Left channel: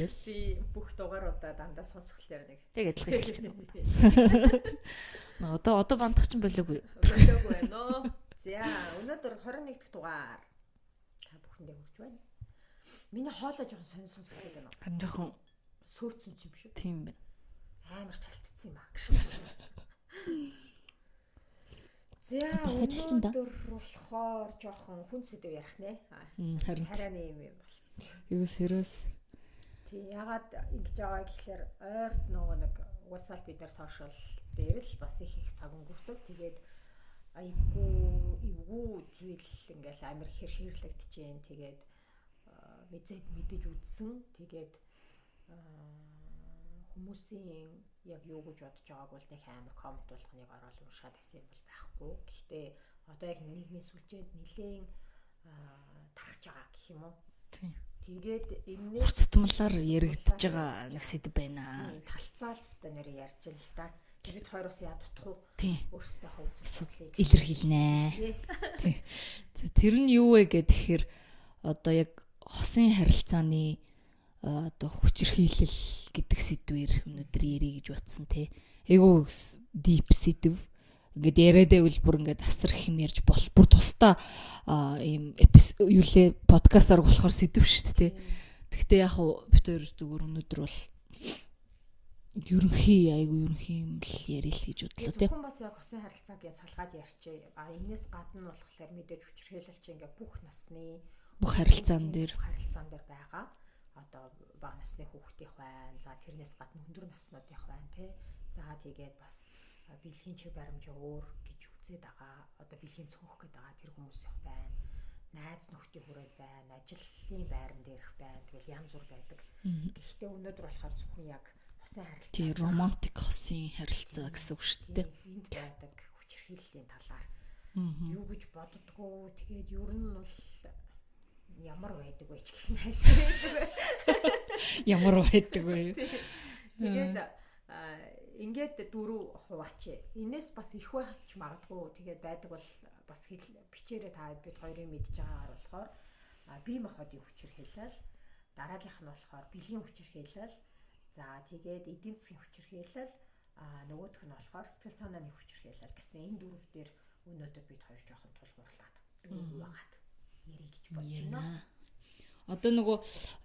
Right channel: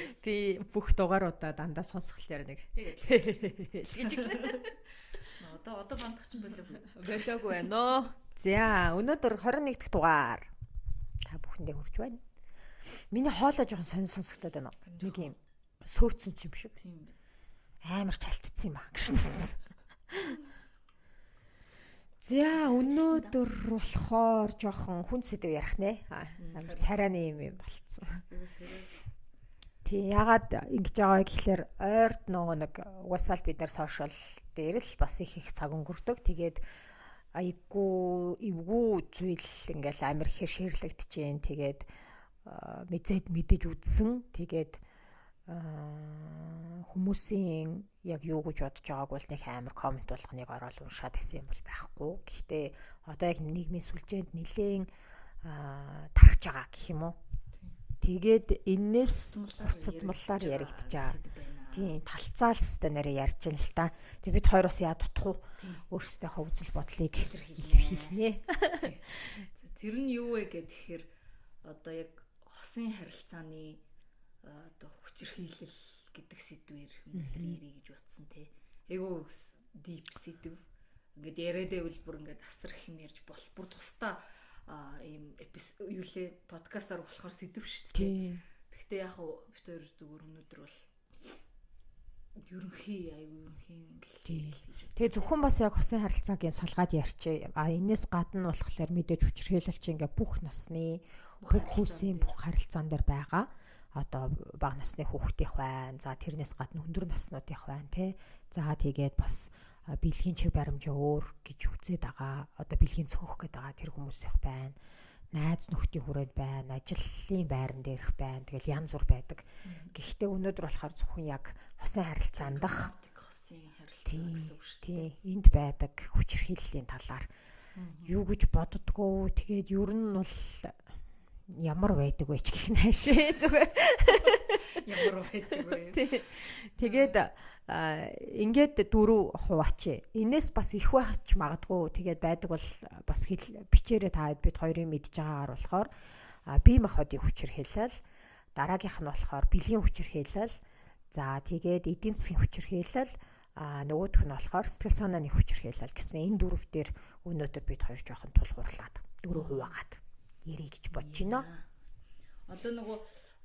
тэгэл. Би бүх дугааруудаа дандаа сонсхолоор нэг яг адилхан хэлж байна. Одоо бандах чинь болоогүй. Болоогүй байна оо. За өнөөдөр 21 дахь дугаар та бүхэндээ хүрч байна. Миний хоолой жоохон сонсголоод байна. Жоохон сөөцсөн ч юм шиг. Тийм байна. Амар чалчсан юм аа гэж. За өнөөдөр болохоор жоохон хүн сэдв ярих нэ. Царайны юм болцсон. Юу serious. Тий ягаад ингэж байгаа гэхэлэр ойрт нөгөө нэг угаасаа бид нар сошиал дээр л бас их цаг өнгөрдөг. Тэгээд айгуу эвгүй зүйл ингээл амар ихээр шеэрлэгдэж जैन. Тэгээд мэдээж үзсэн. Тэгээд хүмүүсийн яг юу гэж бодож байгааг бол нэг амар комент болгоныг ороод уншаад байсан юм бол байхгүй. Гэхдээ одоо яг нийгмийн сүлжээнд нэлээд тархаж байгаа гэх юм уу? Тэгээд энээс тутмалаар яригдж байгаа сэдв байна. Тийм, талцаалстай нэрээ ярьж ин л та. Тэг бид хоёр бас яа дутах уу? Өөрсдийнхөө үзэл бодлыг илэрхийлнэ. Тийм. Тэр нь юу вэ гэхээр одоо яг хосын харилцааны одоо хүчирхийлэл гэдэг сэдвээр өнөөдөр ярих гэж утсан те. Айгуу deep сэдв. Ингээд яриад байвал бүр ингээд асар их юм ярьж бол бүр тусдаа ийм юу лээ подкастаар болохоор сэдв шүү дээ. Гэхдээ яг хуу бид хоёр зүгээр өнөөдөр бол ерөнхий юм л ярил гэж бодлоо. Тэгээ зөвхөн бас яг хосын харилцаагийн салгаад ярьчих. Энэс гадна болохоор мэдээж хүчирхийлэл чи ингээд бүх насны бүх харилцаан дээр байгаа. Одоо бага насны хүүхдийнх байна. За тэрнээс гадна өндөр наснуудынх байна тий. За тэгээд бас бэлгийн чиг баримжаа өөр гэж үзээд байгаа. Одоо бэлгийн цөөх гэдэг байгаа тэр хүмүүсийнх байна. Найз нөхдийн хүрээд байна. Ажлын байран дээрх байна. Тэгэл янз бүр байдаг. Гэхдээ өнөөдөр болохоор зөвхөн яг хосын харилцаанд романтик хосын харилцаа гэсэн үг шүү дээ. Энд байдаг хүчирхийллийн талаар юу гэж боддгоо. Тэгээд ер нь бол ямар байдаг вэ ч гэх наашээ зүгээр. Ямар байдаг вэ? Тэгээд ингээд 4 хуваач. Энээс бас их байж магадгүй. Тэгээд байдаг бол бас бичээрээ та бид хоёрын мэдж байгаагаар болохоор бие махбодын хүчирхийлэл, дараагийнх нь болохоор бэлгийн хүчирхийлэл, за тэгээд эдийн засгийн хүчирхийлэл, нөгөөх нь болохоор сэтгэл санааны хүчирхийлэл гэсэн энэ дөрөв дээр өнөөдөр бид хоёр жоохон тулгуурлаад 4 хуваагаад ярих гэж бодож байна. Одоо нөгөө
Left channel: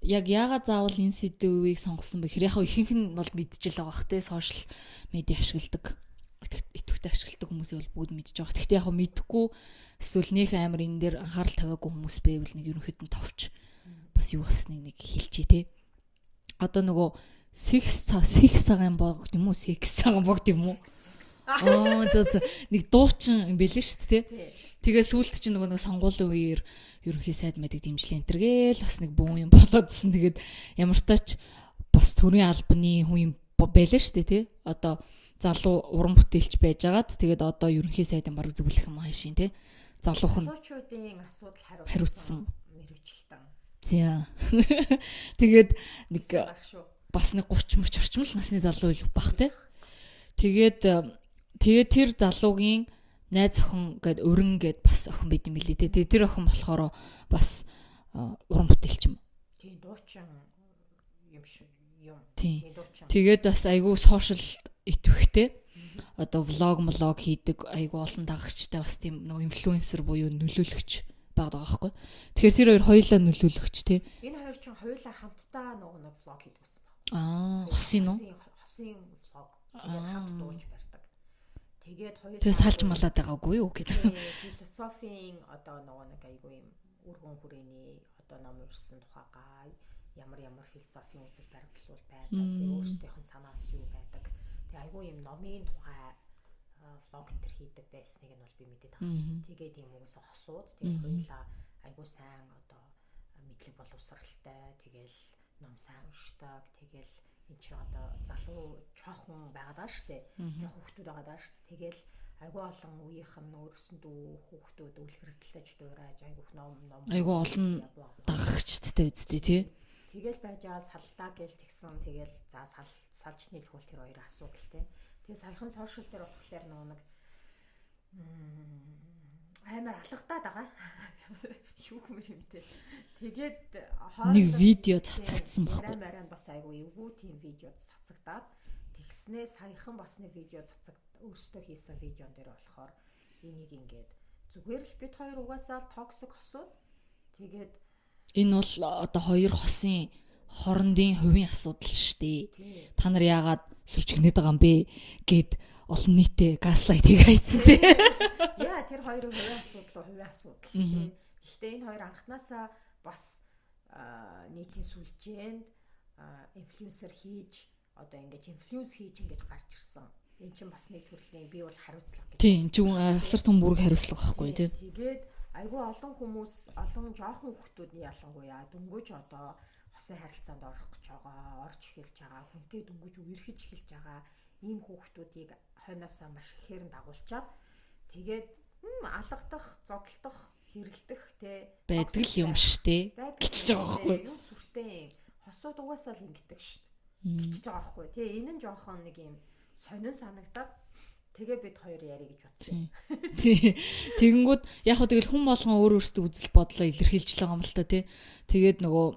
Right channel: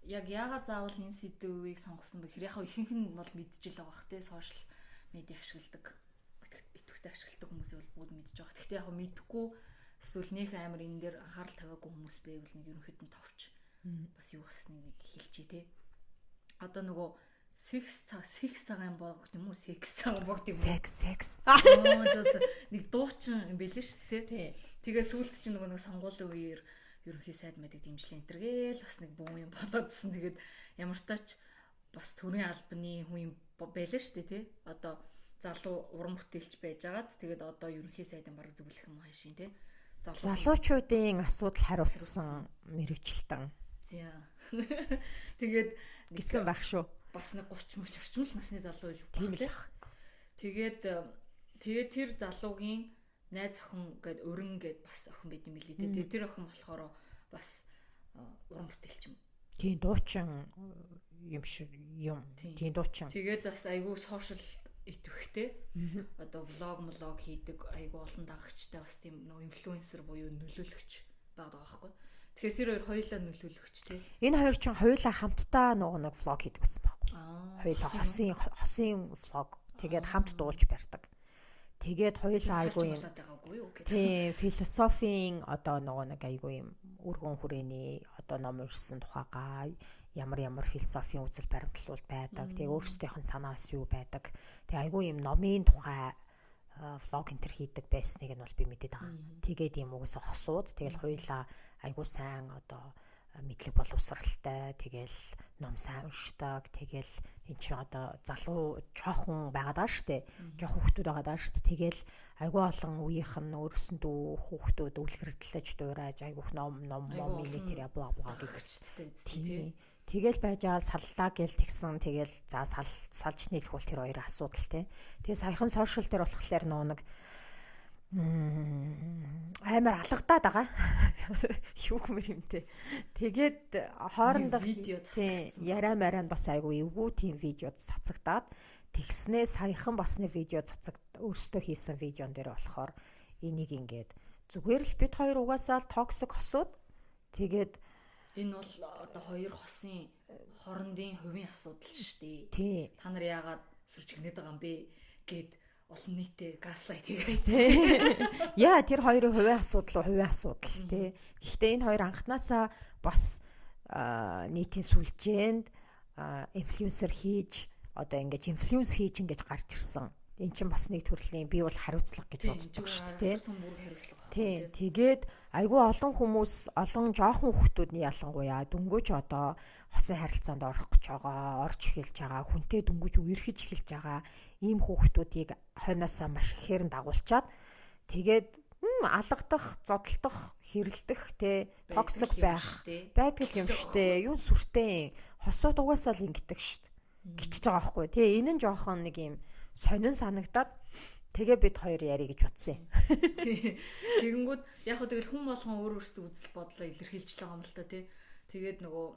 яг яагаад заавал энэ сэдвийг сонгосон бэ гэхээр яг ихэнх нь бол мэдчихэл байгаа хэ сошиал медиа ашигладаг. Идэвхтэй ашигладаг хүмүүсийг бол бүгд мэдж байгаа. Гэхдээ яг мэдэхгүй эсвэл нөх амар энэ дээр анхаарал тавиагүй хүмүүс байвал нэг ерөнхийдөө товч бас юу болсныг нэг хэлчихье те. Одоо нөгөө секс цагаан богд юм уу? Секс цагаан богд юм уу? Секс. Нэг дуучин юм бэлэн шүү дээ те. Тэгээ сүүлд чинь нөгөө сонгуулийн үеэр ерөнхий сайд мэддэг дэмжлээ энтергээл бас нэг бүүн юм болоодсэн. Тэгээд ямар тач бас төрийн албаны хүн юм байлаа шүү дээ тий. Одоо залуу уран бүтээлч байжгаад тэгээд одоо ерөнхий сайдын бараг зөвлөх юм хаашийн тий. Залуучуудын асуудал хариуцсан мэрэгчлэн. За. Тэгээд нэг байх шүү. Бас нэг 30 мөч орчим л насны залуу л баг тий. Тэгээд тэр залуугийн найз охин гээд өрн гээд бас охин байд юм билээ те. Тэр охин болохоор бас уран бүтээлч юм. Тийм дуучин юм шиг юм. Тийм дуучин. Тэгээд бас айгүй сошиал итгэвхтэй. Одоо влог хийдэг айгүй олон дагагчтай бас тийм нэг инфлюенсер буюу нөлөөлөгч байгаа байхгүй. Тэгэхээр тэр хоёр хоёулаа нөлөөлөгч те. Энэ хоёр чинь хоёулаа хамтдаа нэг влог хийдэг байсан байхгүй. Хосын влог. Тэгээд хамт дуулж барьдаг. Тэгээд хоёулаа салж малаад байгаагүй юу гэдэг. Тийм, философийн одоо нэг айгүй юм өргөн хүрээний одоо ном уншсан тухайгаа ямар философийн үзэл баримтлал байдаг. Тэгээд өөрсдийнх нь санаа бас юу байдаг. Тэгээд айгүй юм номын тухай влог энтер хийдэг байсныг нь бол би мэдээд байгаа. Тэгээд юм угсаа хосууд тэгэл хоёулаа айгүй сайн одоо мэдлэг боловсралтай тэгэл ном сайн уншдаг. Тэгэл эн чи одоо залуу жоохон байгаад байгаа штэ. Жоохон хүүхдүүд байгаад байгаа штэ. Тэгэл айгүй олон үеийнх нь өөрсөндөө хүүхдүүд үлгэрдлэж дуурайж айгүйх ном айгүй олон дагагчдтай үзлээ тий. Тэгэл байж аа саллаа гэл тэгсэн. Тэгэл за салж нийлэх бол тэр хоёрын асуудал тий. Тэгээ саяхан сошиал дээр болохоор нэг Амар алгадаад байгаа. Юу гэмэр юмтэй. Тэгээд нэг хоорондоо видео цацагдсан яриа мараа бас айгүй эвгүй тийм видеод цацагдаад тэгснээ саяхан бас нэг видео өөрсдөө хийсэн видеон дээр болохоор энийг ингээд зүгээр л бид хоёр угаасаа л токсик хосууд тэгээд энэ бол одоо хоёр хосын хоорондын хувийн асуудал шүү дээ. Та нар яагаад сүрчгнээд байгаа юм бэ гэд олон нийтэд гаслайт хийгээсэн. Яа тэр хоёрын хувийн асуудал тий. Гэхдээ энэ хоёр анханасаа бас нийтийн сүлжээнд инфлюенсер хийж одоо ингэж инфлюенс хийж ингэж гарч ирсэн. Эн чинь бас нэг төрлийн бий бол хариуцлага гэж байна. Тийм, асар том бүрэг хариуцлага байхгүй тий. Тэгээд айгүй олон хүмүүс, олон жоохон хүүхдүүд нь ялангуяа дөнгөж одоо хосын харилцаанд орох гэж байгаа, орж эхэлж байгаа, хүнтэй дөнгөж үерхэж эхэлж байгаа ийм хүүхдүүдийг хойноосоо маш ихээр дагуулчаад тэгээд алгадах, зодтолдох, хэрэлдэх те токсик байх штэ. Байдаг юм штэ. Юу сүртэй. Хосууд угаасаа л ингэдэг штэ. Гिचж байгаа байхгүй тий. Энэ нь жоохон нэг юм сонин санагдаад тэгээ бид хоёр ярих гэж бодсон юм. Тий. Тэгэнгүүт яг хөө тэгэл хүн болгон өөр өөртөө үзэл бодлоо илэрхийлж байгаа юм л та тий. Тэгээд нөгөө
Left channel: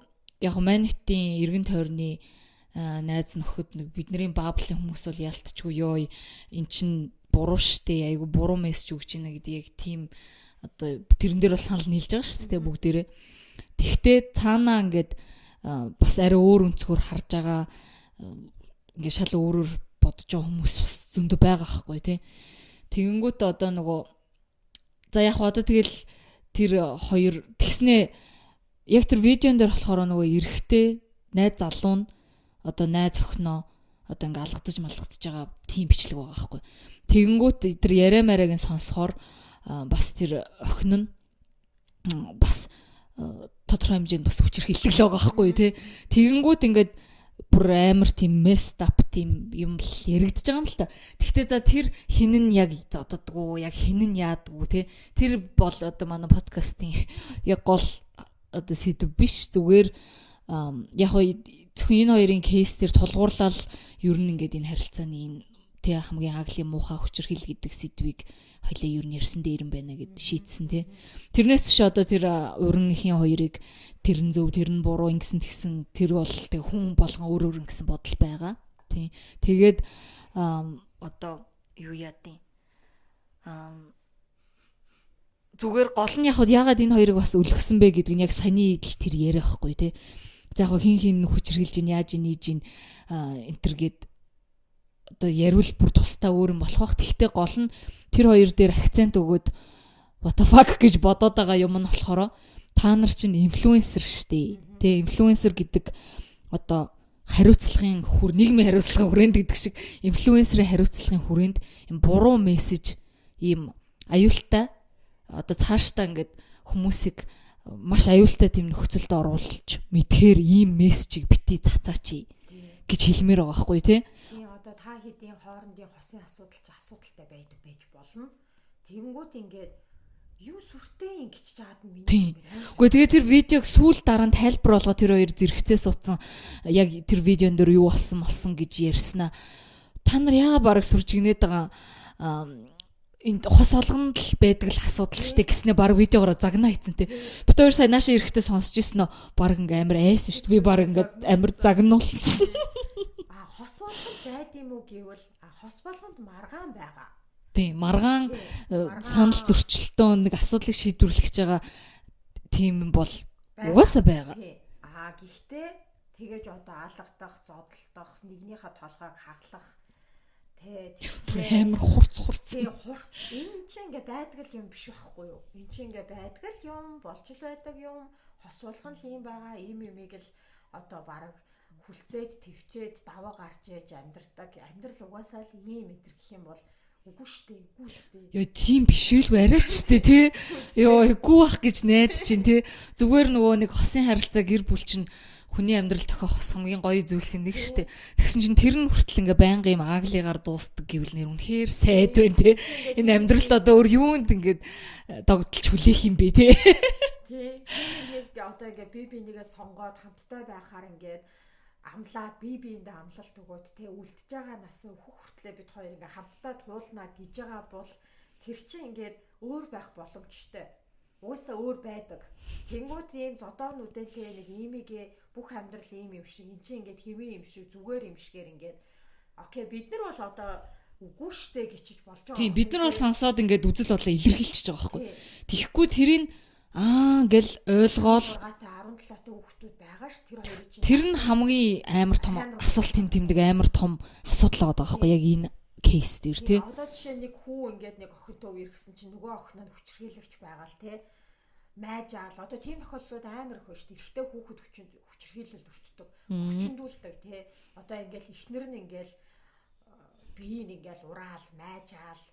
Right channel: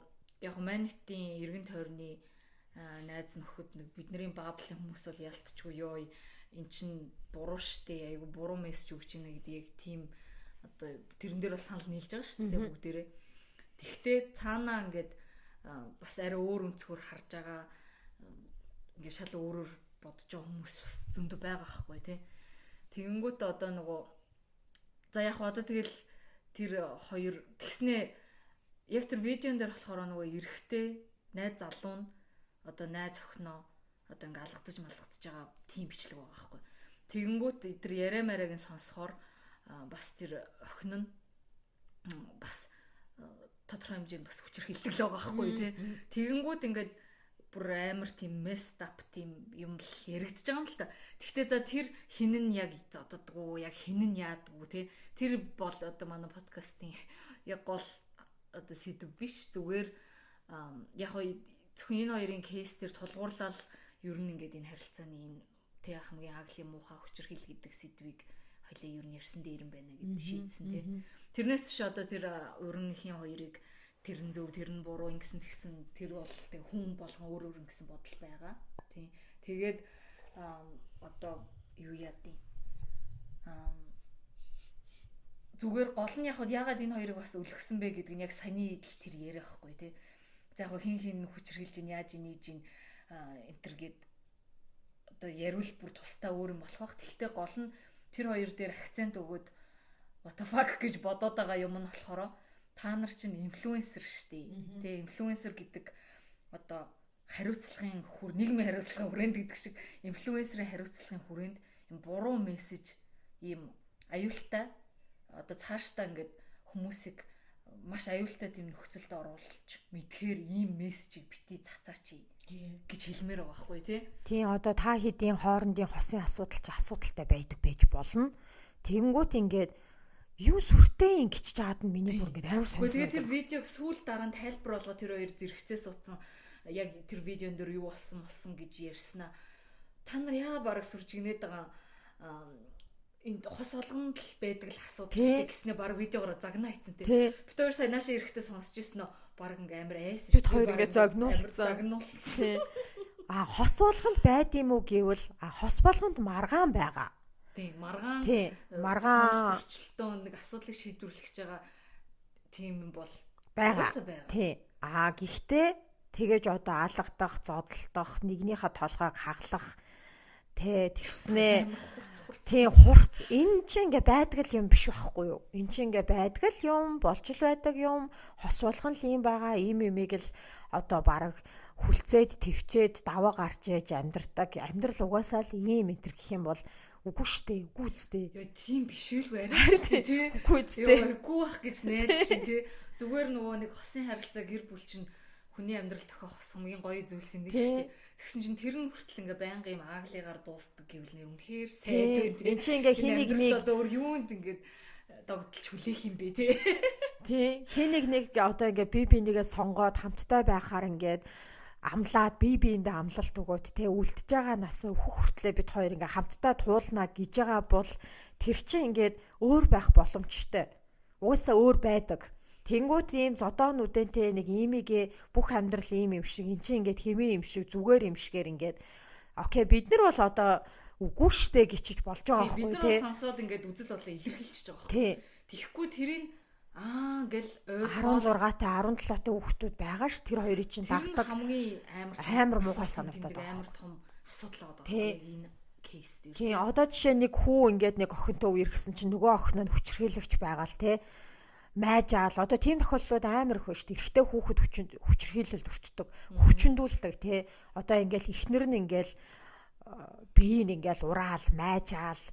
яг хөө манитын эргэн тойрны найз нөхөд нэг бидний бааблын хүмүүс бол ялтчгүй ёо эн чин буруу штэ айгу буруу мессеж өгч ийна гэдэг яг тийм одоо тэрэн дээр бол санал нийлж байгаа шүү дээ бүгдээрээ. Тэгтээ цаанаа ингээд бас арай өөр өнцгөр харж байгаа ингээд шал өөрөөр бодож байгаа хүмүүс бас зөндөө байгаа байхгүй тий. Тэгэнгүүт одоо нөгөө за яг одоо тэгэл тэр хоёр тэгснээ яг тэр видеон дээр болохоор нөгөө эрэгтэй найз залуу нь одоо найз охиноо одоо ингээ алгадаж малгадаж байгаа тийм бичлэг байгаа байхгүй. Тэгэнгүүт тэр яриа марааг нь сонсохоор бас тэр охин нь бас тодорхой хэмжээнд бас хүчирхийлдэг л байгаа байхгүй тий. Тэгэнгүүт ингээд бүр амар тийм messed up тийм юм л яригдж байгаа юм л та. Гэхдээ за тэр хин нь яг зодддгүү, яг хин нь яадгүй тий. Тэр бол одоо манай подкастын яг гол одоо сэдв биш зүгээр яг зөвхөн энэ хоёрын кейс дээр тулгуурлал ер нь ингээд энэ харилцааны тий хамгийн хаглын муухай хүчирхийл гэдэг сэдвийг хоёлаа ер нь ярьсан дээр юм байна гэд шийдсэн тий. Тэрнээс ч одоо тэр уранхийн хоёрыг тэр нь зөв тэр нь буруу ингэсэн тэгсэн тэр бол тэг хүн болгон өөр өөр ингэсэн бодол байгаа. Тий. Тэгээд одоо юу яадیں۔ Зүгээр гол нь ягаад энэ хоёрыг бас өлгсөн бэ гэдэг нь яг саний идэл тэр яриа байхгүй тий. За яг хин хүчирхийлж ин яаж ийж ин энтергээд одоо яриул бүр тусдаа өөр юм болох бах. Тэгтээ гол нь тэр хоёр дээр акцент өгөөд what the fuck гэж бодоод байгаа юм нь болохоор та нар чинь инфлюенсер штэ. Тэ инфлюенсер гэдэг одоо хариуцлагын нийгмийн хариуцлагын хүрээнд гэдэг шиг инфлюенсерийн хариуцлагын хүрээнд юм буруу мессеж ийм аюултай одоо цаашдаа ингээд хүмүүсийг маш аюултай тийм нөхцөлд оруулж мэдхээр ийм мессежийг бити цацаач гэж хэлмээр байгаа байхгүй тий. Тийм одоо та хэдийн хоорондын хосын асуудал ч асуудалтай байж болно. Тэгэнгүүт ингээд юу сүртэй ингэж жаад нь миний ингээд амар. Гэхдээ тэгээ тэр видеог сүүл дараа нь тайлбар болгоо тэр хоёр зэрэгцээ суудсан яг тэр видеон дээр юу болсон гэж ярьснаа. Та нар яагаад бараг сүржигнээд байгаа энд хос олгонд л байдаг л асуудал шүү дээ гэснээр баг видеогоор загнаа хийцэн тий. Бид хоёр сая наашаа ирэхдээ сонсч ирсэн нөө баг ингээ амар айсан шүү дээ. Би баг ингээ амар загнуулсан. Хос болгонд байд юм уу гэвэл хос болгонд маргаан байгаа. Тий, маргаан санал зөрчилтөө нэг асуудлыг шийдвэрлэж байгаа тийм бол угаасаа байгаа. Тий. Гэхдээ тэгэж одоо алгадах, зодтолдох, нэгнийхээ толгойг хаглах тэгснээ амар хурц энэ чинь ингээ байдаг л юм биш байхгүй юу? Энэ чинь ингээ байдаг л юм, болж л байдаг юм, хос болгон л юм байгаа, ийм юмыг л одоо баг хүлцээд, твчээд, даваа гарч ээж амьдрдаг. Амьдрал угаасаа л ийм энэ гэх юм бол үгүй штэ, үгүй үстэй. Йоо тийм бишэлгүй арай ч штэ тий. Йоо үгүй бах гэж найд чинь тий. Зүгээр нөгөө нэг хосын харилцаа гэр бүл чинь хүний амьдрал тохиох хос хамгийн гоё зүйлс юм нэг штэ. Тэгсэн чинь тэр нь хүртэл ингээ байнга юм ааглигаар дуустдаг гэвэл нэр үнэхээр сайд байна тий. Энэ амьдралд одоо өөр юунд ингээд догдолж хүлээх юм бэ тий. Тий. Хин нэг одоо ингээ би нэгээ сонгоод хамтдаа байхаар ингээд амлаад биендээ амлалт өгөөд те үлдэж байгаа нас өөх хүртлээ бид хоёр ингээ хамтдаа туулнаа гэж байгаа бол тэр чинь ингээд өөр байх боломжтой. Уусаа өөр байдаг. Тэнгүүт ийм зодоонуудэнтэй нэг имигээ бүх амьдрал ийм юм шиг эн чинь ингээд хэвэн юм шиг зүгээр юм шигээр ингээд окей бид нар бол одоо үгүй штэ гिचж болж байгаа юм. Бид нар бол сонсоод ингээд үзэл бодлоо илэрхийлчихэж байгаа байхгүй. Тэгэхгүй тэрийг гэл ойлгоол 6-тай 17-тай хүүхдүүд байгаа ш тэр хоёрыг чинь тэр нь хамгийн амар том асуултын тэмдэг амар том асуудал байгаа байхгүй яг энэ кейс дээр тий. Одоо жишээ нэг хүү ингээд нэг охинтой үер гэсэн чинь нөгөө охин нь хүчрхийлэгч байгаа л тий. Майжаал одоо тийм тохиолдлууд амар их шүү дээ. Эрэгтэй хүүхэд хүчрхийлэлд өртдөг, хүчндүүлдэг тий. Одоо ингээд эхнэр нь ингээд биеийг ингээд ураал, майжаал,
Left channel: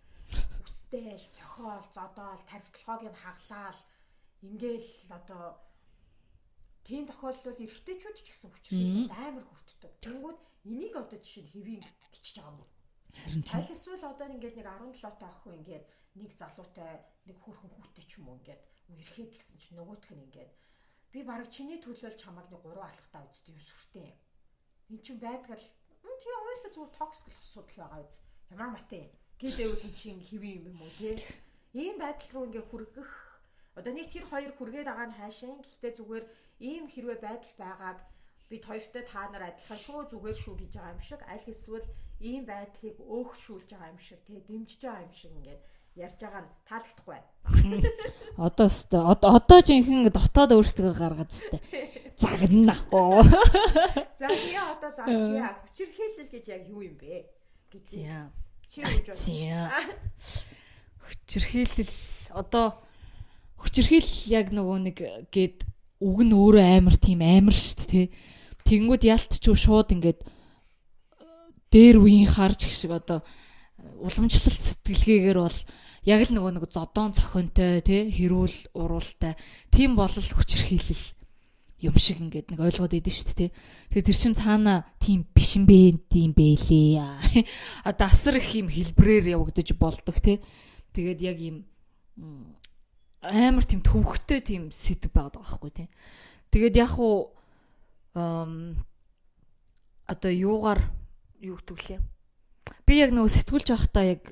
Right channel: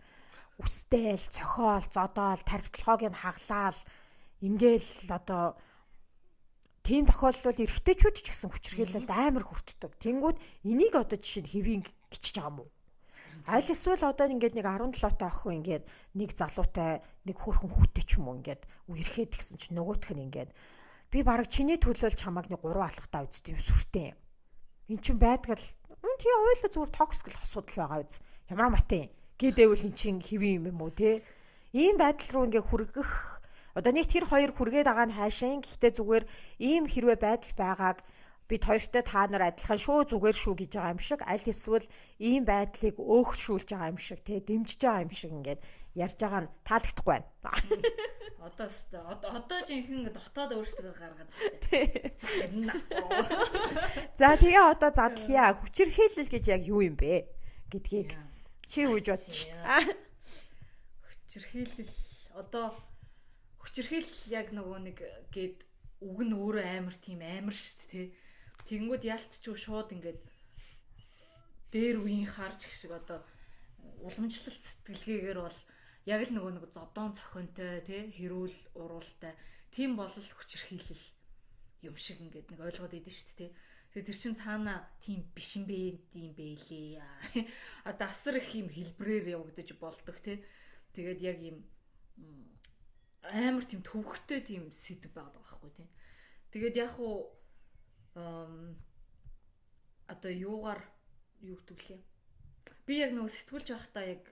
үстэйл, цохиол, зодоол, тархитлагыг нь хаглаал ингээл одоо тийм тохиолдолд эрэгтэйчүүд ч гэсэн хүчрхийлэлд амар хүртдэг. Тэнгүүд энийг одоо жишээ нь хэвийн гिचж байгаа юм уу? Аль эсвэл одоо ингээд нэг 17-тай охин ингээд нэг залуутай нэг хөөрхөн хүүтэй ч юм уу ингээд үерхэд гисэн чинь нөгөөх нь ингээд би бараг чиний төлөөлж чамааг нэг 3 алхтаа үзтээ юм сүртэй. Эн чинь байдгал тий ойлоо зүгээр токсик л асуудал байгаа үз. Ямар матын гэдэвэл эн чинь хэвэн юм уу те. Ийм байдал руу ингээд хүргэх одоо нэг тэр хоёр хүргээд байгаа нь хаашаа. Гэхдээ зүгээр ийм хэрвээ байдал байгааг бид хоёртой та нар адилхан шүү зүгээр шүү гэж байгаа юм шиг аль эсвэл ийм байдлыг өөгшүүлж байгаа юм шиг тий дэмжиж байгаа юм шиг ингээд ярьж байгаа нь таалагдахгүй байна. Одоо жинхэнэ дотоод өөрсдөө гаргаад зү. Загнаа. За тэгээ одоо задлаа. Хүчирхийлэл гэж яг юу юм бэ гэдгийг чи үж бодсон. Хүчирхийлэл одоо хүчирхийлэл яг нөгөө нэг гээд үг нь өөрөө амар тийм амар штт тий. Тэнгүүд ялтч шууд ингээд дээр үеийн харж гэх шиг одоо уламжлалт сэтгэлгээгээр бол яг л нөгөө нэг зодоон цохонтой тий хэрүүл уруултай тийм болол хүчирхийлэл юм шиг ингээд нэг ойлгоод идэв шүү дээ тий. Тэгээ тэр чин цаана тийм биш юм бэ тийм бэлээ. Одоо асар их юм хэлбрээр явагдаж болдог тий. Тэгээд яг юм амар тийм төвхтэй тийм сэдв байгаад байгаа байхгүй тий. Тэгээд яг уу одоо юугаар юу гэдгэлээ. Би яг нөгөө сэтгүүлж байхдаа яг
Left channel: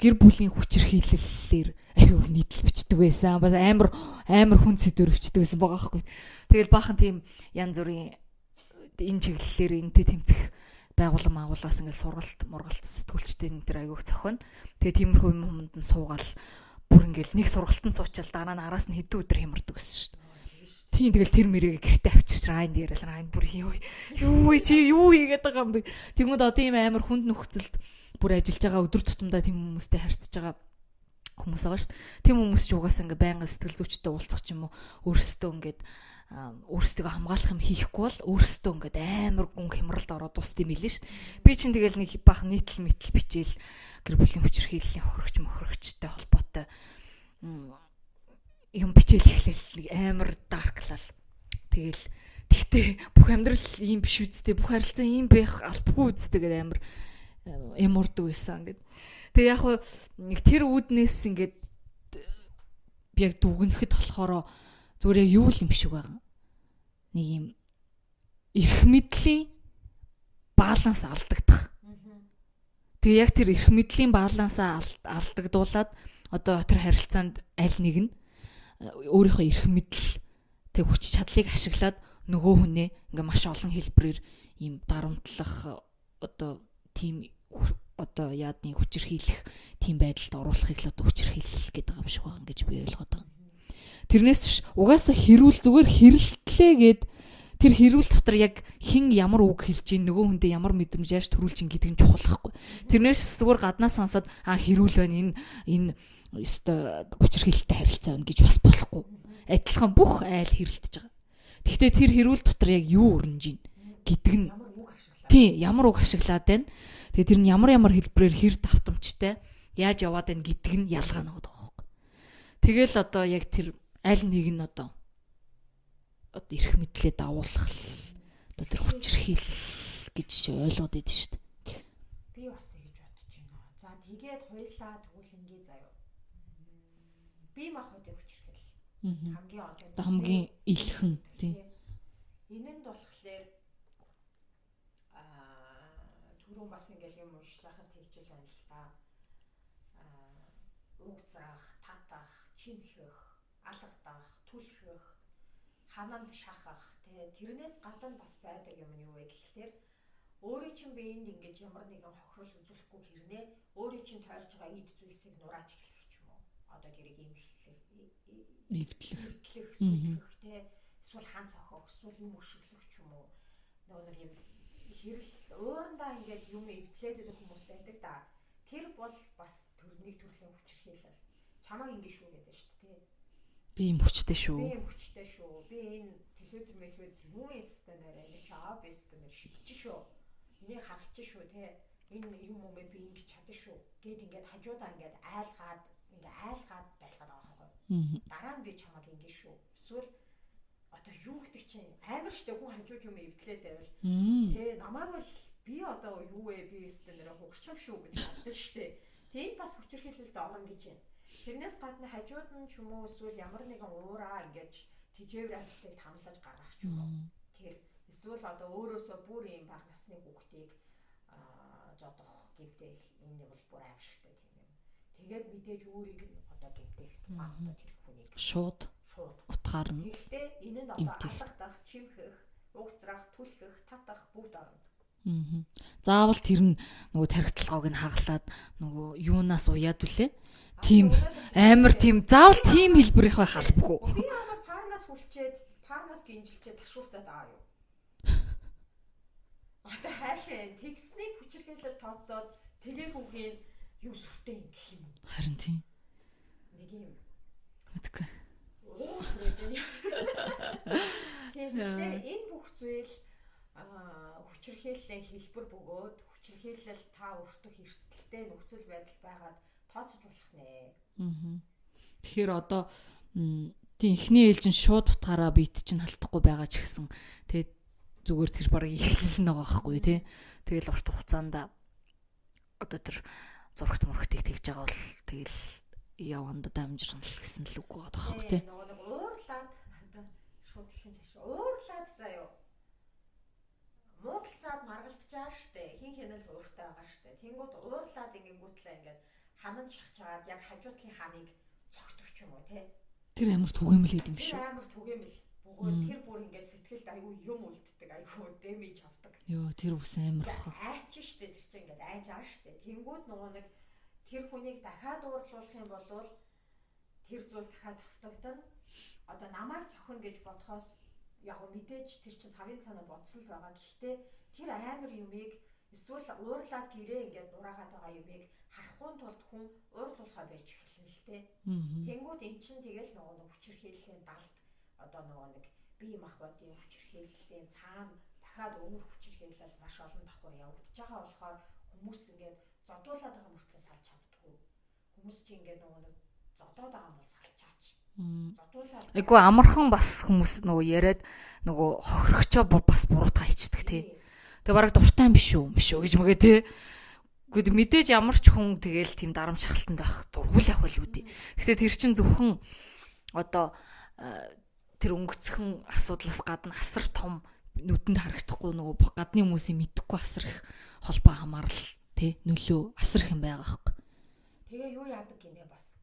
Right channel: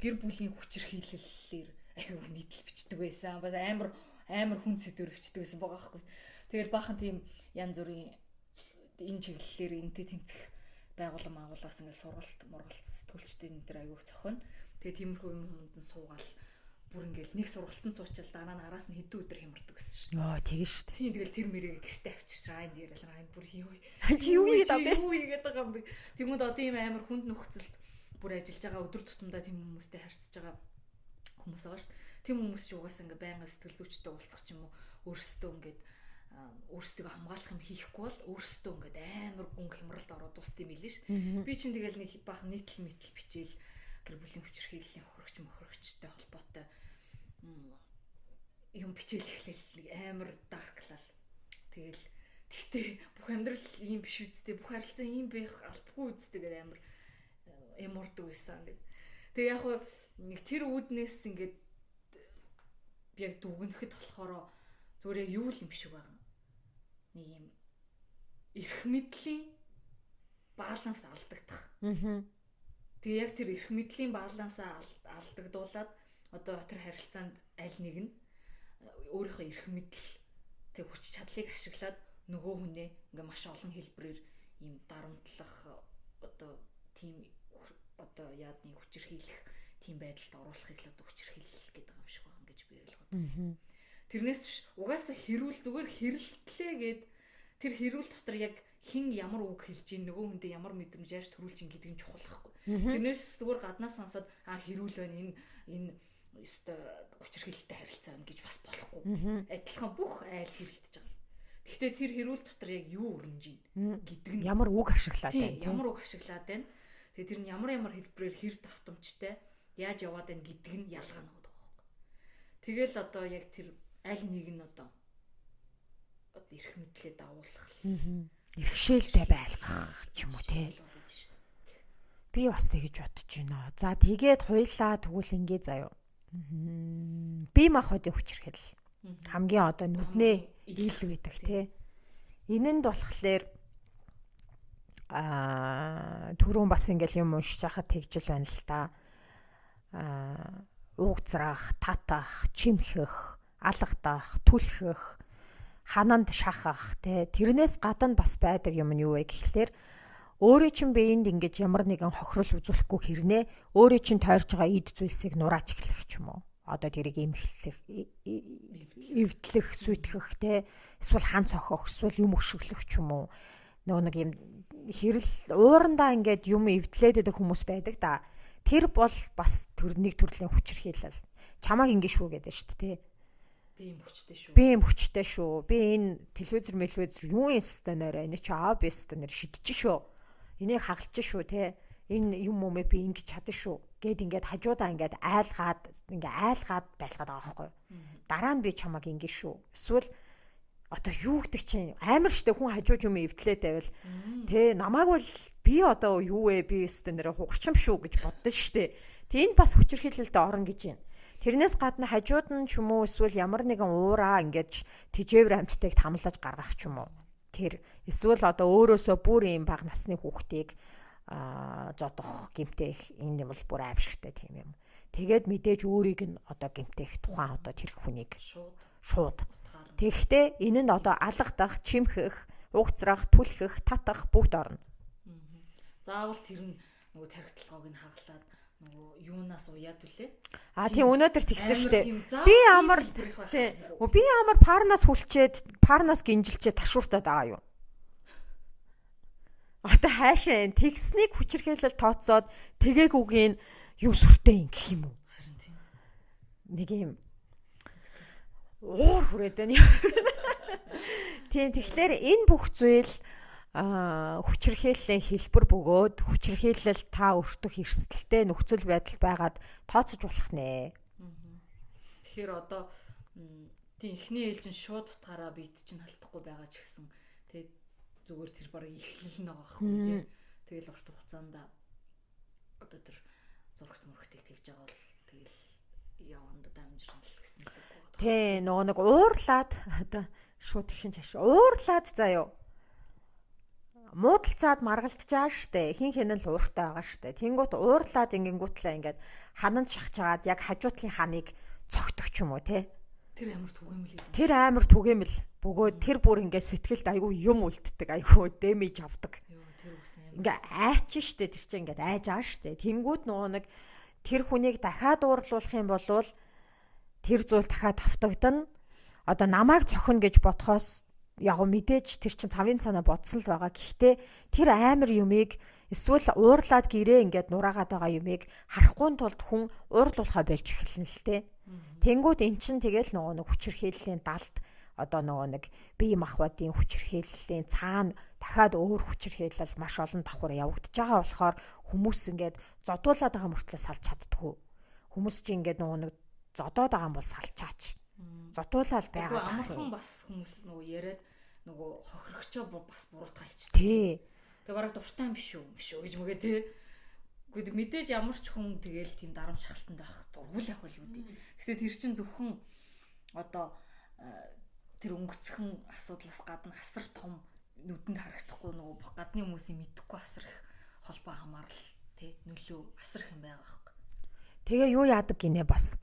гэр бүлийн хүчирхийлэлээр аюу нийтлэл бичдэг байсан. Бас амар хүн сэдвэр бичдэг байсан байгаа байхгүй. Тэгэл баахан тийм янз бүрийн энэ чиглэлээр энтэй тэмцэх байгууллагаас ингээд сургалт сэтгүүлчтэй энэ төр аюух зохино. Тэгээ тиймэрхүү юмд нь суугаал бүр ингээл нэг сургалтанд суучаал дараа нь араас нь хэдэн өдөр хямардаг гэсэн шүү дээ. Тийм шүү дээ. Тийм тэгэл тэр мэрийг гэртээ авчиж райнд яриад райнд бүр юу хийгээд байгаа юм бэ? Тэгмэд одоо ийм амар хүнд нөхцөлд бүр ажиллаж байгаа өдөр тутамдаа тийм хүмүүстэй харьцаж байгаа хүмүүс байгаа шүү дээ. Тийм хүмүүс ч угаасаа ингээ байнга сэтгэл зүйчтэй уулзах ч юм уу өөрсдөө ингээд өөрсдөө хамгаалах юм хийхгүй бол өөрсдөө ингээд амар гүн хямралд ороод дуусд юм билээ шүү дээ. Би чинь тэгэл нэг бах нийтлэл бичээл гэр бүлийн хүчирхийллийн хөрөгчтэй холбоотой юм бичээл эхлээл нэг амар дарклал. Тэгэл тэгтээ бүх амьдрал ийм биш үсттэй бүх харилцаа ийм байх албагүй үсттэй гэдэг амар юм урдаг байсан гэд. Тэгээ яг хуу нэг тэр үүднээс ингээд яг дүгнэхэд болохоор зүгээр юу юм шиг байгаа. Нэг юм эрх мэдлийн баланс алдагдах. Тэгээ яг тэр эрх мэдлийн балансаа алдагдуулаад одоо тэр харилцаанд аль нэг нь өөрийнхөө эрх мэдэл тэг хүч чадлыг ашиглаад нөгөө хүнээ ингээ маш олон хэлбэрээр ийм дарамтлах одоо тийм одоо яадны хүчирхийлэх тийм байдалд оруулахыг л одоо хүчирхийлэл гэдэг юм шиг байгаа гэж би ойлгоод байгаа. Тэрнээс биш угаасаа хэрүүл зүгээр хэрэлтлээ гэд тэр хэрүүл дотор яг хэн ямар үг хэлж ийн нөгөө хүндээ ямар мэдрэмж яаж төрүүлж ийн гэдэг нь чухал байхгүй. Тэрнээс зүгээр гаднаас сонсоод хэрүүл байна энэ өстой хүчирхийлэлтэй харилцаа байна гэж бас болохгүй. Адилхан бүх айл хэрэлдэж байгаа. Гэхдээ тэр хэрүүл дотор яг юу өрнөж ийн гэдэг нь ямар үг ашиглаад. Тийм, ямар үг ашиглаад байна. Тэгээ тэр нь ямар хэлбэрээр хэр давтамжтай яаж яваад байна гэдэг нь ялгаа нэг байгаа байхгүй. Тэгэл одоо яг тэр аль нэг нь одоо эрх мэдлээ дагуулах нэг төвшөлтэй байх гэж ойлгоод идэв шүү дээ. Би бас тэгэж бодож байна. За тэгээд хуйлаа тэгвэл ингээ заяа. Би махад хүчирхэл. Хамгийн одоо нүдний ил гэдэг тий. Энэ нь болохоор түрүүн бас ингээл юм уншиж хахад тэгжил байна л та. уугцрах, татах, чимхэх, алгадах, түлхэх, хананд шахах те тэрнээс гадна бас байдаг юм нь юу вэ гэхлээр өөрийн чинь биеинд ингэж ямар нэгэн хохирол үзүүлэхгүй хэрнээ өөрийн чинь тойрж байгаа эд зүйлсийг нурааж эхлэх ч юм уу. Одоо тэрийг эмхлэх, эвдлэх, сүйтгэх те эсвэл хан цохох, эсвэл юм өшөглөх ч юм уу. Нөгөө нэг юм хэрэл уурандаа ингээд юм эвдлээд байдаг хүмүүс байдаг да. Тэр бол бас нэг төрлийн хүчирхийлэл. Чамааг ингэ шүү гэдэг шүү дээ. Би юм хүчтэй шүү. Би юм хүчтэй шүү. Би энэ телевизэр юу юм станаар энэ чи обс станаар шидэж шүү. Энийг хагалж шүү те. Энэ юм өмэг би ингэж чадна шүү. Гэт ингээд хажуудаа ингээд айлгаад байлгаад байгаа байхгүй. Дараа нь би чамааг ингэ шүү. Эсвэл одоо юу гэдэг чинь амар штэ хүн хажууд юм эвдлээ тавил. Тэ намааг бол би одоо юу вэ би станаар хугарчам шүү гэж боддоо штэ. Тэнд бас хүчирхийлэлд орно гэж байна. Тэрнээс гадна хажууд нь ч юм уу эсвэл ямар нэгэн уураа ингэж тижээвэр амьтдыг тамлаж гаргах ч юм уу. Тэр эсвэл одоо өөрөөсөө бүр юм бага насны хүүхдийг зодох гэмтэх энэ бол бүр аимшигтай тийм юм. Тэгээд мэдээж өөрийг нь одоо гэмтэх тухайн одоо тэр хүнийг шууд утгаар нь. Тэгэхдээ энэ нь одоо алгадах, чимхэх, угцрах, түлхэх, татах бүгд орно. Заавал тэр нь нөгөө тархитлагыг нь хаглаад нөгөө юунаас уяад үлээ. Тийм өнөөдөр тэгсэн амар тийм заавал тийм хэлбэрийнх байх албагүй. Би амар парнаас хүлчээд, парнаас гинжилчээд ташууртаад байгаа юу. Одоо хаашаа тэгснийг хүчирхийлэл тооцоод тэгээгүйгийн юу сүртэй юм гэх юм уу? Харин тийм. Нэг юм. Уур хүрээд байна. Тийм тэгэхээр энэ бүх зүйл хүчирхийллийн хэлбэр бөгөөд хүчирхийлэл та өөртөө эрсдэлтэй нөхцөл байдал байгаад тооцож болох нэ. Тэгэхээр одоо тийм эхний ээлжин шууд утгаараа бит чинь халтахгүй байгаа ч гэсэн тэгээд зүгээр тэр бараг ихлэл нь байгаа байхгүй тий. Тэгэл урт хугацаанд одоо тэр зурагт мөрөгтийг тэгж байгаа бол тэгэл яванда дамжирна л гэсэн л үг байгаа тий. Нөгөө нэг уурлаад одоо шууд ихэн чаш уурлаад заяа. Муудалцаад маргалтчаа штэ. Хин хинэн л ууртай байгаа штэ. Тэнгуут уурлаад ингэнгүүтлээ ингээд хананд шахчаад яг хажуутлын ханыг цогтөх ч юм уу те. Тэр амар түгээмэл гэдэг юм. Тэр амар түгээмэл. Бөгөөд тэр бүр ингээд сэтгэлд айгүй юм үлддэг, айгүй дэмэж авдаг. Йоо тэр үсэн амар. Ингээ айч штэ тэр чинь ингээд айж байгаа штэ. Тэнгуут нөгөө нэг тэр хүнийг дахиад уурлуулах юм бол тэр зүйл дахиад автагдана. Одоо намайг цохино гэж бодхоос яг мэдээж тэр чин цавын цанаа бодсон л байгаа. Гэхдээ тэр амар юмыг эсвэл уурлаад гэрээ ингээд нураагаад байгаа юмыг харахгүй тулд хүн уурлуулахаа болж эхэлнэ л те. Тэнгүүд эн чин тэгэл нөгөө нэг хүчирхийллийн далд одоо нөгөө нэг бие махбодын хүчирхийллийн цаана дахиад өөр хүчирхийлэл маш олон давхар явагдаж байгаа болохоор хүмүүс ингээд зодуулаад байгаа мөртлөө салж чаддгүй. Хүмүүс чинь ингээд нөгөө нэг зодоод байгаа юм бол салчаач. Зодуулаад айгу амархан бас хүмүүс нөгөө яриад нөгөө хохирогчоо бас буруутгаа ичдэг тий. Тэгээ бараг дуртай юм биш үү гэж мэгээ тий. Гэхдээ мэдээж ямар ч хүн тэгэл тийм дарамт шахалтанд байх дургуулах байл үүдээ. Гэхдээ тэр чин зөвхөн одоо тэр өнгөцхөн асуудлаас гадна асар том нүдэнд харагдахгүй нөгөө гадны хүмүүсийн мэдхгүй асар их холбоо хамаарал тий нөлөө асар их юм байгаа хэрэг. Тэгээ юу яадаг гинэ бас.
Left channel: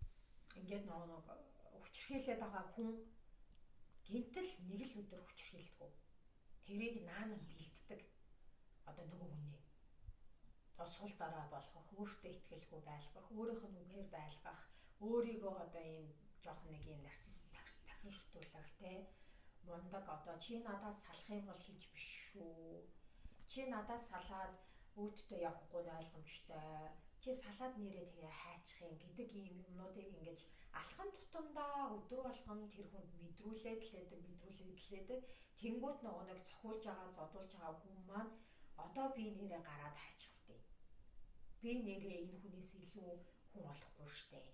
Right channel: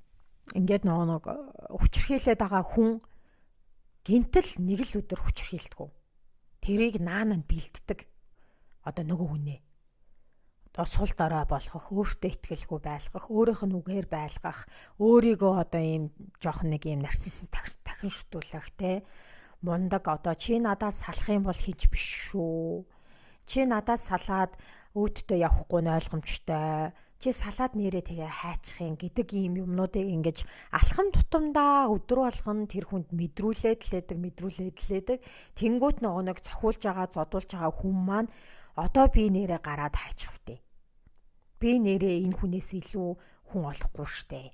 Ингээд нэг хүчрхийлээд байгаа хүн гинтэл нэг л өдөр хүчрхийлдэг. Тэрийг наана нь бэлддэг. Одоо нөгөө хүнээ. Одоо сул дорой болгох, өөртөө итгэлгүй байлгах, өөрийнх нь үгээр байлгах, өөрийгөө одоо ийм жоох нэг ийм нарциссист тахиншдуулах те. Мундаг одоо чи надаас салах юм бол хийж биш шүү. Чи надаас салаад өөддөө явахгүй нь ойлгомжтой. Чи салаад нэрээ тэгээ хайчих юм гэдэг ийм юмнуудыг ингэж алхам тутамдаа өдөр болгон тэр хүнд мэдрүүлээд лээдэг. Тэнгүүт нөгөө нэг цохиулж байгаа, зодуулж байгаа хүн маань одоо би нэрээ гараад хайчих втэ. Би нэрээ энэ хүнээс илүү хүн олохгүй штэ.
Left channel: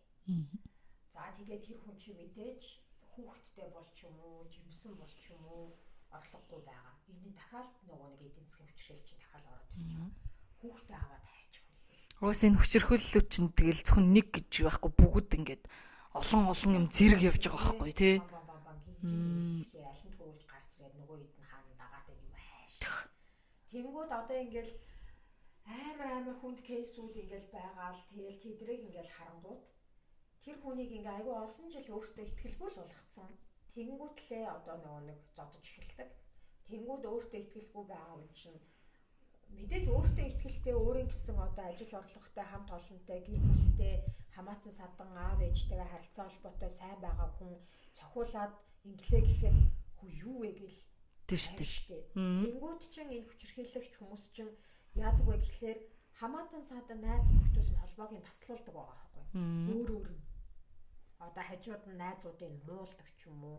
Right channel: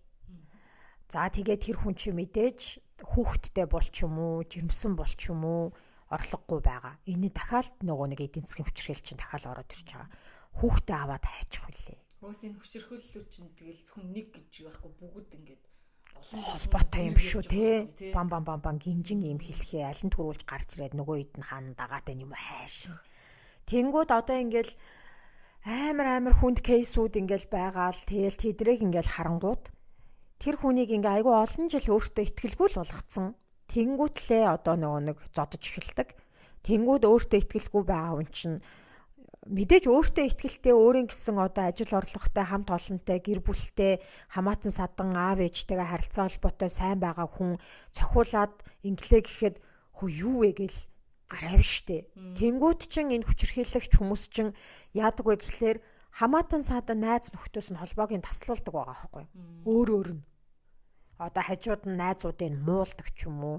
За тэгээ тэр хүн чи мэдээж хүүхэдтэй болч юм уу, жирэмсэн болч юм уу орлогогүй байгаа. Энэ дахиад нөгөө нэг эдийн засгийн хүчрхийлэл чинь дахиад ороод ирж байгаа. Хүүхдээ аваад хайчих хүлээ. Уус энэ хүчирхүүллүүд чинь тэгэл зөвхөн нэг гэж байхгүй бүгд ингээд олон зэрэг явж байгаа байхгүй тий. Бам гинжин юм хэлхээ аль нь төрүүлж гарч ирээд нөгөө хэд нь хаана дагаад байна юм хайш. Тэнгүүд одоо ингээл амар хүнд кейсүүд ингээл байгаа л тэгэл тэдрийг ингээл харангууд тэр хүнийг ингээ айгүй олон жил өөртөө итгэлгүй л болгоцсон. Тэнгүүтлээ одоо нөгөө нэг зодож эхэлдэг. Тэнгүүд өөртөө итгэлгүй байгаа хүн чинь мэдээж өөртөө итгэлтэй өөрийн гэсэн одоо ажил орлоготой хамт олонтой гэр бүлтэй хамаатан садан аав ээжтэйгээ харилцаа холбоотой сайн байгаа хүн цохиулаад инглээ гэхэд хөө юу вэ гэл тавь штэ. Тэнгүүд чин энэ хүчирхийлэгч хүмүүс чин яадаг вэ гэхлээр хамаатан садан найз нөхдөс нь холбоог нь таслуулдаг байгаа байхгүй. Өөр нь одоо хажууд нь найзуудыг муулдаг ч юм уу.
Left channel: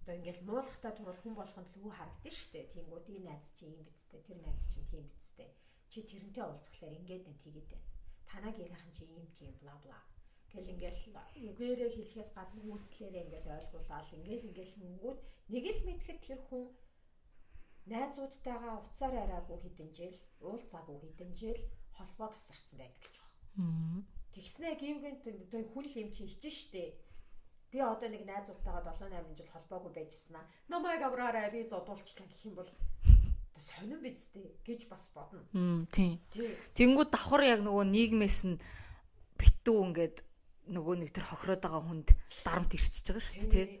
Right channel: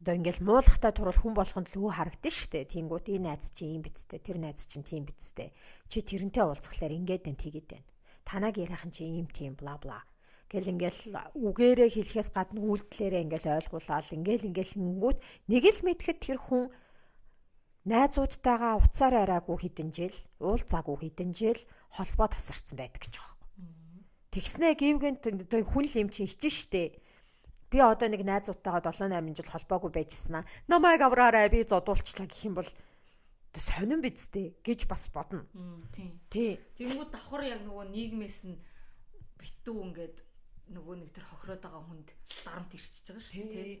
Одоо ингээл муулахтай турвал хүн болгонд л хөө харагдаж штэ. Тэнгүүд энэ найз чи юм бицтэй, тэр найз чинь тийм бицтэй. Чи тэрнтэй уулзхлаар ингээд энэ тэгээд байна. Танаг ярихын чи ийм тийм бла бла. Гэл ингээл үгээрээ хэлэхээс гадна үйлдэлээрээ ингээл ойлгуулаад ингээл гингүүд нэг л мэдхэд тэр хүн найзуудтайгаа уцаар араагүй хэдэн жил, уулзаагүй хэдэн жил холбоо тасарсан байдаг гэж байгаа. Тэгснэ гівгэн хүн л юм чи хичэн штэ. Би одоо нэг найзуудтайгаа 7-8 жил холбоогүй байжснаа. Намайг авраарай би зодуулчлаа гэх юм бол сонирн бидтэй гэж бас бодно. Тийм. Тэнгүүд давхар яг нөгөө нийгмээс нь битүү ингээд нөгөө нэг тэр хохироод байгаа хүнд дарамт ирчихэж байгаа шүү дээ.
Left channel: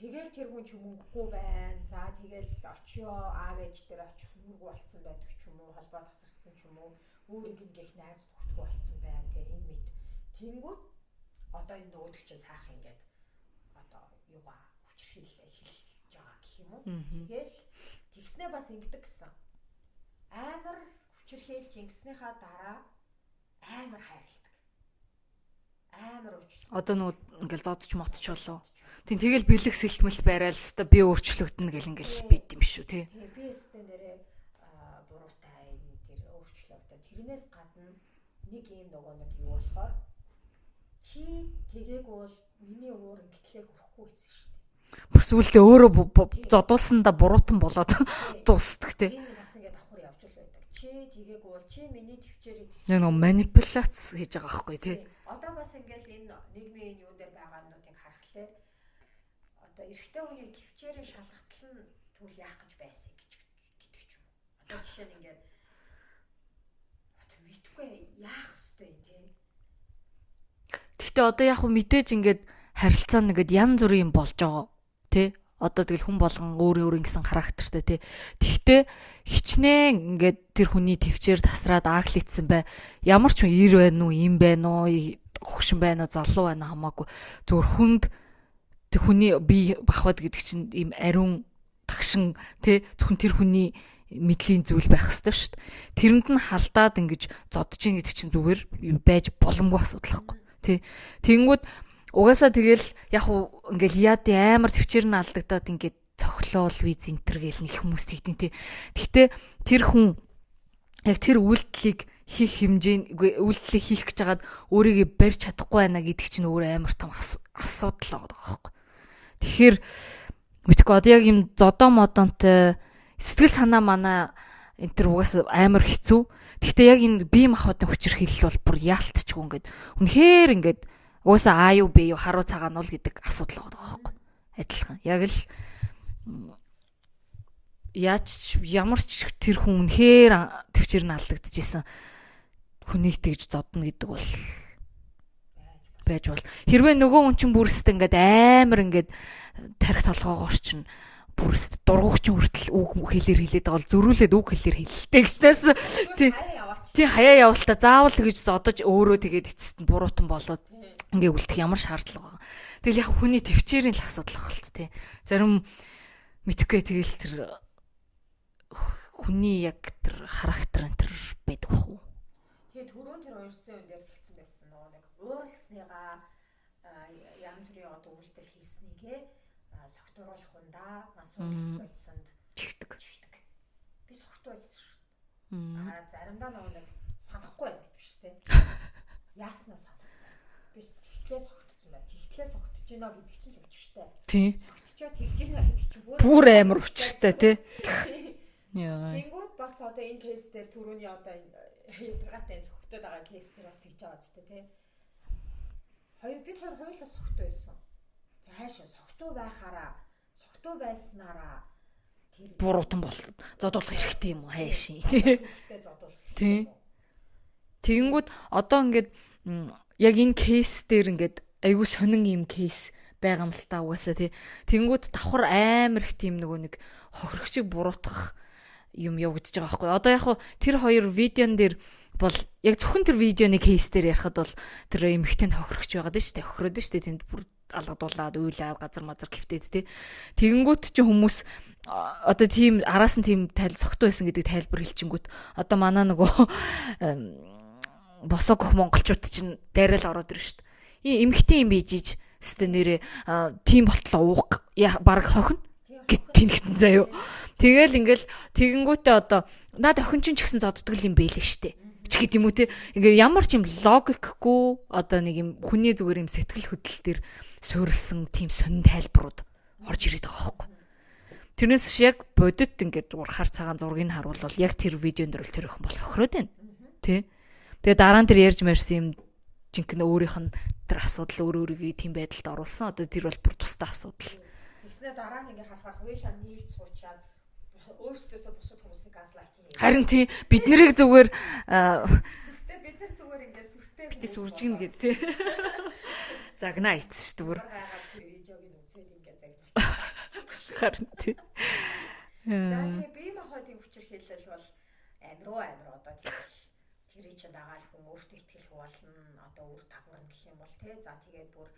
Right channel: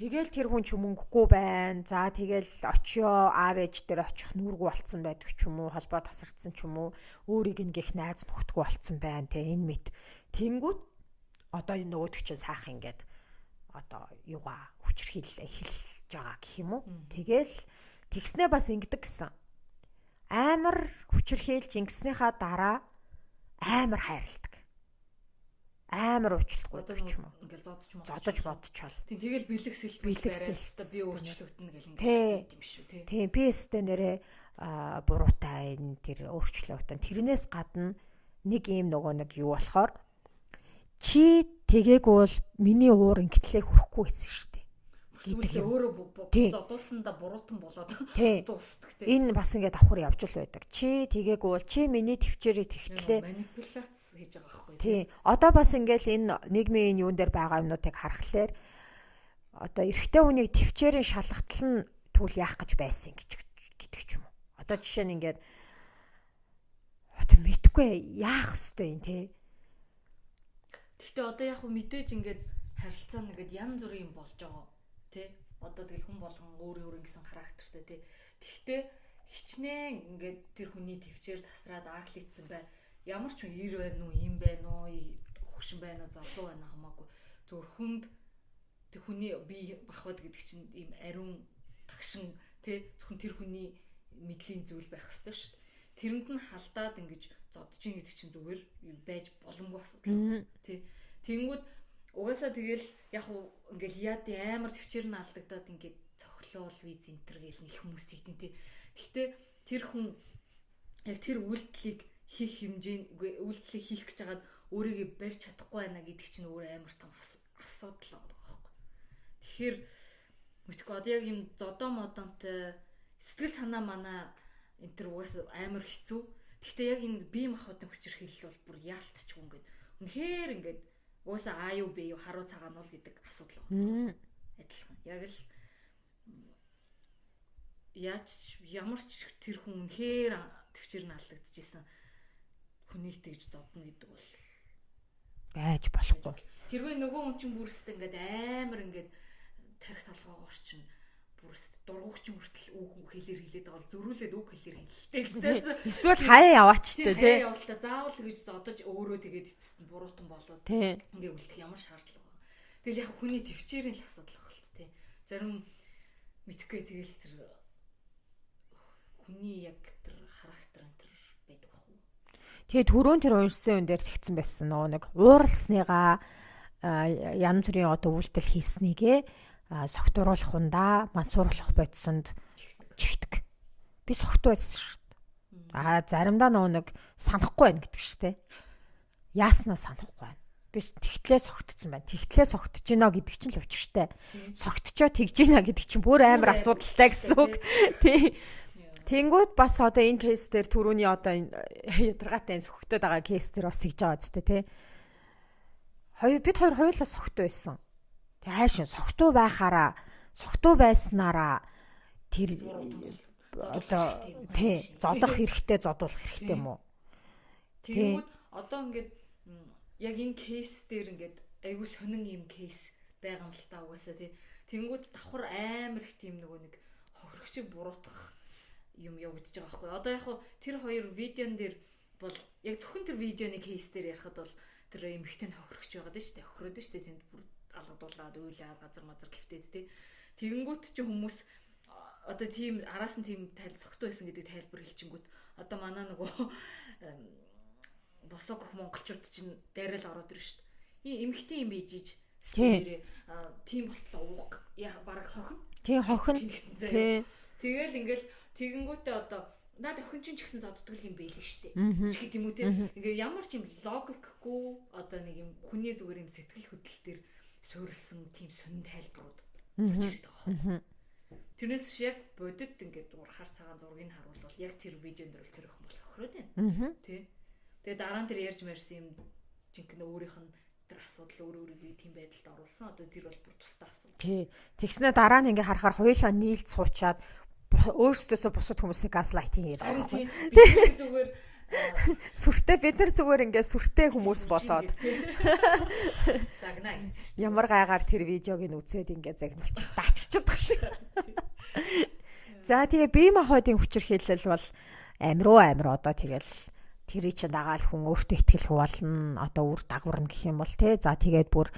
Тэгэл тэр хүн ч мөнгөгүй байна. За тэгэл очио аав ээж дээр очих нүргүү болцсон байдаг ч юм уу, холбоо тасарсан ч юм уу, өөрийг нэгэх найз нөхдгүү болцсон байна те энэ мэд. Тэнгүүд одоо энэ нөгөөдөг чинь сайхан ингээд одоо юугаа хүчрхийлэл эхэлж байгаа гэх юм уу. Тэгэл тэгснээ бас ингэдэг гэсэн. Амар хүчрхийлж ингэснийхаа дараа амар хайрладаг. Амар уучлалт. Одоо нөгөө ингээл зодч модчол. Тийм тэгэл бэлэг сэлтмэл байрал хэвээр би өөрчлөгдөнө гэл ингээл бит юм шүү тий. Тийм би өстө нэрээ буруутай энэ тэр өөрчлөгдөн. Тэрнээс гадна нэг юм нөгөө нэг юу болохоор чи тэгээгүй бол миний уур ингэтлээ хүрэхгүй гэсэн шүү дээ. Бүр сүулдэ өөрөө зодуулсандаа буруутан болоод дуустдаг тий. Энэ бас ингээд давхар явж л байдаг. Чи тэгээгүй бол чи миний төвчээрээ тэгтлээ. Манипуляц хийж байгаа байхгүй тий. Одоо бас ингээд энэ нийгмийн юун дээр байгаа юмнуудыг харахаар одоо эрэгтэй хүнийг төвчээрийн шалгалтал нь тэгвэл яах гэж байсан гэдэг ч юм уу. Одоо жишээ нь ингээд одоо мэдгүй яах ёстой юм тий. Гэхдээ одоо яг хөө мэдээж ингээд харилцаа нэгэд янз бүрийн юм болж байгаа тий. Одоо тэгэл хүн болгон өөр ингэсэн характертай тий. Тэгтээ хичнээн ингээд тэр хүний төвчээр тасраад ааглицсан бай. Ямар ч хүн ир байна уу, им байна уу, хөгшин байна уу, залуу байна хамаагүй. Зүгээр хүнд тэр хүний бие бахвад гэдэг чинь ийм ариун тагшин тий. Зөвхөн тэр хүний мэдлийн зүйл байх ёстой шүү дээ. Тэрэнд нь халдаад ингэж зодож ин гэдэг чинь зүгээр байж боломгүй асуудал байхгүй тий. Тэнгүүд угаасаа тэгэл яг уу ингээл яад амар төвчээр нь алдагдаад ингээд цохлоол виз энтер гэл нэг хүмүүс тэгдэн тий. Гэхдээ тэр хүн яг тэр үйлдэлийг хийх үйлдэлийг хийх гэж хагаад өөрийгөө барьж чадахгүй байна гэдэг чинь өөр амар том асуудал байгаа байхгүй. Тэгэхээр мэдгүй одоо яг юм зодоо модонтой сэтгэл санаа манаа энэ төр угаасаа амар хэцүү. Гэхдээ яг энэ бие махбодын хүчирхийлэл бол бүр яалтчгүй ингээд үнэхээр ингээд угаасаа А юу Б юу харуу цагаан уул гэдэг асуудал байгаа байхгүй. Адилхан. Яг л ямар ч тэр хүн үнэхээр төвчээр нь алдагдчихсэн хүнийг тэгж зодно гэдэг бол байж бол. Хэрвээ нөгөө хүн чинь бүрстэй ингээд амар ингээд тарих толгоогоор чинь бүрст дургугч хүртэл үг хэлээр хэлээд байгаа бол зөрүүлээд үг хэлээр хэлэлтэй гэжтээс хаяа яваач тий хаяа явуултаа заавал гэж зодож өөрөө тэгээд эцэст нь буруутан болоод ингээ үлдэх ямар шаардлага байгаа. Тэгэл яг хүний төвчээрийн л асуудал багт тий. Зарим мэдхгүй тэгэл тэр хүний яг тэр характер энэ тэр байдаг бах уу. Тэгээд түрүүн тэр уншсан юм дээр тэгсэн байсан нөгөө нэг ууралсныгаа янз бүрийн одоо үйлдэл хийснийгээ согтууруулах ундаа мансууруулах бодсонд чигдэг. Би согтуу байсан шүү дээ. Заримдаа нэг санахгүй байна гэдэг шүү дээ. Яаснаа санахгүй байна. Би тэгтлээ согтцсон байна. Тэгтлээ согтж гинэ гэдэг чинь л учиртай. Согтчоо тэгж гинэ гэдэг чинь бүр амар урагтай гэсэн тий. Тэнгүүд бас одоо энэ кейс дээр түрүүний одоо ядаргаатай энэ согтоод байгаа кейс дээр бас тэгж байгаа зү тий. Бид хоёр хоёулаа согтуу байсан. Хайшин согтуу байснараа тэр буруутан бол зодуулах хэрэгтэй юм уу? Хайшин. Зодох зодуулах хэрэгтэй юм уу? Тэгэнгүүт одоо ингээд яг энэ кейс дээр ингээд айгүй сонин юм кейс байгаа юм л та угаасаа тий. Тэгэнгүүт давхар амар их тийм нөгөө нэг хохирогчийг буруутгах юм явагдаж байгаа байхгүй. Одоо яг тэр хоёр видеон дээр бол яг зөвхөн тэр видеоны кейс дээр ярихад бол тэр эмэгтэйнд хохирогч байгаад нь штэ хохироод нь штэ тэнд бүр алгадуулаад уйлаад газар мазар гівтээд тий. Тэгэнгүүт чи хүмүүс одоо тийм араас нь тийм цогтой байсан гэдэг тайлбар хэлчингүүт одоо манай нөгөө босоо гөх монголчууд чинь дайраал ороод ирж штэ. Эмэгтэй юм бийжиж өстө нэрээ тийм болтлоо уух баг хохино. Тийм хохино тэнхтэн заяо. Тэгэл ингээл тэгэнгүүтээ одоо наад охин ч гэсэн зодддаг юм бэлэн штэ. Ч гэдэм юм уу те. Ингээ ямар ч юм логикгүй одоо нэг юм хүний зүгээр юм сэтгэл хөдлөл төр суурилсан тийм сонин тайлбарууд орж ирээд байгаа байхгүй. Тэрнээс яг бодит ингээд зур хар цагаан зургийг харуулвал яг тэр видеонд дөрөл тэр охин бол хохироод байна. Тэ. Тэгээ дараа нь тэр ярьж мэрсэн юм жинхэнэ өөрийнх нь тэр асуудал өөрийгөө тийм байдалд оруулсан. Одоо тэр бол бүр тусдаа асуудал. Тэгснэ дараа нь ингээ харахаар хоёулаа нийлж суучаад өөрсдөөсөө бусад хүмүүсийг газлайтинг хийх. Харин тийм бид нэрийг зүгээр сүртэй бид нар зүгээр ингээ сүртэй хүмүүс болоод загнаа ийцсэн шүү дээ. Ямар гайгаар тэр видеог нь үзээд ингээ загнуулж дааччихдаг шиг харин тийм. За тэгээ бие махбодын хүчээр хэлэл бол амир одоо тэгэл тэрий чи дагаал хүн өөртөө ихтгэл болно. Одоо үр дагаварна гэх юм бол тий. За тэгээд бүр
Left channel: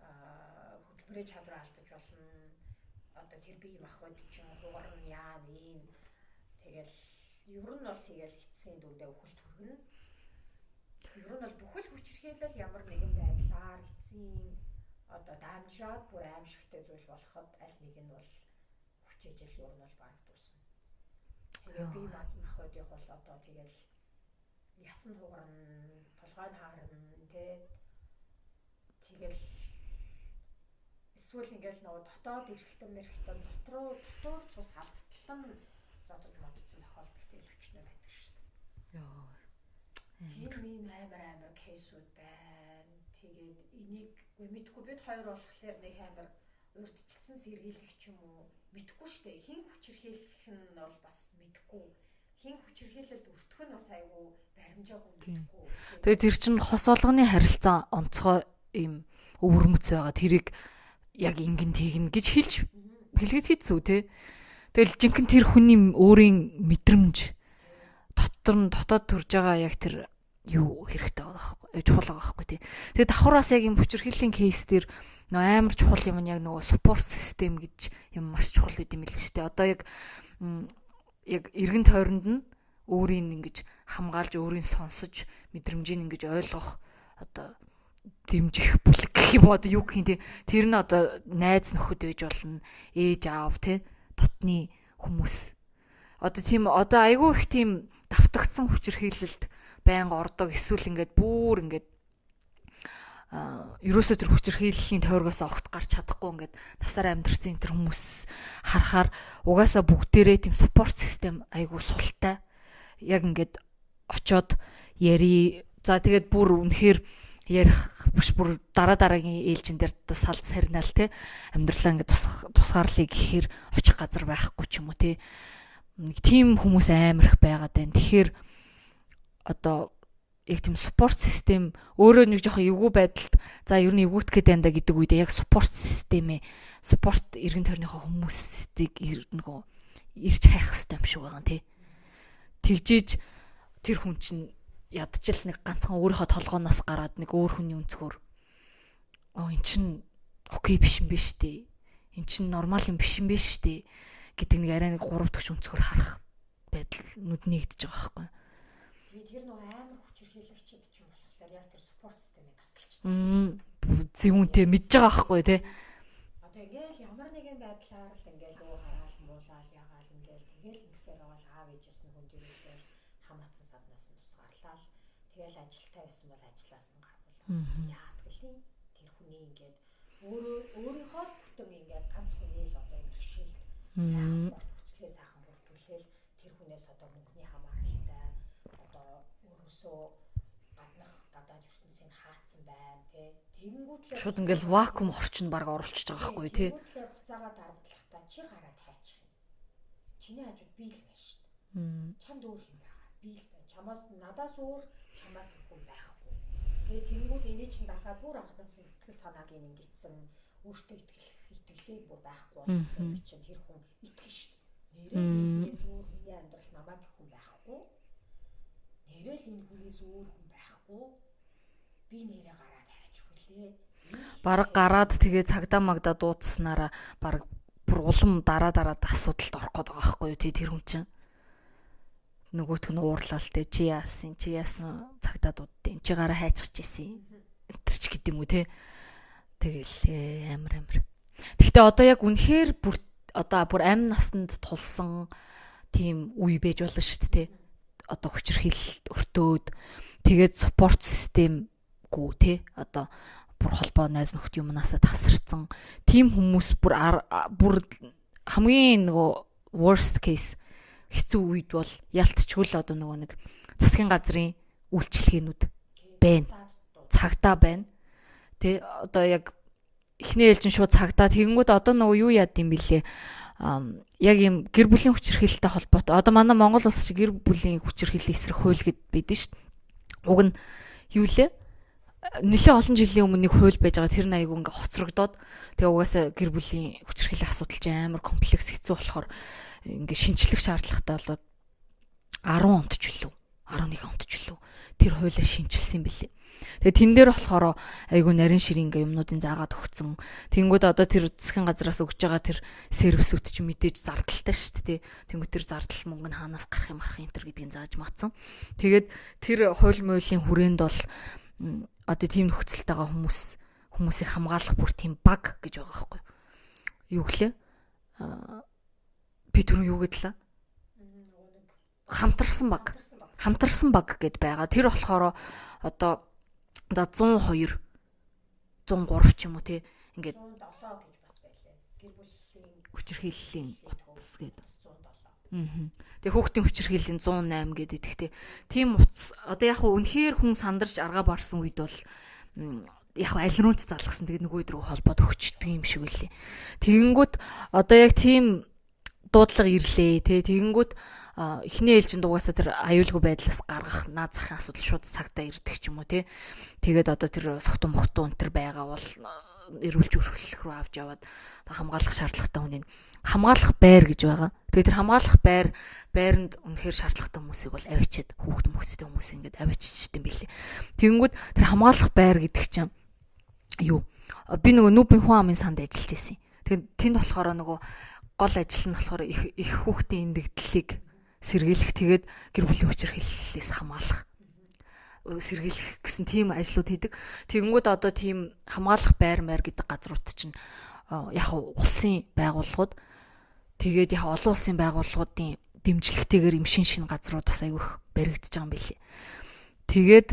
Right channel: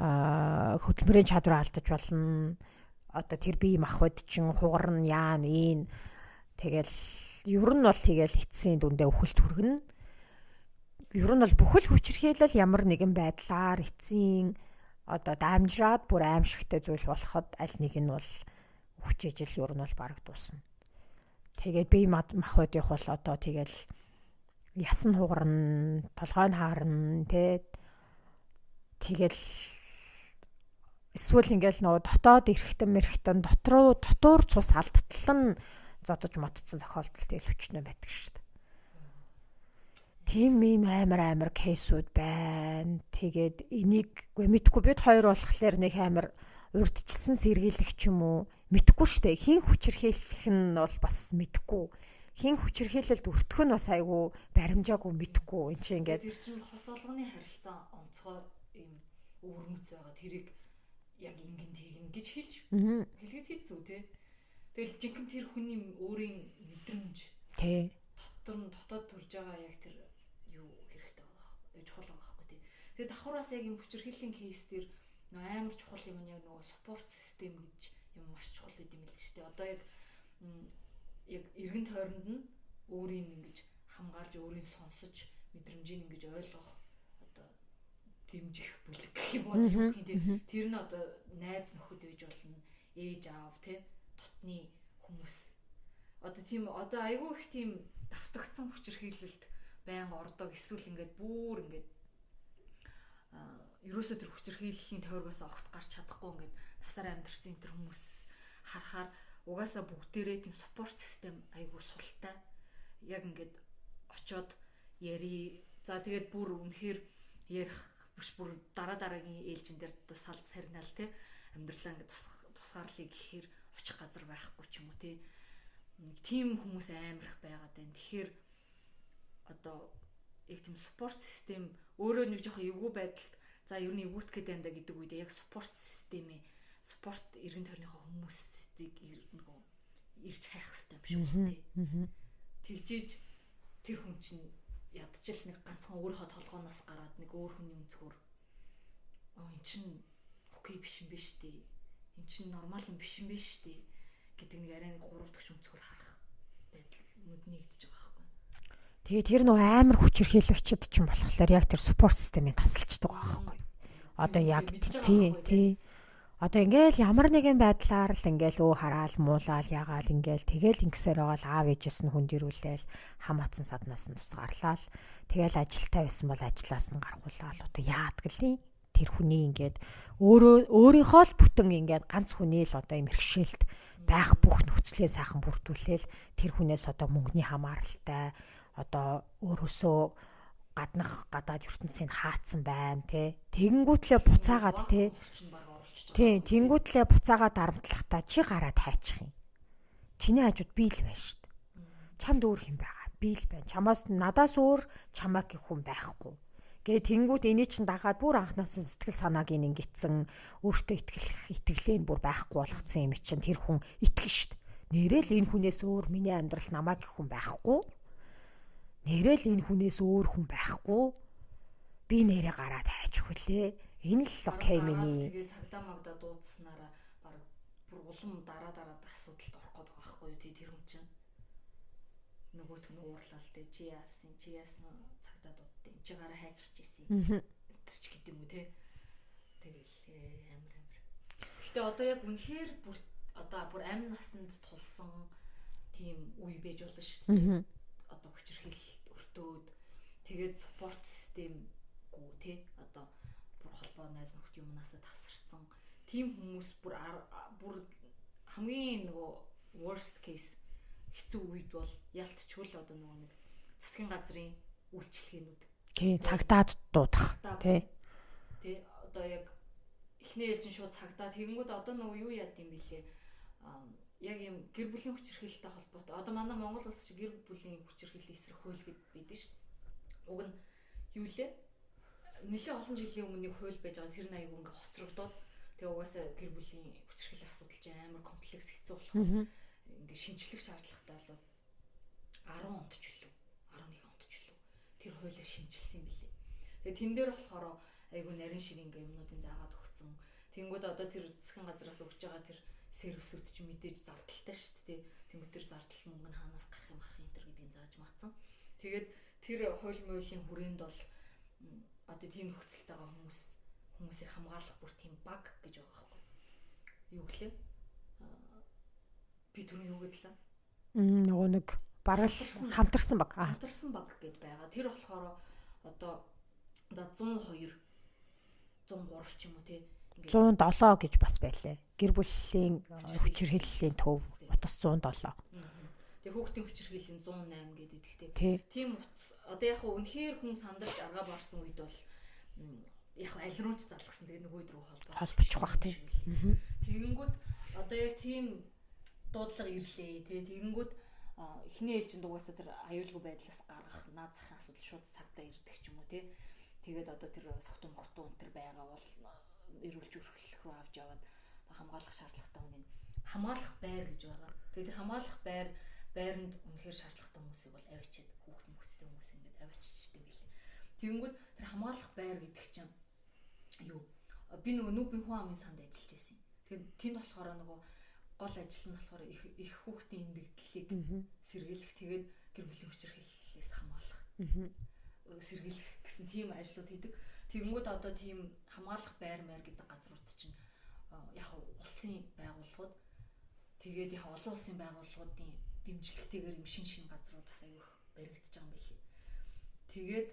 хөдөлмөрийн чадвар алдаж болно. Одоо тэр бие махбод чин хугарна яана ийн. Тэгэл ер нь бол тэгэл эцсийн дүндээ өхөлт хүргэнэ. Ер нь бол бүхэл хүчирхийлэл ямар нэгэн байдлаар эцсийн одоо дамжраад бүр аимшигтай зүйл болоход аль нэг нь бол хүчээжил ер нь бол бараг дуусна. Тэгээд бие махбодынх бол одоо тэгэл ясан хугарна, толгой нь хаарна, тэгэл эсвэл ингээл нөгөө дотоод эргэтэн дотуур цус алдтал нь зодож мотцсон тохиолдол тэгэл хүчнээ байдаг шүү дээ. Тийм ийм амар кейсүүд байна. Тэгээд энийг мэдхгүй бид хоёр болохоор нэг амар урдчилсан сэргийлэх юм уу мэдхгүй шүү дээ. Хин хүчирхийлэх нь бол бас мэдхгүй. Хин хүчирхийлэлд өртөх нь бас айгүй баримжаагүй мэдхгүй. Тэгээд тэр чинь хос олгоны харилцаа онцгой ийм өвөрмөц байгаа. Тэрийг яг ингэн тэгнэ гэж хэлгээд хийцүү те. Тэгэл жинхэнэ тэр хүний өөрийн мэдрэмж дотоод төрж байгаа яг тэр юу хэрэгтэй байгаа байхгүй чухал байгаа байхгүй те. Тэгээд давхраас яг юм хүчирхийллийн кейс дээр амар чухал юм нь яг нөгөө спорт систем гэж юм маш чухал байд юм л шүү дээ. Одоо яг эргэн тойронд нь өөрийг ингэж хамгаалж өөрийг сонсож мэдрэмжийг ингэж ойлгох одоо дэмжих бүлэг гэх юм одоо юу гэх юм те. Тэр нь одоо найз нөхөд ээж болно, ээж аав те, дотны хүмүүс. Одоо тийм одоо айгүй их тийм давтагдсан хүчирхийлэлд байнга ордог эсвэл ингээд бүр ингээд ерөөсөө тэр хүчирхийллийн тойргоос огт гарч чадахгүй ингээд тасаар амьдрсан тэр хүмүүс харахаар угаасаа бүгдээрээ тийм спорт систем айгүй султай. Яг ингээд очоод яри. За тэгээд бүр үнэхээр ярих биш бүр дараагийн ээлжин дээр салд сарнаал те амьдралаа ингээд тусгаарлыг гэхээр очих газар байхгүй ч юм уу те. Нэг тийм хүмүүс амар их байгаад байна. Тэгэхээр одоо яг тийм спорт систем өөрөө нэг жоохон эвгүй байдалд за ер нь эвгүүтгэхэд байна да гэдэг үедээ яг спорт системээ спорт эргэн тойрныхоо хүмүүсийг нөгөө ирж хайх хэрэгтэй юм шиг байгаа тий. Тэгжиж тэр хүн чинь ядчил нэг ганцхан өөрийнхөө толгооноос гараад нэг өөр хүний өнцгөр эн чин окей биш юм биш тий. Эн чин нормал юм биш юм биш тий гэдэг нэг арай нэг гурав дахь өнцгөр харах байдал нүд нэгдэж байгаа байхгүй. Тэгээ тэр нөө амар хүчирхийлэгчд ч юм болохоор яг тэр спорт системийн тасалчдаг байхгүй. Зэмүнтэй мэдж байгаа байхгүй тий. Одоо ингээл ямар нэгэн байдлаар л ингээл хараал муулаал ягаал ингээл тэгэл ингэсээр байгаа л аав ээжээс нь хүн дэрүүлээл хам атсан саднаас нь тусгаарлаа л тэгэл ажилтаа байсан бол ажлаас нь гаргуулаад одоо яадаг л тэр хүний ингээд өөрийнхөө л бүтэн ингээд ганц хүний л одоо юм хэрэгшээлт байх бүх нөхцөлөө сайхан бүрдүүлээл тэр хүнээс одоо мөнгөний хамааралтай одоо өөрөөсөө гадаад ертөнцийг хаацсан байна тий. Тэгэнгүүтлээ буцаагаад вакуум орчинд баг оруулчихж байгаа байхгүй тий. Тэгэнгүүтлээ буцаагаад дарамтлахтаа чи гараад хайчих юм. чиний хажууд би л байна шүү дээ. Чамд өөр хэм байгаа. Би л байна. Чамаас надаас өөр чамаа гэх хүн байхгүй. Гээ тэнгүүд эний чин дагаад бүр анханаас нь сэтгэл санааг ингэсэн өөртөө итгэлээ бүр байхгүй болгоцсон юм чинь тэр хүн итгэн шүү дээ. Нэрэл энэ хүнээс өөр миний амьдрал намаа гэх хүн байхгүй. Нэрэл энэ хүнээс өөр хүн байхгүй. Би нэрээ гараад хайчих хүлээ. Энэ л баг гараад тэгээ цагдаа магдаа дуудснараа баг бүр улам дараа асуудалд орох гээд байгаа байхгүй юу тэр хүн чинь. Нөгөөх нь уурлал те чи яасан цагдаа дууддیں۔ Чи гараа хайчих гэсэн. Тэр ч гэдэм үү те. Тэгэл амар. Гэхдээ одоо яг үнэхээр бүр амь насанд тулсан тийм үе байж болно шүү дээ. Одоо хүчирхийлэл өртөөд тэгээд спорт системгүй те одоо бүр холбоо найз нөхд юмнасаа тасарсан тийм хүмүүс бүр хамгийн нөгөө worst case хэцүү үед бол ялтчгүй л одоо нөгөө нэг засгийн газрын үйлчлэгээнүүд цагтаа байна. Тэ одоо яг эхний ээлжин шууд цагтаа тэгэнгүүт одоо нөгөө юу яад юм бэлээ. Яг юм гэр бүлийн хүчирхийлэлтэй холбоотой. Одоо манай Монгол улс шиг гэр бүлийн хүчирхийлэл эсрэг хууль гэд байдэн шүү дээ. Уг нь юу лээ? Нэлээд олон жилийн өмнө нэг хууль байж байгаа. Тэр нь айгүй ингээ хоцрогдоод тэгээ угаасаа гэр бүлийн хүчирхийллийн асуудал чинь амар комплекс хэцүү болохоор ингээ шинжлэх шаардлагатай болоод 10 онд ч үлээ 11 онд ч үлээ тэр хуулиа шинжилсэн бэлээ. Тэгээ тэн дээр болохоор айгүй нарийн ширийн ингээ юмнуудын заагаад өгцөн. Тэнгүүд одоо тэр засгийн газраас өгж байгаа тэр сервисүүд чинь мэдээж зардалтай шүү дээ. Тэнгүүд тэр зардал мөнгө нь хаанаас гарах юм энэ төр гэдгийг зааж маацсан. Тэгээд тэр хууль муулийн хүрээнд бол одоо тийм нөхцөлтэйгээ хүмүүсийг хамгаалах бүр тийм баг гэж байгаа байхгүй юу гэлээ би түрүү юу гэдлээ нөгөө нэг хамтарсан баг гэд байгаа тэр болохоор одоо 102 103 ч юм уу те ингээд 107 гэж бас байлээ гэр бүлийн хүчирхийллийн төв утас 107 Тэгээ хүүхдийн хүчирхийллийн 108 гэдэг ихтэй. Тийм утас одоо яг үнэхээр хүн сандарч аргаа барсан үед бол яг аль руу ч залгасан. Тэгээд нөгөө рүү холбоод өгч байгаа юм шиг үлээ. Тэгэнгүүт одоо яг тийм дуудлага ирлээ тий. Тэгэнгүүт эхний ээлжинд угаасаа тэр аюулгүй байдлаас гаргах наад захын асуудал шууд цагтаа ирдэг ч юм уу тий. Тэгээд одоо тэр согтун мохтун өнтер байгаа бол эрүүлж өрхөлөх рүү авч яваад хамгаалах шаардлагатай хүнийг хамгаалах байр гэж байгаа. Тэгээд тэр хамгаалах байранд үнэхээр шаардлагатай хүмүүсийг бол авчиад хүүхд мөхтөд хүмүүс ингээд авчижтэй юм билээ. Тэгэнгүүт тэр хамгаалах байр гэдэг чинь юу? Би нөгөө нүүбийн хүн амын санд ажиллаж байсан. Тэгээд тэнд болохоор нөгөө гол ажил нь болохоор их хүүхдийн эндэгдлийг сэргийлэх тэгээд гэр бүлийн хүчирхийллээс хамгаалах. Сэргийлэх гэсэн тийм ажлууд хийдэг. Тэгэнгүүт одоо тийм хамгаалах байр гэдэг газрууд чинь яг улсын байгууллагууд тэгээд яг олон улсын байгууллагуудын дэмжлэгтэйгээр юм шин газрууд бас айгүйх баригдаж байгаа юм билий. Тэгээд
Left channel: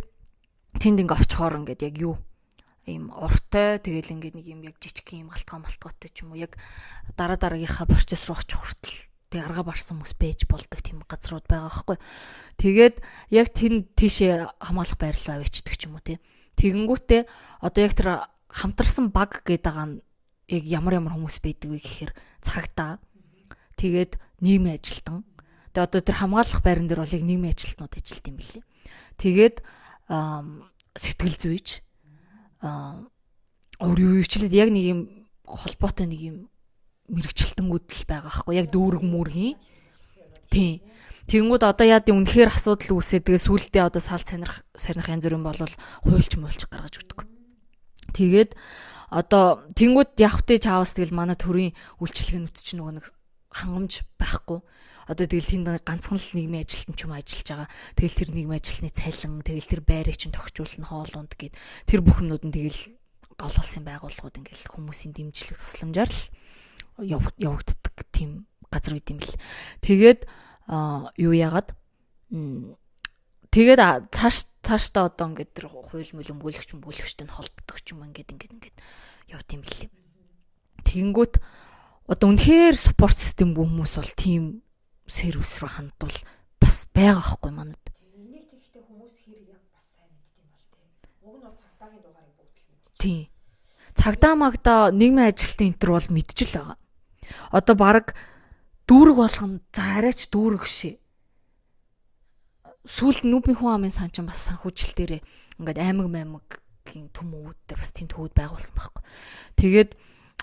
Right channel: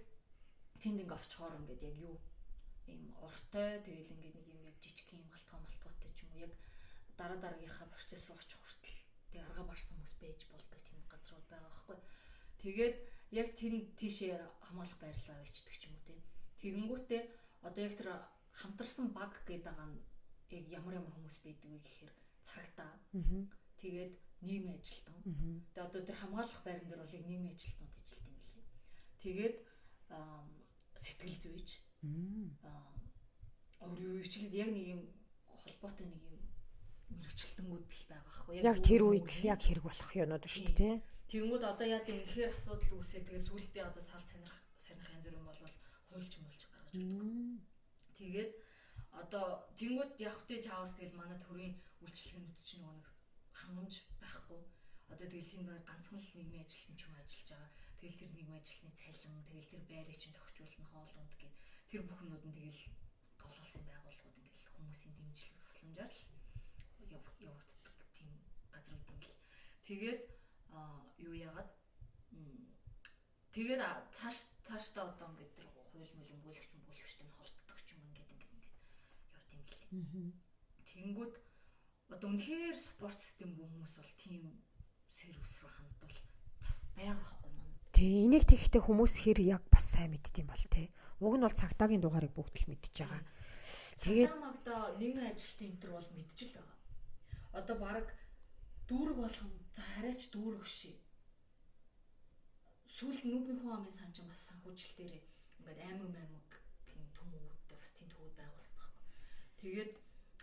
тэнд ингээ очихоор ингээд яг юу ийм уртай тэгэл ингээд нэг юм яг жижиг юм галтгоотой ч юм уу яг дараагийнхаа процесс руу очих хүртэл тэг арга барсан хүмүүс байж болдог тийм газрууд байгаа байхгүй. Тэгээд яг тийшээ хамгаалах байрлал авчдаг ч юм уу тий. Тэгэнгүүтээ одоо яг тэр хамтарсан баг гэдэг байгаа нь яг ямар хүмүүс байдаг вэ гэхээр цагдаа тэгээд нийгмийн ажилтан. Тэгээд одоо тэр хамгаалах байран дээр бол яг нийгмийн ажилтнууд ажилт юм билээ. Тэгээд сэтгэл зүйч өөрөөрчлөд яг нэг юм холбоотой нэг юм мэрэгчлэлтэнгүүд л байгаа байхгүй яг дүүрэг мөргийн хэрэг болох юмнууд шүү дээ. Тэгэнгүүт одоо яа гэдэг үнэхээр асуудал үүсээд тэгээ сүултээ одоо сал сарних янз бүрийн болвол хуульч гаргаж өгдөг. Тэгээд одоо тэнгууд явхтай чаавас тэгэл манай төрийн үйлчлэгээнүүд чинь нөгөө нэг хангамж байхгүй. Одоо тэгэл тэнд ганцхан л нийгмийн ажилтан ч юм ажиллаж байгаа. Тэгэл тэр нийгмийн ажилтны цалин тэгэл тэр байрыг чинь тогтчулна хоолунд гэд тэр бүх юмнууд нь тэгэл гол улсын байгууллагууд ингээл хүмүүсийн дэмжлэг тусламжаар л явагддаг тийм газар үт юм бэл. Тэгээд юу яагаад тэгээд цаашдаа одоо ингээд тэр хууль мөл өмгөөлөгчтэй нь холбогдох ч юм ингээд явт юм бэлээ. Тэгэнгүүт одоо үнэхээр спорт системгүй хүмүүс бол тийм сервис рүү хандвал бас байгаа байхгүй манад. Тий, энийг тэгэхдээ хүмүүс хэр яг бас сайн мэддэм бол тий. Уг нь бол цагдаагийн дугаарыг бүгд л мэдчихэж байгаа. Тий. Цагдаа магдаа нийгмийн ажилтны энтер бол мэдчихэл байгаа. Одоо баг дүүрэг болгоно. За арайч дүүрэг шээ. Сүүлд нүбийн хүн амын сан ч бас санхүүжил дээрээ ингээд аймгийн төмүүд дээр бас тийм төвүүд байгуулсан байхгүй. Тэгээд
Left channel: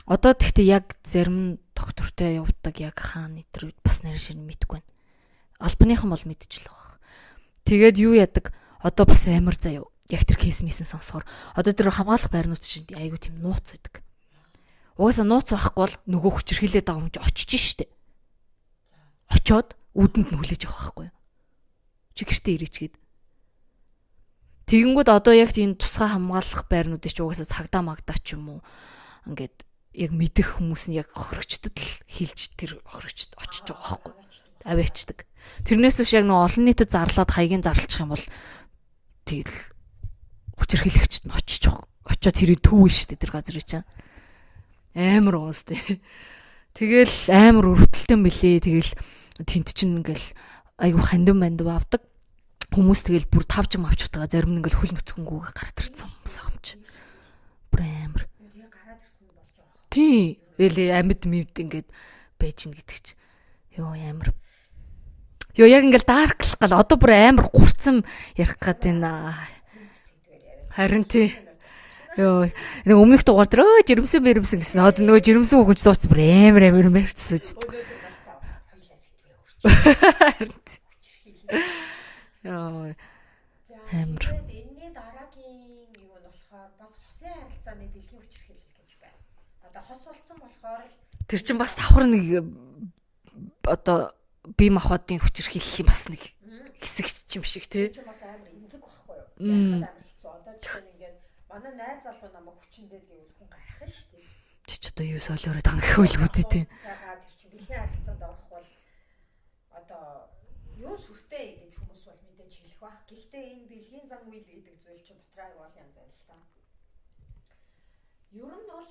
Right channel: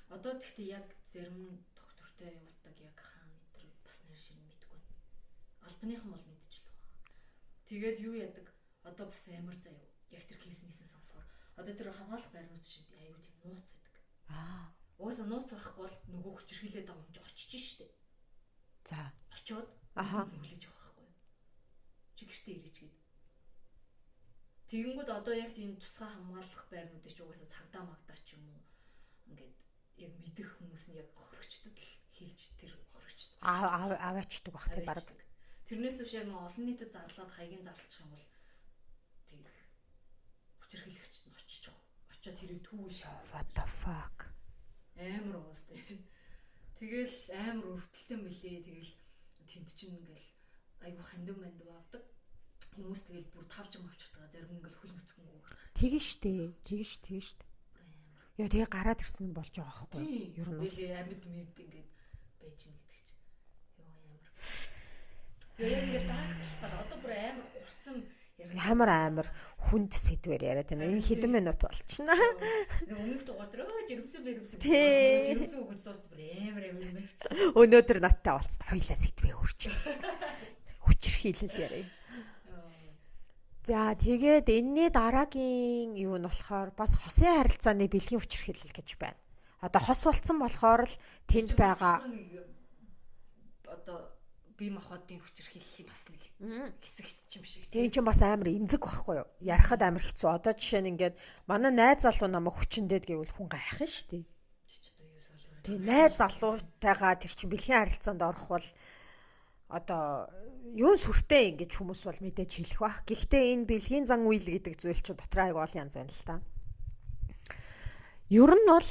одоо тэгтээ яг зарим доктортой явдаг яг хаана өдр бас нарийн ширнэ мэдэхгүй байна. Албаныхан бол мэдчихэл байгаа. Тэгээд юу яадаг одоо бас амар заяа. Яг тэр кейс мисэн сонсохоор одоо тэр хамгаалах байрнууд чинь айгүй тийм нууц байдаг. Угаасаа нууц байхгүй бол нөгөө хүчрхийлээд байгаа юм чи очиж штэ. За очоод үүдэнд нь хүлээж авах байхгүй юу? Чи гэртээ ирээчгээд. Тэгэнгүүт одоо яг тийм тусгай хамгаалах байрнуудыг ч угаасаа цагдаа магдаа ч юм уу ингээд яг мэдэх хүмүүс нь яг хохирогчдод л хилж тэр хохирогчд очиж байгаа байхгүй. Аваачдаг. Тэрнээс биш яг нэг олон нийтэд зарлаад хаягийн зарлчих юм бол тэгэл хүчрхийлэгчд нь очиж очоод тэрийг төвөө штэ тэр газрыг чинь. Амар уус тээ. Тэгэл амар өрөвдөлтөн билээ. Тэгэл тент чинь ингээл айгу хандин манд авдаг. Хүмүүс тэгэл бүр тавж авч утгаа зарим нь ингээл хөл нүцгэнгүүгээ гараад ирсэн юм чи. Бүр амар. Яа тэгээ гараад ирсэн нь болж байгаа байхгүй. Тий. Тэгэл амьд мэд ингээд байж гин гэдэг чи. Йоо амар. Йоо яг ингээл дарклах гал одоо бүр амар гурцсан ярих гэдэг байна. Хүнд сэдвэр яриад байна. Хэдэн минут болчихно. Йоо. Нэг өмнөх дугаар дээр жирэмсэн гэсэн. Одоо нөгөө жирэмсэн хөгж сууц бүр амар барьцсан. Өнөөдөр надтай уулзсан хоёлаа сэдвээ өөрчлөө. Хүчрхийлэл. Йоо. За тэгээд энэний дараагийн юу нь болохоор бас хосын харилцааны бэлгийн хүчрхийлэл гэж байна. Одоо хос болцсон болохоор л тэр чинь бас давхар нэг одоо бие махбодын хүчрхийлэл бас нэг хэсэг юм шиг тий. Тэр чинь бас амар эмзэг байхгүй юу? Ярихад амар хэцүү. Одоо жишээ нь ингээд манай найз залуу намайг хүчндэд гэвэл хүн гайхах нь шүү дээ. Чи одоо юу солиороод байгаа нөхөлгөө тий. Тайгаа тэр чинь бэлгийн харилцаанд орох бол одоо юу сүртэй ингэж хүмүүс бол мэдээж хэлэх бах. Гэхдээ энэ бэлгийн зан үйл гэдэг зүйл чинь дотор аяг ол янз байна л та. Ер нь бол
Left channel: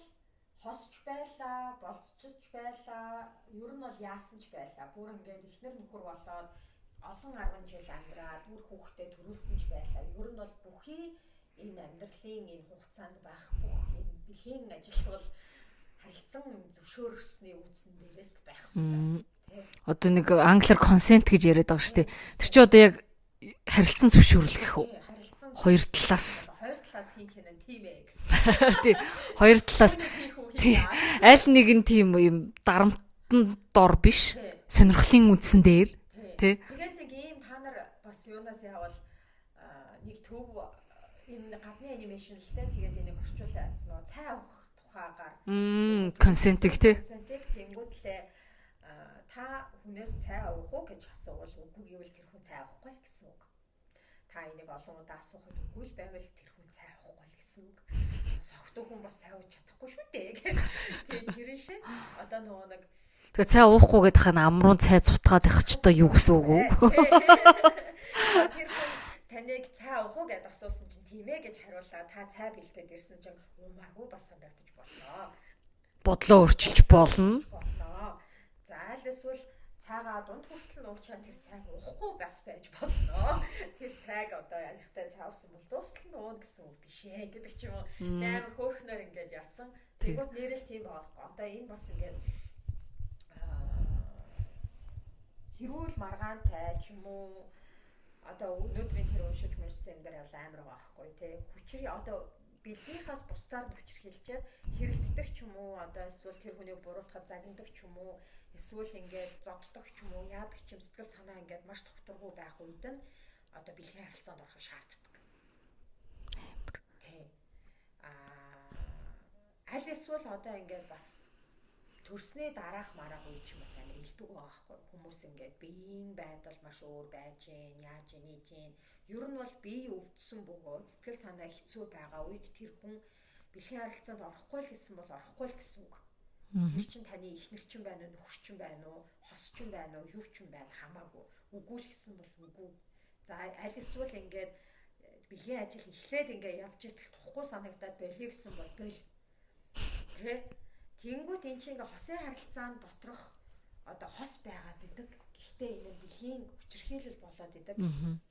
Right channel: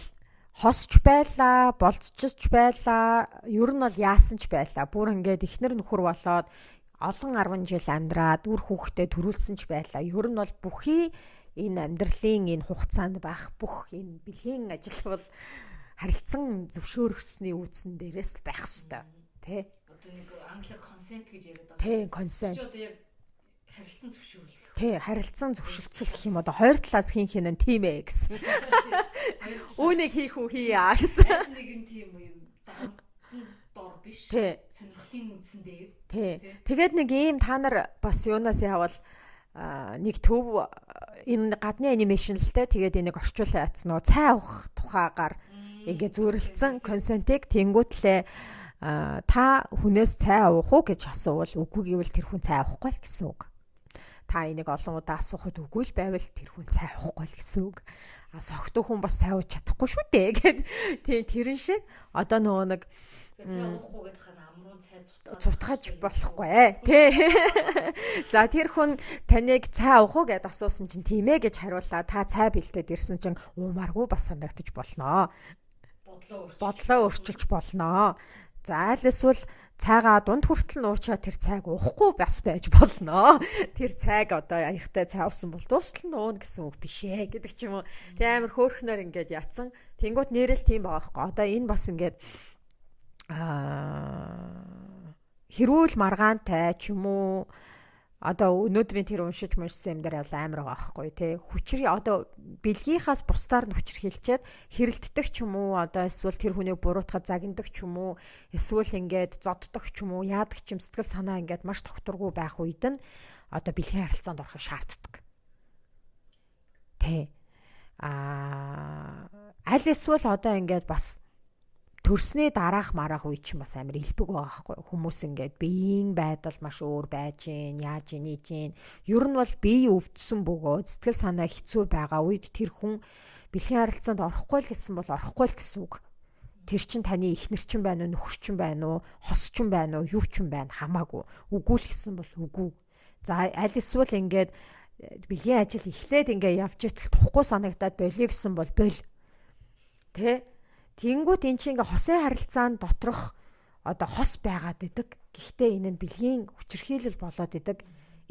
хосч байлаа, болцчих байлаа, ер нь бол яасан ч байлаа. Бүр ингээд ихнэр нөхөр болоод олон 10 жил амьдраад үр хүүхдээ төрүүлсэн ч байлаа. Ер нь бол бүхий энэ амьдралын энэ хугацаанд байх бүх энэ бэлгийн ажил бол харилцан зөвшөөрсөний үүсэн дээрээс л байх хэвээр тий. Одоо нэг англиар consent гэж яриад байгаа шүү дээ. Тэр чи одоо яг харилцан зөвшөөрөл гэх үү? Тий, харилцан хоёр талаас юм одоо хоёр талаас хин хин нь тийм ээ гэсэн. Тий, хоёр талаас хүнийг хийх үү хийя. Аль нэг нь тийм юм дарамтан дор биш. Сонирхлын үндсэн дээр. Тий. Тэгээд нэг ийм та нар бас юунаас явал нэг төв энэ гадны анимашн л те тэгээд энийг орчуулсан яц нөгөө цай авах тухайгаар ингээд консентиг тэнгүүтлээ та хүнээс цай авах уу гэж асуувал үгүй гэвэл тэр хүн цай авахгүй л гэсэн үг. Та энийг олон удаа асуухад үгүй л байвал тэр хүн цай авахгүй л гэсэн үг. Согтуу хүн бас цай ууж чадахгүй шүү дээ гэх. Тий тэрэн шиг одоо нөгөө нэг тэгээ цай уухгүй гэдэг хана амруун цай цутгаад байх ч одоо юу гэсэн үг вэ? За тэр хүн таныг цай авах уу гэд асуусан чинь тийм ээ гэж хариуллаа. Та цай бэлдээд ирсэн чинь уумаргүй бас санагдаж болноо. Бодлоо өөрчилж болноо. За аль эсвэл цайгаа дунд хүртэл нуучаад тэр цайг уухгүй бас байж болноо. Тэр цайг одоо аягтай цай авсан бол дуустал нь ууна гэсэн үг биш ээ гэдэг ч юм уу. Тэг амар хөөрхнөр ингээд яатсан. Тэнгүүт нэрэл тийм байгаа байхгүй. Одоо энэ бас ингээд хэрүүл маргаантай ч юм уу одоо өнөөдрийн тэр уншиж муншсан юм дээр амар байгаа байхгүй тий. Хүчрээ одоо бэлгийнхаас бусдаар нь хүчрхийлчихэд хэрэлддэг ч юм уу одоо эсвэл тэр хүнийг буруутахад загнадаг ч юм уу эсвэл ингээд зоддог ч юм уу яадаг ч юм сэтгэл санаа ингээд маш тогтургүй байх үед нь одоо бэлгийн харилцаанд орохыг шаарддаг. Тий. Аль эсвэл одоо ингээд бас төрсний дараах марах үе чинь бас амар илбэг байгаа байхгүй хүмүүс ингээд биеийн байдал маш өөр байж гин яаж ийж гин ер нь бол бие өвдсөн бөгөөд сэтгэл санаа хэцүү байгаа үед тэр хүн бэлгийн харилцаанд орохгүй л гэсэн бол орохгүй л гэсэн үг. Тэр чин таны эхнэр чин байна уу нөхөр чин байна уу хос чин байна уу юу чин байна хамаагүй үгүй л гэсэн бол үгүй. За аль эсвэл ингээд бэлгийн ажил эхлээд ингээд явж итэл тухгүй санагдаад болиё гэсэн бол боль. Тэ Тэнгүүт эн чинь ингээ хосын харилцаанд доторх одоо хос байгаад идэг. Гэхдээ энэ нь бэлгийн хүчирхийлэл болоод идэг.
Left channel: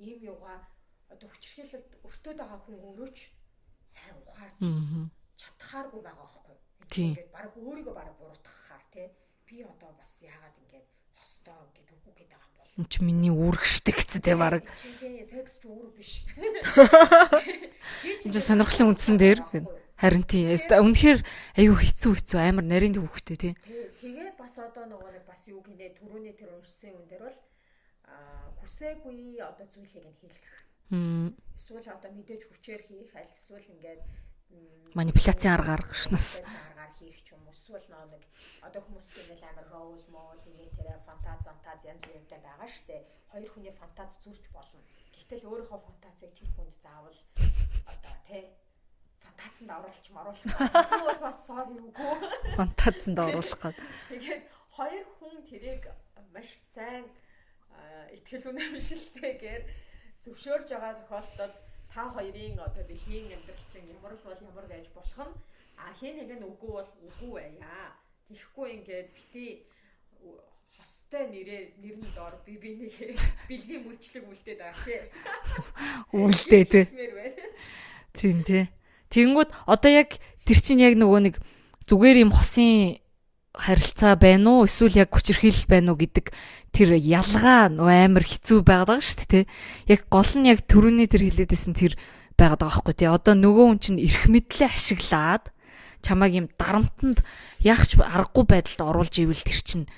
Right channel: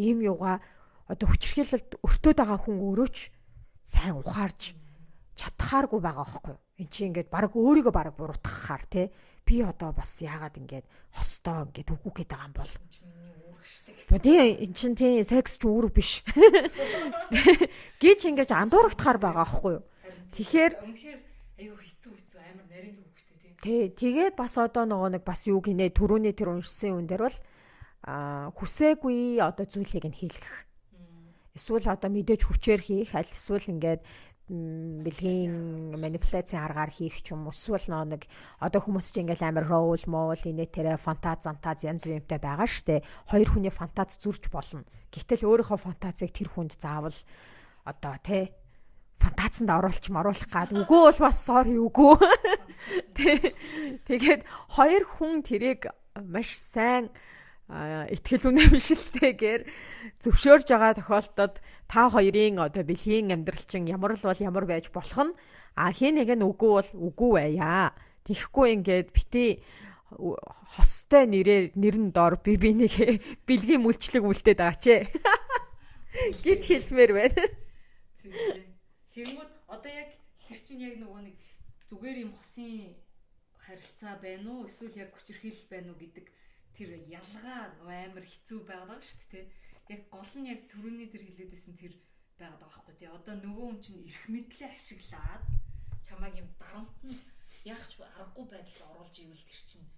Ийм юугаа одоо хүчирхийлэлд өртөөд байгаа хүн өөрөөч сайн ухаарж чадхааргүй байгаа байхгүй юу? Энд чинь ингээд баг өөрийгөө баг буруутгахаар тий би одоо бас яагаад ингээд хостоо ингээд үгүй гээд байгаа юм бол Чи миний үүрэг штэ гэсэн тий баг. эн чин тий секс ч үүрэг биш гэж ингээд сонирхолтой үндсэн дээр байхгүй юу. харин тийм үнэхээр аюу хэцүү амар нарийн төвхтэй тий. Тий тэгээд бас одоо нэг бас юу гинэ түрүүний тэр уншсан юм дээр бол хүсээгүй одоо зүйлийг нь хийлгэх. Эсвэл одоо мэдээж хүчээр хийх, аль эсвэл ингээд манипуляцийн аргаар хийх ч юм уу. Эсвэл нэг одоо хүмүүс чинь ингээл амар роул моол инээ тэрэ фантаз янз бүртэй байгаа штэ. Хоёр хүний фантаз зүрж болно. Гэтэл өөрийнхөө фантазыг тэр хүнд заавал одоо тий фантазанд оруулах гад үгүй бол бас sorry үгүй фантазанд оруулах гад. Тэгээд хоёр хүн тэрийг маш сайн итгэл үнэмшилтэйгээр зөвшөөрж байгаа тохиолдолд та хоёрын одоо бэлгийн амьдрал чинь ямар л бол ямар байж болох нь хин нэг нь үгүй бол үгүй байя. Тэгэхгүй ингээд бити хостой нэр нь доор би нэг бэлгийн мүлчлэг үлдээд байгаа ч. Үлдээд хэлмээр байна. Тийм тий. Тэгэнгүүт одоо яг тэр чинь яг нөгөө нэг зүгээр юм хосын харилцаа байна уу эсвэл яг хүчирхийлэл байна уу гэдэг тэр ялгаа амар хэцүү байгаад байгаа шүү дээ. Яг гол нь яг түрүүний тэр хэлээдсэн тэр байгаад байгаа байхгүй тий. Одоо нөгөө хүн чинь эрх мэдлээ ашиглаад чамайг юм дарамтанд яахч аргагүй байдалд оруулж ивэл тэр чинь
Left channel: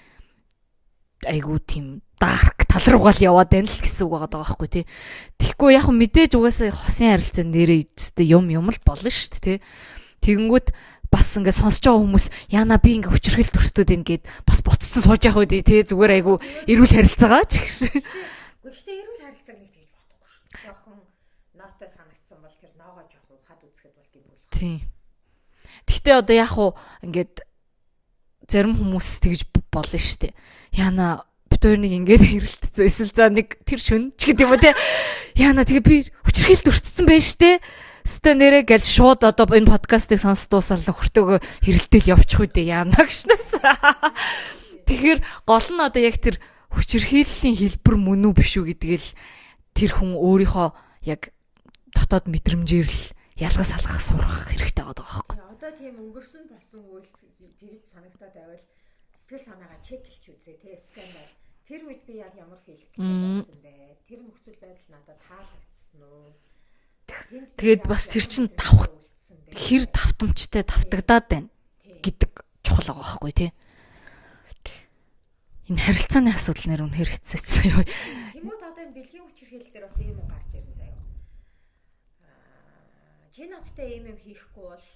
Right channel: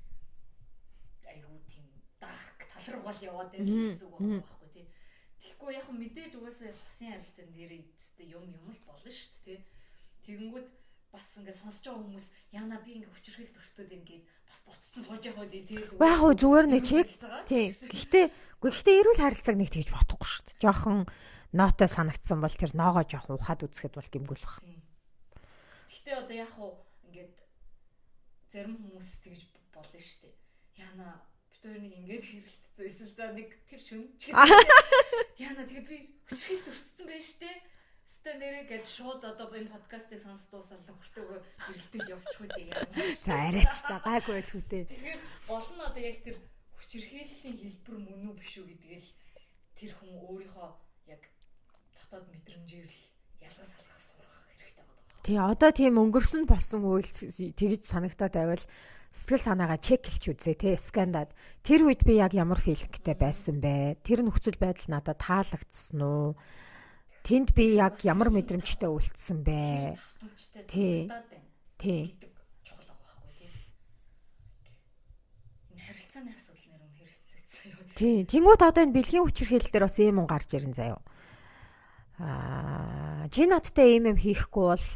айгуу тийм дарк тал руугаа л яваад байна л гэсэн үг байгаа байхгүй тий. Тэгэхгүй яг мэдээж угаасаа хосын харилцаа нэрээ юм л болно шүү дээ тий. Тэгэнгүүт бас ингээд сонсож байгаа хүмүүс яана би ингээд хүчрхэл төртөд ингээд бас буцсан сууж явах үү тий зүгээр айгу эрүүл харилцаагаа ч гэсэн. Гэхдээ эрүүл харилцааг нэг тэгж бодохгүй шүү дээ. Жохон нотой санагдсан бол тэр ноогоо жохон ухаад үзэхэд бол гимгүүлэх. Тий. Гэхдээ одоо яг уу ингээд зарим хүмүүс тэгж болно шүү дээ. Яна бид хоёр нэг ингээд хэрэлтсэн эсвэл за нэг тэр шүн ч гэдэг юм тий. Яна тэгээ би хүчрхэл төртсөн байж штэ. Стэ нэрэ гэл шууд одоо энэ подкастыг сонсч дуусаад нөхөртөөгөө хэрэлдээл явчих үү дээ яана гэшнээс. Тэгэхээр гол нь одоо яг тэр хүчирхийллийн хэлбэр мөн үү биш үү гэдгээл тэр хүн өөрийнхөө яг дотоод мэдрэмжээр л ялгаж салгах сурах хэрэгтэй байгаа байхгүй. Тий одоо тийм өнгөрсөн болсон үйл тэгж санагтаад байвал сэтгэл санаагаа чекэлж үзье тий скандад. Тэр үед би яг ямар филингтэй байсан бэ? Тэр нөхцөл байдал надад таалагдсан уу? Тэнд би яг ямар мэдрэмжтэй үлдсэн бэ? Хэр давтамжтай давтагдаад байна гэдэг чухал байгаа байхгүй тий. Энэ харилцааны асуудал нэр үнэхээр хэцүүцсэн юу. Тэнгүүд одоо энэ бэлгийн хүчирхийлэл дээр бас ийм юм гарч ирэн заяа. Жиноттэй ийм юм хийхгүй бол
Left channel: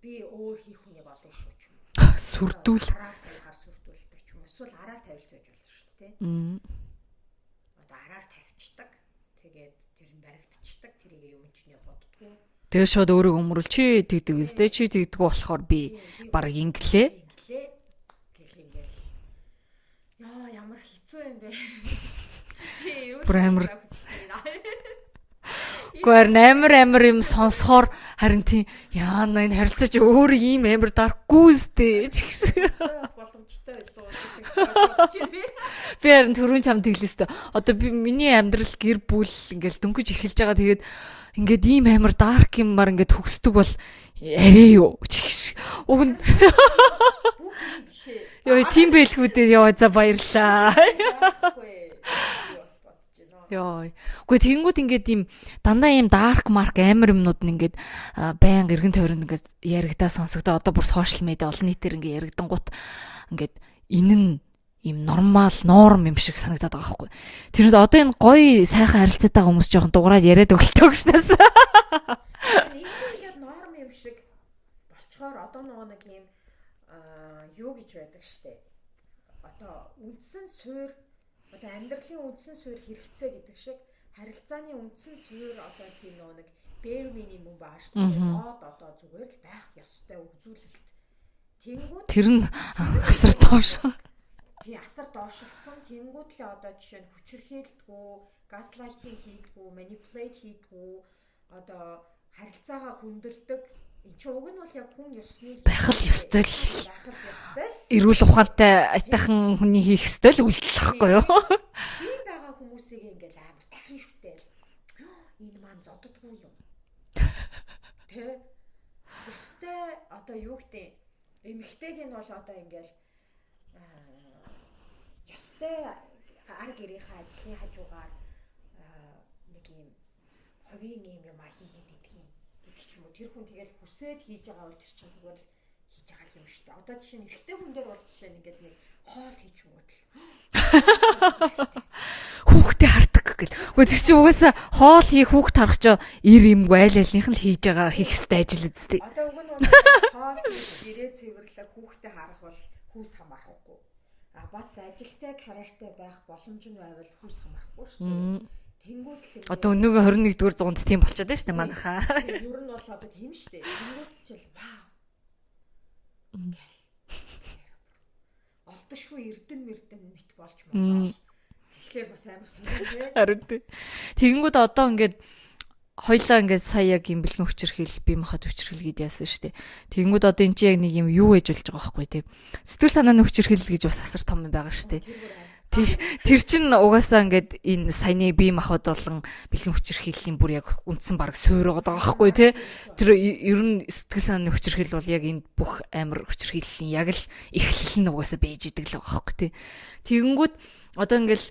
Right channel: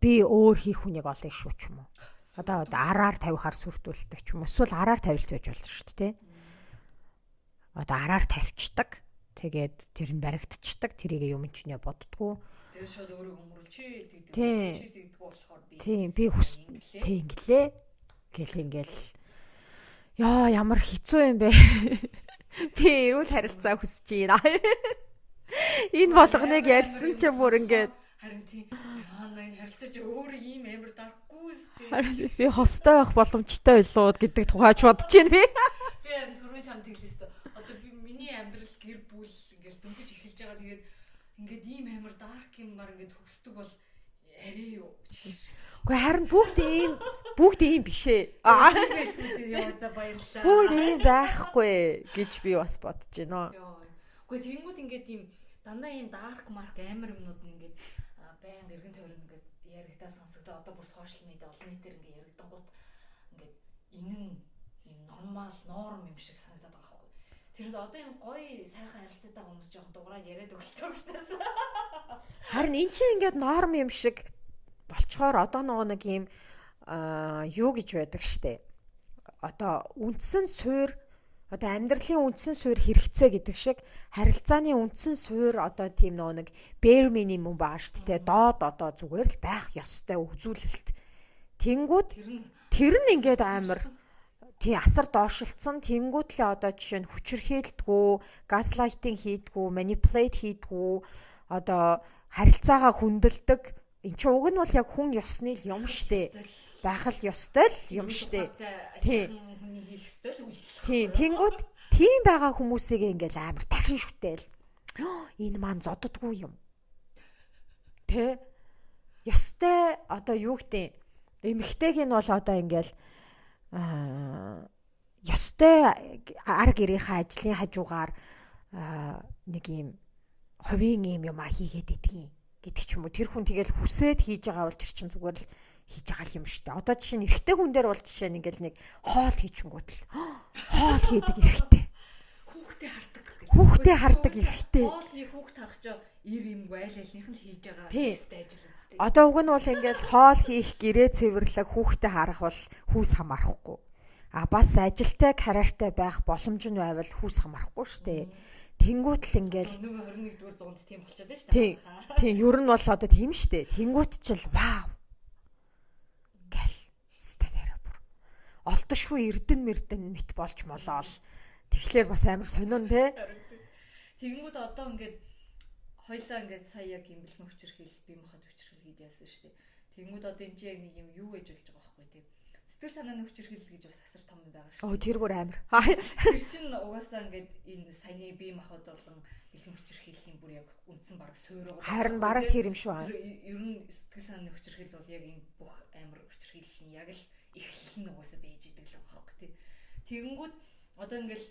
би өөр хийх хүнийг олно шүү ч юм уу. Сүрдүүл араар тавихаар сүрдүүлдэг ч юм уу. Эсвэл араар тавилт байж болно шүү дээ тий. Одоо араар тавьчдаг. Тэгээд тэр нь баригдчихдаг. Тэрийг юм чинээ боддгоо. Тэгээ шууд өөрөө өмөрөл чи тэгдэг үстэй чи тэгдэг болохоор би баг инглээ. Гэл ингээл яа ямар хэцүү юм бэ. Би эрүүл харилцаа хүсэж байна. Энэ амар юм сонсохоор харин тийм яана энэ харилцаач өөр ийм амар даркгүй үстэй. Сонстой байх боломжтой байлуу гэдэг тухайч бодож байна би. Би харин түрүүн чамд тэглэстэй. Одоо би миний амьдрал гэр бүл ингээл дөнгөж эхэлж байгаа тэгээд ингээд ийм амар дарк юмар ингээд төгсдөг бол арай юу чигш. Бүгд ийм биш ээ. Йоо тийм байлгүй дээ ёо за баярлаа. Байхгүй гэж би бас бодож байна. Йоо. Гэхдээ тэгэнгүүт ингээд ийм дандаа ийм дарк марк амар юмнууд нь ингээд баян эргэн тойронд ингээд яригдаа сонсогдоо одоо бүр сошиал медиа олон нийтээр ингээд яригдангууд ингээд энэ нь ийм нормал норм юм шиг санагдаад байгаа байхгүй. Тэрнээс одоо энэ гоё сайхан харилцаатай хүмүүс жоохон дуграад яриад өглөө гэшнээс. Энэ чинь ингээд норм юм шиг болчхоор одоо нэг юм юу гэж байдаг штэ. Одоо үндсэн суурь одоо амьдралын үндсэн суурь хэрэгцээ гэдэг шиг харилцааны үндсэн суурь одоо тийм нэг bare minimum бааш тэ доод одоо зүгээр л байх ёстой үзүүлэлт. Тэнгүүд тэр нь ингээд амар тий асар доошлцсон тэнгүүд л одоо жишээ нь хүчирхийлдэггүй, газлайтинг хийдэггүй, манипулейт хийдэггүй одоо харилцаагаа хүндэлдэг. Энд чинь уг нь бол яг хүн ёсны байх л ёстой л эрүүл ухаантай айтайхан хүний хийх ёстой л үйлдэл байхгүй юу? Тийм байгаа хүмүүсийг ингээл амар дахин шүтэл. Энэ маань зодддгүй юм. Тэ? Ёстой одоо юу гэдэг эмэгтэйг нь бол одоо ингээл ёстой ар гэрийнхээ ажлын хажуугаар нэг юм хувийн юм хийгээд идэгин гэдэг ч юм уу. Тэр хүн тэгэл хүсээд хийж байгаа бол тэр чинь зүгээр л хийж байгаа юм шүү дээ. Одоо жишээ нь эрэгтэй хүн дээр бол жишээ нь ингээл нэг хоол хийчихэнгүүт л хоол хийдэг эрэгтэй. Хүүхдээ хардаг гэл. Үгүй чи угаасаа хоол хийх хүүхд харах ч ир юмгүй айл айлынх нь хийж байгаа хийх ёстой ажил үсттэй. Одоо уг нь бол ингээл хоол хийх, гэрээ цэвэрлэх, хүүхдээ харах бол хүүс хамаарахгүй. Бас ажилтай карьертай байх боломж нь байвал хүүс хамаарахгүй шүү дээ. Тэнгүүт л ингээд одоо өнөөгөө 21-р зуунд тийм болчиход байна шүү дээ манайхаа. Тийм ер нь бол одоо тийм шүү дээ. Тэнгүүт ч л вау. Гэл. Стэнэрэ бүр. Олдошгүй эрдэн мэт болж молоо. Тэгэхээр бас амар солион те. Харин тий. Тэгэнгүүт одоо ингээд хоёлаа ингээд сая яг юм бэлгэн хүчирхийл бие махбод хүчирхийл гэдээ яасан шүү дээ. Тэгэнгүүт одоо эн чинь яг нэг юм юу ээж болж байгаа байхгүй тий. Сэтгэл санааны хүчирхийл гэж бас асар том юм байгаа шүү дээ. Тэр бүр амар. Тэр чинь угаасаа ингээд энэ саяны бие махбод болон бэлгэн хүчирхийллийн бүр яг үндсэн баг суураад байгаа байхгүй тий. Тэр ер нь сэтгэл санааны хүчирхийл бол яг энэ бүх амар хүчирхийллийн яг л эхлэл нь угаасаа байж идэг л байгаа байхгүй тий. Тэгэнгүүт одоо ингээл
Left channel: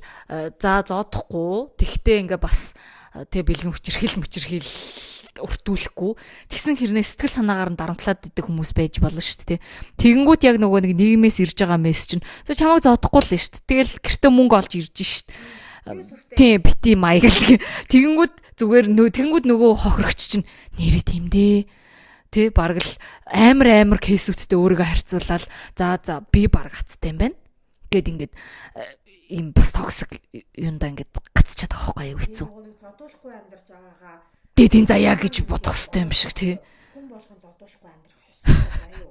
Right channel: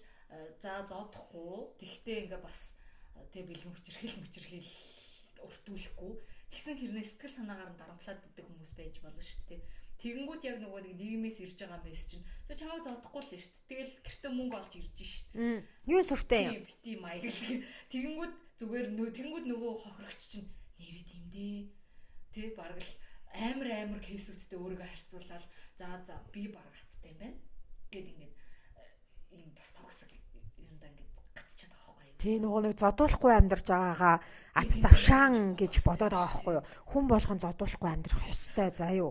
за зоодохгүй тэгтээ ингээ бас тэг бэлгэн хүчирхийл өртүүлэхгүй тэгсэн хэрнээ сэтгэл санаагаар нь дарамтлаад идэх хүмүүс байж болно шүү дээ. Тэгэнгүүт яг нөгөө нэг нийгмээс ирж байгаа мессеж чинь за чамайг зоодохгүй л шүү дээ. Тэгэл гэртээ мөнгө олж ирж шүү дээ. Юу сүртэй. Тийм бити маяг. Тэгэнгүүт зүгээр тэгэнгүүт нөгөө хохирогч чинь нэрээ тийм дээ. Тэ бараг л амар кейсүүдтэй өөрийгөө харьцуулаад за би бараг хацтай юм байна. Гэт ингээд им бас токсик юунда ингээд гацчихад байгаа байхгүй юу хэцүү. Нэг зодуулахгүй амьдарч байгаагаа дэдийн заяа гэж бодох хэрэгтэй юм шиг тий. Хүн болгон зодуулахгүй амьдрах ёстой заа юу.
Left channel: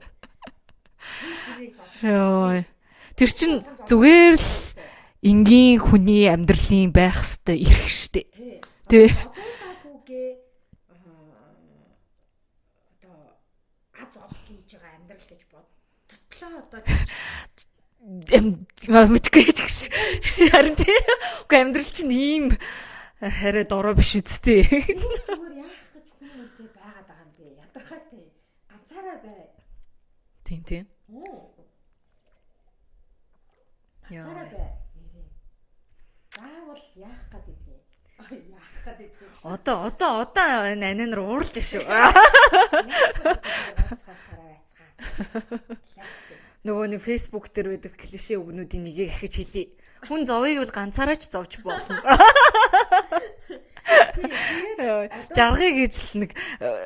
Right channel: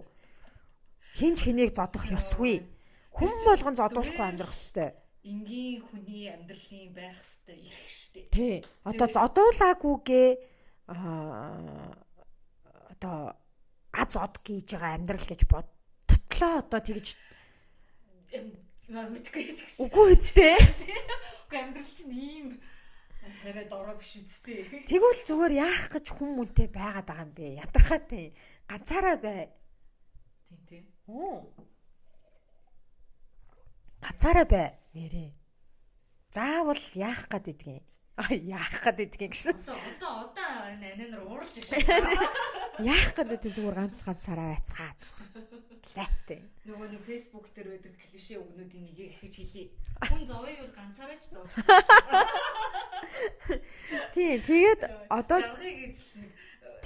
Хин ч хэнийг зодох ёсгүй. Тэр чинь зүгээр л энгийн хүний амьдралын байх ёстой эрх штэ. Тий. Одоо зодуулаагүйгээ одоо аз од гэж байгаа амьдрал гэж бодтлоо одоо тийч мэдгүй ч гэж. Харин тийм. Уу амьдрал чинь ийм хараа дорой биш үсттэй. Тэгвэл зүгээр яах гэж хүмүүнтэй байгаад байгаа юм бэ? Ядархаатай. Ганцаараа бай. Тийм. Ганцаараа бай. Нэрээ. Заавал яах гэдгийг. Яах гэдгийг гэж. Одоо анаа нар ууралж шүү. Яах гэдэг зүгээр ганцаараа байцгаа. Лайтай. Нөгөө нэг фейсбુક дээр байдаг клишэ үгнүүдийн нэгийг ахиж хэлье. Хүн зовыг бол ганцаараа ч зовж болно. Тэгээд одоо жаргыг гэж л нэг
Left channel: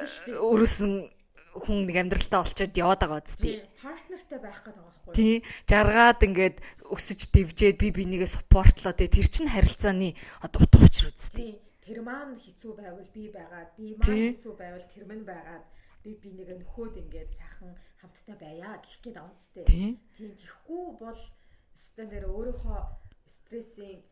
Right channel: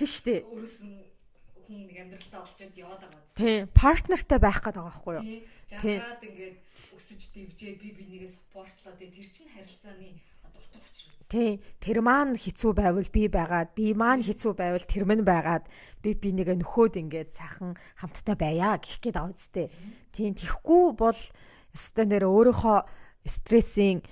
тийштэй өрөөсөн хүн нэг амьдралтаа олчоод яваад байгаа үст. Тийм. Партнертай байх гэдэг байгаа байхгүй юу? Тийм. Жаргаад ингээд өсөж дэвжээд би бинийгээ суппортлоо. Тэр чинь харилцааны одоо утга учир үст. Тийм. Тэр маань хэцүү байвал би байгаад, би маань хэцүү байвал тэр минь байгаад би бинийгээ нөхөөд ингээд сайхан хамттай байя гэх гээд байгаа үст. Тийм. Тэхгүй бол өстой нэр өөрийнхөө стрессing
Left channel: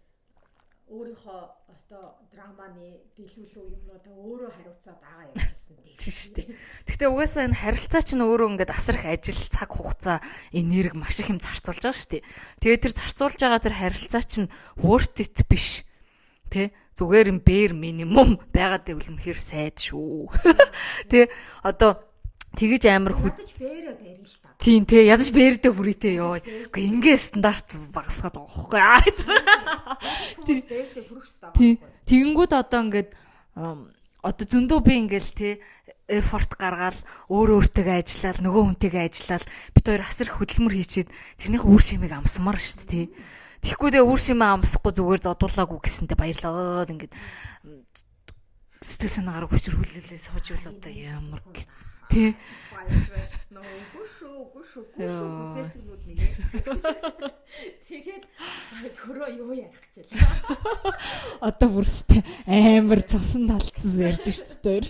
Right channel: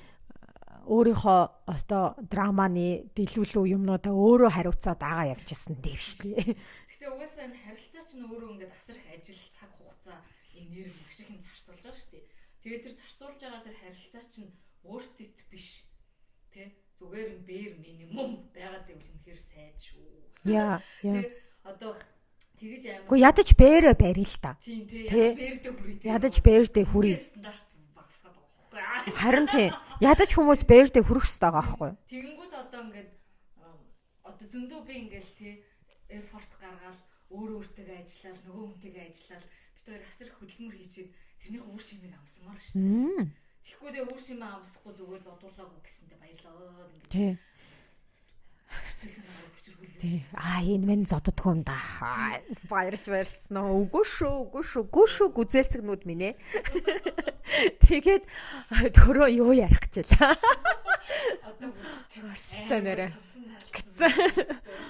өөрийнхөө одоо драманы дэлгүүлүү юмнуудаа өөрөө хариуцаад байгаа явчихсан дээр шүү дээ. Гэхдээ угаасаа энэ харилцаа чинь өөрөө ингээд асар их ажил, цаг хугацаа, энерги маш их юм зарцуулж байгаа шүү дээ. Тэгээд тэр зарцуулж байгаа тэр харилцаа чинь worth it биш. Тэ? Зүгээр юм bare минимум байгаад байвал үнэхээр сайд шүү. Тэ? Одоо тэгэж амар ядаж бээрэ барил л та. Тийм тий ядаж бээрдээ хүрээтэй ёо. Ингээ стандарт багасгаад байгаа байхгүй. Харин тий ядаж хүмүүс бээрдээ хүрэх хэрэгтэй байгаа байхгүй. Тэгэнгүүт одоо ингээд одоо зөндөө би ингээл тий эфорт гаргаал өөртөө ажиллаад нөгөө хүнтэйгээ ажиллаад бид хоёр асар их хөдөлмөр хийчихэд тэрнийх үр шимийг амсмаар шүү дээ тий. Тэгэхгүй дээ үр шимээ амсахгүй зүгээр зодуулаагүй гэсэнтэй баярлаад ингээд сэтгэл санаагаар хүчрхүүлээ сууж энэ мэн зоддгоо юм да. Баярцсан уу. Үгүй шүү гүзээцгнүүд минь ээ. Тэгээд төрөө юу ярих гэж байлаа. Одоо бүрстэй амар цусан талцсан ярьж шүү дээ.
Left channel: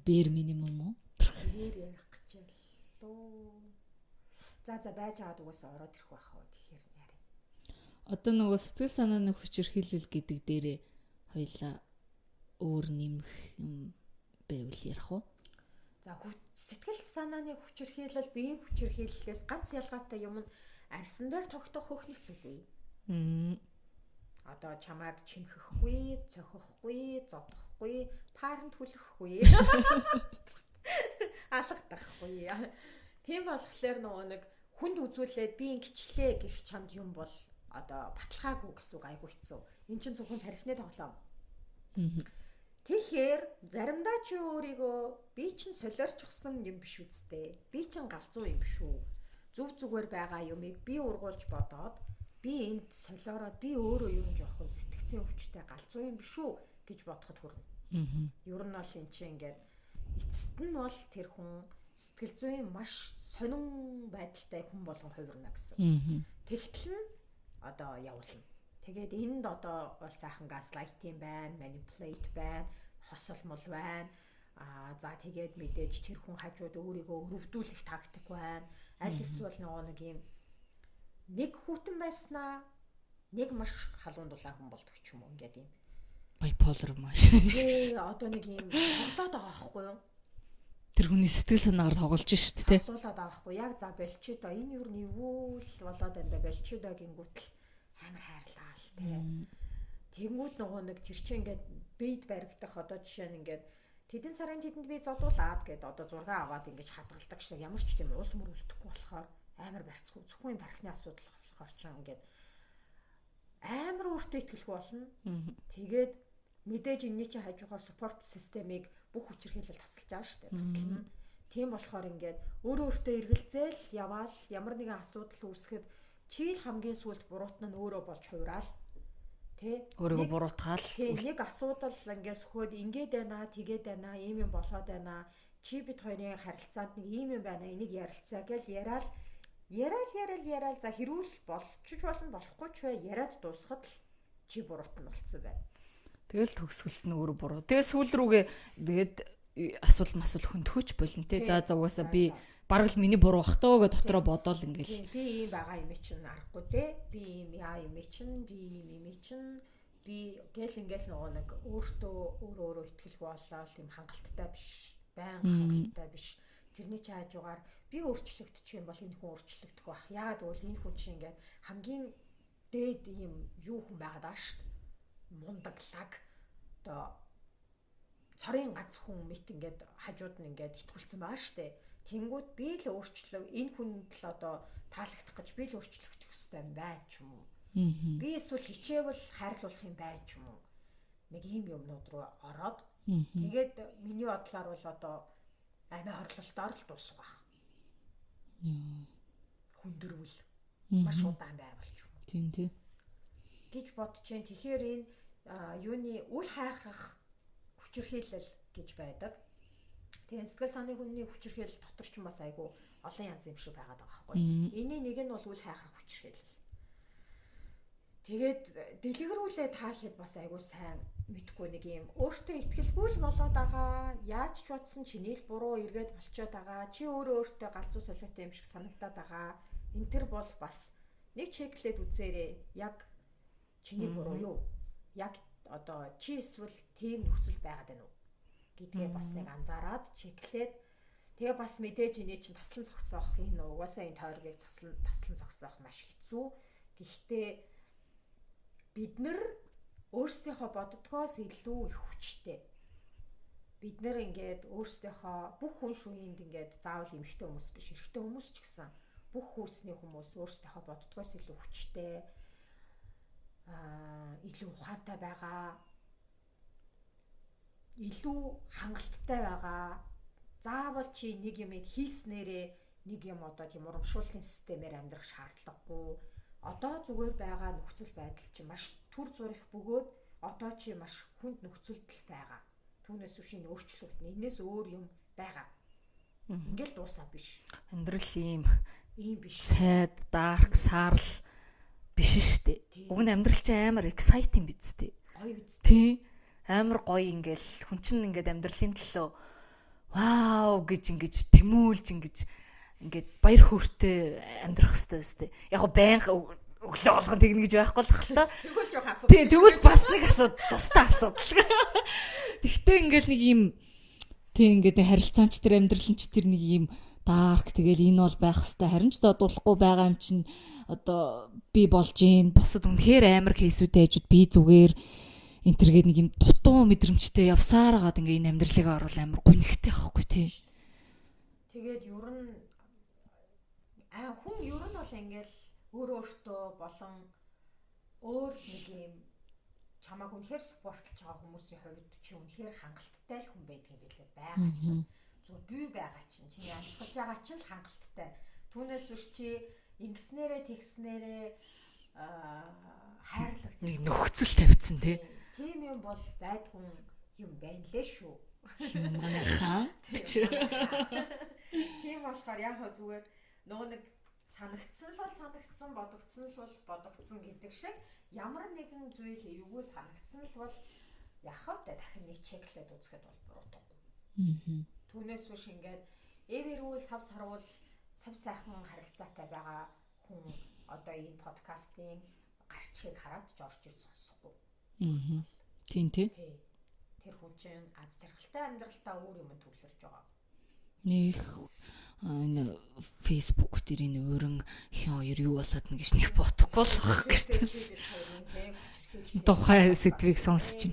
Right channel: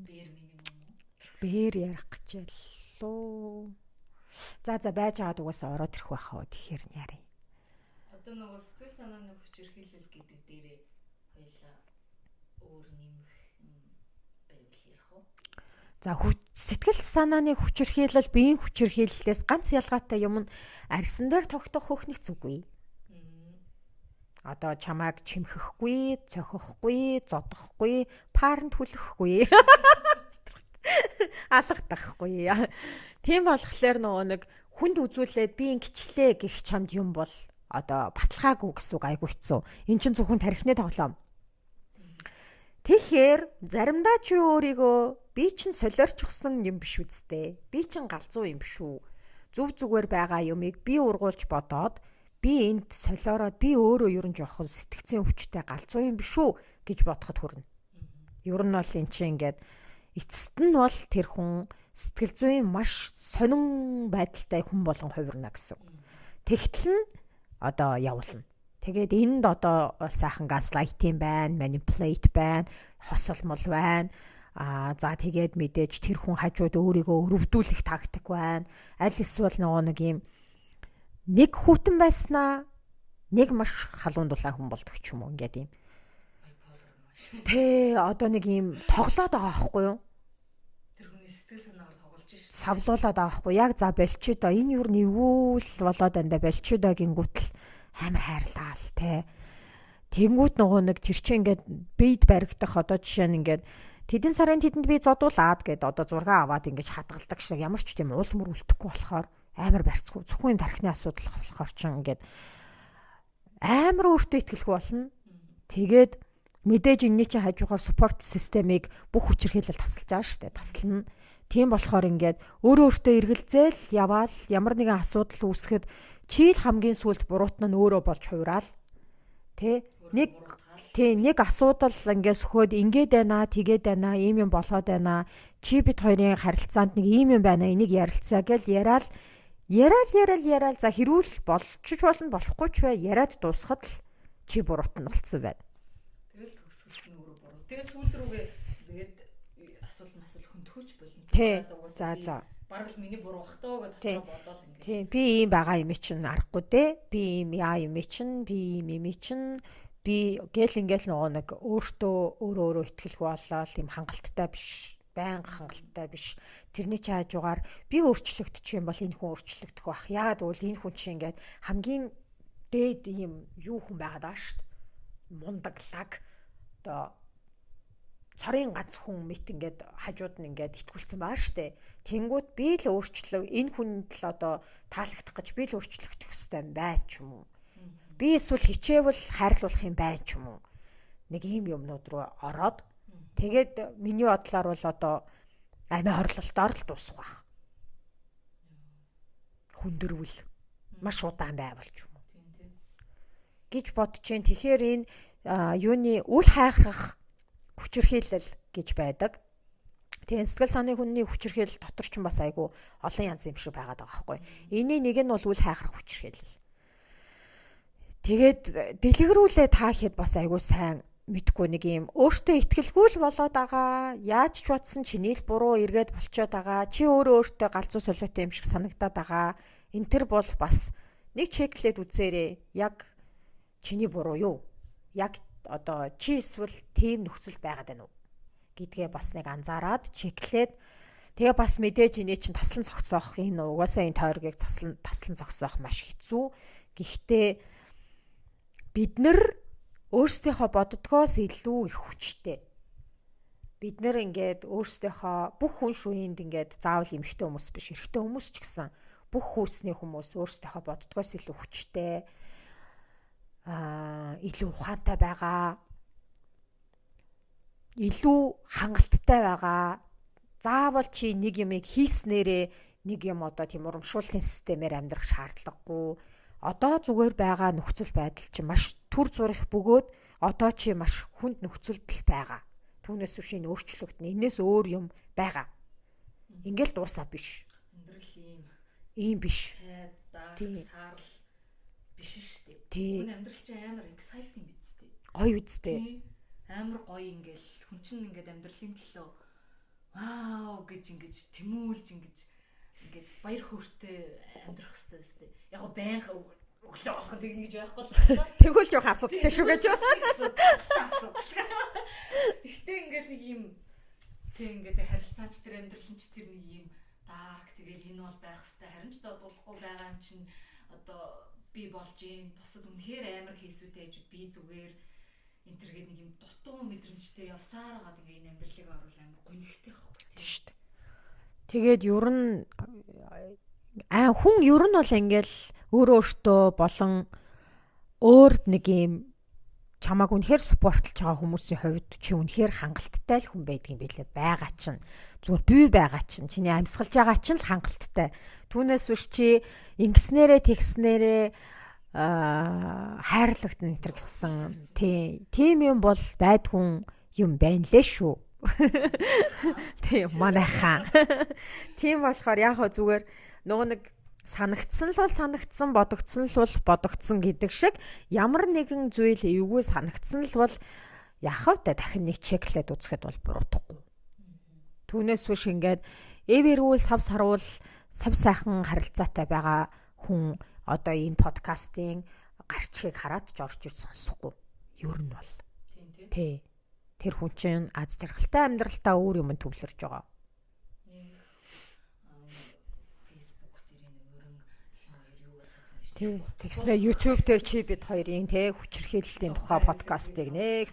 Бэр минимум уу? Бэр ярих гэж байлаа. За байж байгаад угаасаа ороод ирэх байхаа тэгэхээр яарэ. Одоо нөгөө сэтгэл санааны хүчирхийлэл гэдэг дээрээ хоёлаа өөр нэмэх юм байвал ярих уу? За сэтгэл санааны хүчирхийлэл биеийн хүчирхийллээс ганц ялгаатай юм нь арьсан дээр тогтох хөөхнөх зүггүй. Одоо чамайг чимхэхгүй, цохихгүй, зодохгүй, парент хүлэхгүй. алгадахгүй. Тийм болохоор нөгөө нэг хүнд үзүүлээд би ингэчлээ гэх чамд юм бол одоо баталгаагүй гэсэн үг айгу хэцүү. Эн чинь зөвхөн тархины тоглоом. Тэгэхээр заримдаа чи өөрийгөө би чинь солиорчсон юм биш үсттэй. Би чинь галзуу юм шүү. Зүв зүгээр байгаа юмыг би ургуулж бодоод би энд солиороод би өөрөө ер нь жоохон сэтгцэн өвчтэй галзуу юм биш үү гэж бодоход хүрнэ. Ер нь бол эн чинь ингээд эцэст нь бол тэр хүн сэтгэл зүйн маш сонин байдалтай хүн болгон хувирна гэсэн. Тэгтэл нь одоо явуулна. Тэгээд энд одоо сайхан газлайтинг байна, manipulate байна, хосолмол байна. За тэгээд мэдээж тэр хүн хажууд өөрийгөө өрөвдүүлэх тактик байна. Аль эсвэл нэг юм нэг хүүтэн байснаа нэг маш халуун дулаан хүн болдог ч юм уу ингээд юм. Bipolar маш. Тэ одоо нэг юм тоглоод байгаа байхгүй юу? Тэр хүний сэтгэл санаагаар тоглож шүү дээ. Савлуулаад байгаа байхгүй. Яг за болчихоо. Энэ юу нэвүүл болоод андаа болчихоо гингүүтэл амар хайрлаа л те. Тэнгүүд нөгөө нэг тэр чинь ингээд бийд баригдах одоо жишээ нь ингээд тэдэн сарын тэдэнд би зодуулаад гэд одоо зураг аваад ингээд хадгалдаг шиг ямар ч тийм уул мөр үлдэхгүй болохоор амар барьцгүй зөвхөн тархины асуудал болохоор чинь ингээд амар өөртөө ихтгэлгүй болно. Тэгээд мэдээж энэний чинь хажуугаар спорт системийг бүх хүчирхийлэл тасалж байгаа шүү дээ. Таслана. Тийм болохоор ингээд өөртөө эргэлзээл яваал ямар нэгэн асуудал үүсгэхэд чи л хамгийн сүлд буруутна нь өөрөө болж хувираал. Тэ өөрийгөө буруутгаал. Тэ нэг асуудал ингээд сөхөөд ингээд байна, тэгээд байна, ийм юм болоод байна. Чи бид хоёрын харилцаанд нэг ийм юм байна, энийг ярилцаа гэл яриал за хэрүүл болчих болно, болохгүй ч бай яриад дуусахад л чи буруутна болцсон байна. Тэгэл төгсгөлт нь өөрөө буруу. Тэгээ сүүл рүүгээ тэгээд асуудал хөнтгөөч болно тий. За угаасаа би бараг л миний буруу бах тоо гэж дотроо бодоол ингээл. Би ийм байгаа юм чинь аргагүй те. Би ийм яа юм чинь, би ийм юм чинь би гэл ингээл нөгөө нэг өөрөө ихтгэлгүй болоод ийм хангалттай биш, байнга хангалттай биш. Тэрний чи хажуугаар би өөрчлөгдчих юм бол энэ хүн өөрчлөгдөх байх. Яагаад гэвэл энэ хүн чинь ингээд хамгийн дээд ийм юу хүн байгаад байгаа шүү дээ. Мундаглаг одоо цорын гац хүн мэт ингээд хажууд нь ингээд итгүүлсэн байгаа штэ. Тэнгүүд би л өөрчлөө энэ хүнд л одоо таалагдах гэж би л өөрчлөгдөх хэрэгтэй юм бай ч юм уу. Би эсвэл хичээвэл хайрлуулах юм бай ч юм уу. Нэг ийм юмнууд руу ороод тэгээд миний бодлоор бол одоо амиа хорлолтоор л дуусах байх. Хүндэрвэл маш удаан байвал ч юм уу. Тийм. Гэж бодож чинь тэгэхээр энэ юуны үл хайхрах хүчирхийлэл гэж байдаг. Тэгээ сэтгэл санааны хүний хүчирхийлэл дотор ч бас айгүй олон янз юм шиг байгаад байгаа байхгүй. Эний нэг нь бол үл хайхрах хүчирхийлэл. Тэгээд дэлгэрүүлээ таахад бас айгүй сайн мэдгүй нэг юм өөртөө ихтгэлгүй л болоод байгаа. Яаж ч бодсон чиний л буруу эргээд болчиход байгаа. Чи өөртөө галзуу солиотой юм шиг санагдаад байгаа. Энд тэр бол бас нэг чеклээд үзээрэй. Яг чиний буруу юу? Яг одоо чи эсвэл тийм нөхцөл байгаад байна уу гэдгээ бас нэг анзаараад чеклээд тэгээ бас мэдээж энэ чинь таслан зогсоох энэ угаасаа энэ тойргийг таслан зогсоох маш хэцүү. Гэхдээ бид нар өөрсдийнхөө боддгоос илүү их хүчтэй. Бид нар ингээд өөрсдийнхөө бүх хүн шүүнд ингээд заавал эмэгтэй хүмүүс биш, эрэгтэй хүмүүс ч гэсэн бүх хүүсний хүмүүс өөрсдийнхөө боддгоос илүү хүчтэй. Илүү ухаантай байгаа, илүү хангалттай байгаа. Заавал чи нэг юмыг хийснээрээ нэг юм одоо тийм урамшууллын системээр амьдрах шаардлагагүй. Одоо зүгээр байгаа нөхцөл байдал чи маш түр зурх бөгөөд одоо чи маш хүнд нөхцөлд л байгаа. Түүнээс биш энэ өөрчлөгдөн. Энээс өөр юм байгаа. Ингээл дуусаа биш. Амьдрал ийм биш. Сайд, дарк, саарл биш штэ. Уг нь амьдрал чинь амар exciting биз дээ. Гоё үсттэй. Амар гоё ингээл хүн чинь ингээд амьдралын төлөө вау гэж ингэж тэмүүлж ингээд баяр хөөртэй амьдрах хэрэгтэй штэ. Яг го байнга өглөө болгон тэгнэ гэж байхгүй л хаа. Тэгвэл жоох асуудалтай шүү гэж бас нэг асуудал, тустай асуудал. Тэгтээ ингээл нэг юм тийм ингээд харилцаанч тэр амьдралын ч тэр нэг юм дарк тэгэл энэ бол байх хэвээр харин ч зодуулахгүй байгаа юм чинь одоо би болж гин бусад үнэхээр амар кейсүүдтэй хажууд би зүгээр энтергээд нэг юм дутуу мэдрэмжтэй явсаар гаад ингээ энэ амьдралыг оруулах амар гүнхтэй байхгүй тийм шүү дээ. Тэгээд ер нь хүн ер нь бол ингээл өөртөө болон өөр нэг юм чамааг үнэхээр спортлж байгаа хүмүүсийн хувьд чи үнэхээр хангалттай л хүн байдаг юм билээ. Байгаа чинь зүгээр бий байгаа чинь чиний амьсгалж байгаа чинь л хангалттай. Түүнээс биш чи ингэснээрээ тэгснээрээ хайрлагтна нөхцөл тавьсан тийм юм бол байдгүй юм байна лээ шүү. Тийм манайхаа. Тийм болохоор яг хөө зүгээр нөгөө нэг санагдсан л бол санагдсан, бодогдсон л бол бодогдсон гэдэг шиг ямар нэгэн зүйл эвгүй санагдсан л бол яхав та дахин нэг чеклээд үзэхэд бол буруудахгүй. Түүнээс биш ингээд эвэрүүл сав саруул сав сайхан харилцаатай байгаа хүн одоо энэ подкастын гарчгийг хараад ч орж ир сонсохгүй. Юу нь бол тийм тий. Тэр хүн чинь аз жаргалтай амьдралтаа өөр юм төвлөрж байгаа. Нэг Facebook дээр энэ өөрөн хин хоёр юу болоод нэг гэж нэг бодохгүй. YouTube дээр чи бид хоёрын тий хүчирхийллийн тухай сэдвийг сонсоод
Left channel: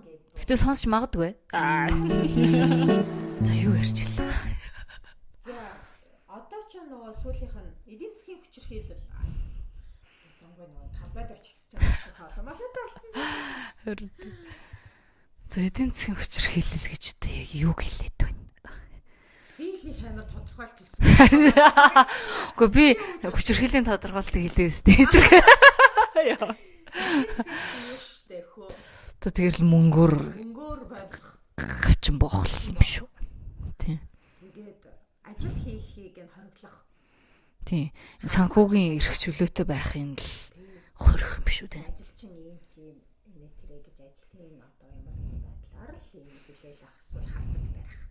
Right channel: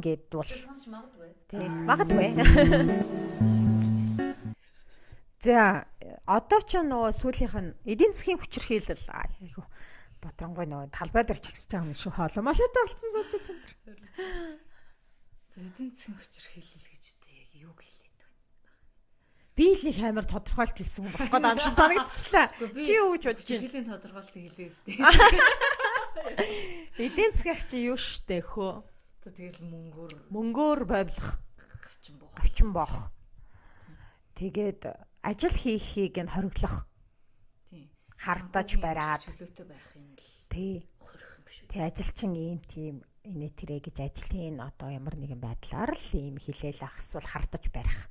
гэд бол сонсч магадгүй. Магадгүй. За юу ярьчлаа. За одоо ч нөгөө сүүлийнх нь эдийн засгийн хүчирхийлэл Батрангой нөгөө талбай дээр чагсаж байгаа шүү холомолтой болсон сууж байна. За эдийн засгийн хүчирхийлэл гэж одоо яг юу гэлээд байна? Би л нэг амар тодорхойлт хэлсэн байна. Санагдчихлаа. Гэхдээ би хүчирхийллийн тодорхойлтыг хэлээс тээ. Эдийн засгийн чи юу штэ хөө. Одоо тэгэл мөнгөөр байвлах гавчин боохлон шүү. Тийм. Тэгээд ажил хийхийг нь хориглох. Тийм. Санхүүгийн чөлөөтэй байхын л хорих юм шүү. Тэг ажилчин ийм тийм инээ тэрэ гэж ажлын одоо ямар нэгэн байдлаар л ийм хилээл ахсвал хартаж барих.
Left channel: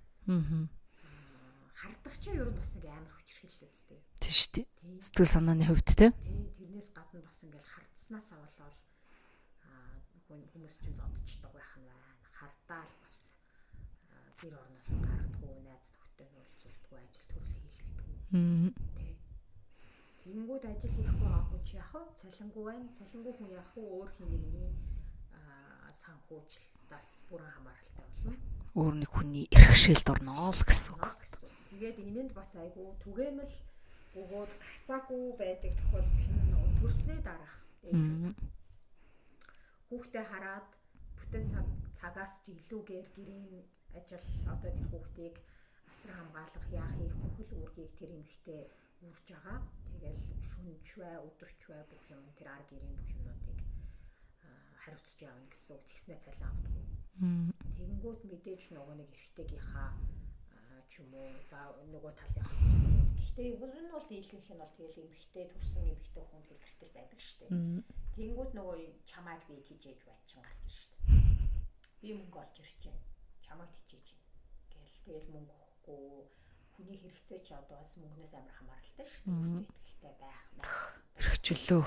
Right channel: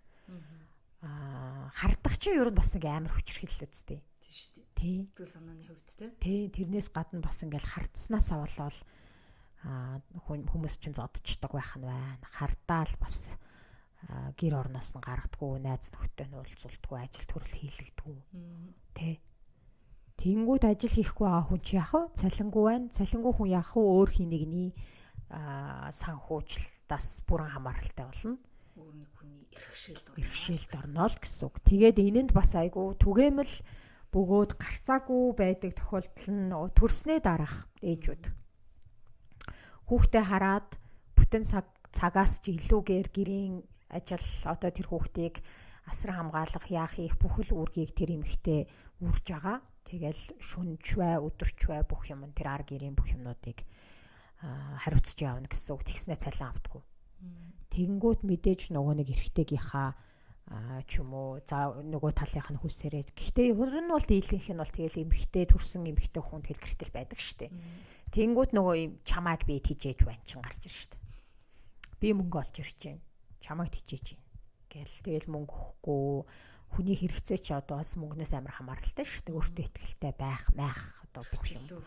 Хардах чинь ер нь бас нэг амар хүчирхийлэл үстэй. Тийм шүү дээ. Сэтгэл санааны хувьд тийм. Тэрнээс гадна бас ингээл хардснаас авалал хүмүүс чинь зодчдаг байх нь байна. Хардаал бас гэр орноос нь гаргадаггүй, найз нөхдөд нь уулзуулдаггүй, ажил төрөл хийлэгдэггүй. Тэ. Тэнгүүд ажил хийхгүй байгаа хүн чи яах вэ? Цалингүй байна. Цалингүй хүн яах вэ? Өөр хий нэгний санхүүжилтаас бүрэн хамааралтай болно. Өөр нэг хүний эрхшээлд орно гэсэн үг. Тэгээд энэнд бас айгүй түгээмэл бөгөөд гарцаагүй байдаг тохиолдол нь төрснөө дараах ээжүүд. Хүүхдээ хараад бүтэн цагаас ч илүүгээр гэрийн ажил одоо тэр хүүхдийг асран хамгаалах яах их бүхэл үүргийг тэр эмэгтэй үрж байгаа. Тэгэл шүнж бай, өдөрч бай бүх юм тэр ар гэрийн бүх юмнуудыг хариуцж явна гэсэн үг. Тэгснэ цалин авдаггүй. Тэгэнгүүт мэдээж нөгөө нэг эрэгтэйгийнхаа ч юм уу за нөгөө талынх нь хүсээрээ. Гэхдээ ер нь бол дийлэнх нь бол тэгэл эмэгтэй төрсэн эмэгтэй хүн тэгэл гэртэл байдаг штэ. Тэнгүүд нөгөө юм чамааг би тижээж байна чин гарч ир штэ. Би мөнгө олж ирж байна. Чамааг тижээж байна. Гэл тэгэл мөнгө өгөхгүй хүний хэрэгцээ чи одоо бас мөнгнөөс амар хамааралтай штэ. Өөртөө ихтэй байх одоо хэрэгчлөө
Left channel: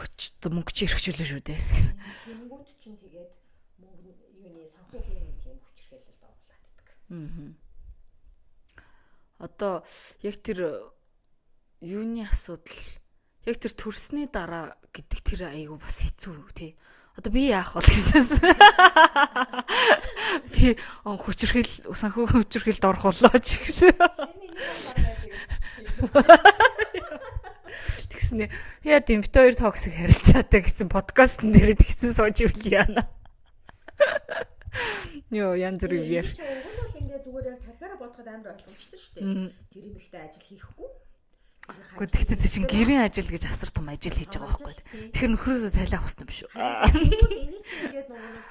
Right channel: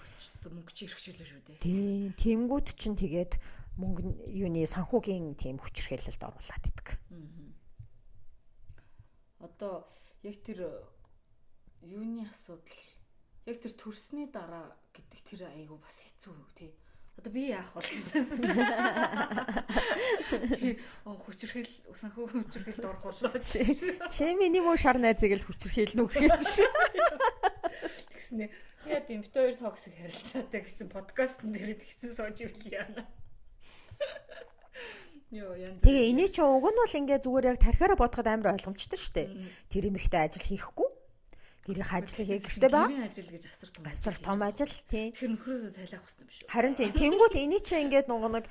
мөнгө чи хэрэгчлөө шүү дээ. Тэнгүүд чин тэгээд мөнгө юуны санхүүгийн тийм хүчирхийлэлд оруулаад идэг. Одоо яг тэр юуны асуудал яг тэр төрсний дараа гэдэг тэр айгу бас хэцүү тий. Одоо би яах бол гэсэн. Би санхүүгийн хүчирхийлэлд орох болоо ч гэж. Чи миний муу шар найзыг л хүчирхийлнэ үү гэсэн шин. Тэгснэ. Яа тийм бит хоёр токсик харилцаатай гэсэн подкастн дээр тэгсэн сууж ивэл яана. Йоо янз бүр. Эний чи уг нь бол ингээ зүгээр яг тархиараа бодоход амар ойлгомжтой шүү дээ. Тэр эмэгтэй ажил хийхгүй. Гэрийн ажил гэж асар том ажил хийж байгаа. Тэгэхээр нөхрөөсөө цайлах хэрэгтэй биш үү? Харин тиймүүд эний чи ингээд нөгөө нэг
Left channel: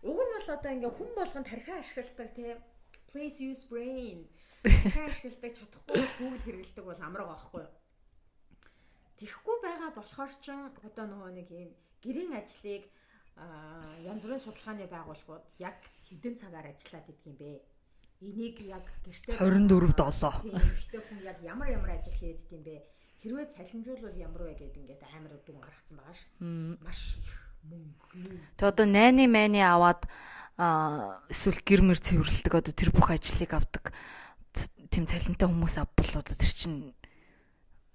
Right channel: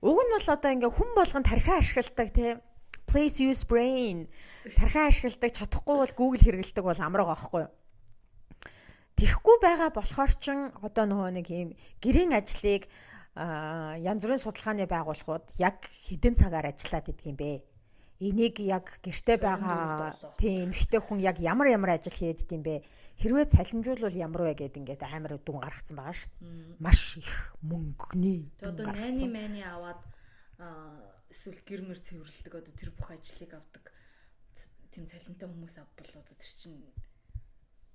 уг нь бол одоо ингээ хүн болгон тархиа ашигладаг тий. Please use brain. Тархиа ашигладаг чадахгүй бол Google хэрэгэлдэг бол амраа байхгүй юу? Тэхгүй байгаа болохоор чин одоо нөгөө нэг юм гэрийн ажлыг янз бүрийн судалгааны байгууллагууд яг хэдэн цагаар ажиллаад идэх юм бэ? Энийг яг гэртээ байгаа тийм ихтэй хүн яг ямар ажил хийдэг юм бэ? Хэрвээ цалинжуулвал ямар вэ гэд ингээд амар дүн гаргацсан байгаа шүү дээ. Маш их мөнгөний. Тэг одоо найны майны аваад эсвэл гэр мөр цэвэрлдэг одоо тэр бүх ажлыг авдаг тийм цалинтай хүмүүс авбал одоо тэр чинь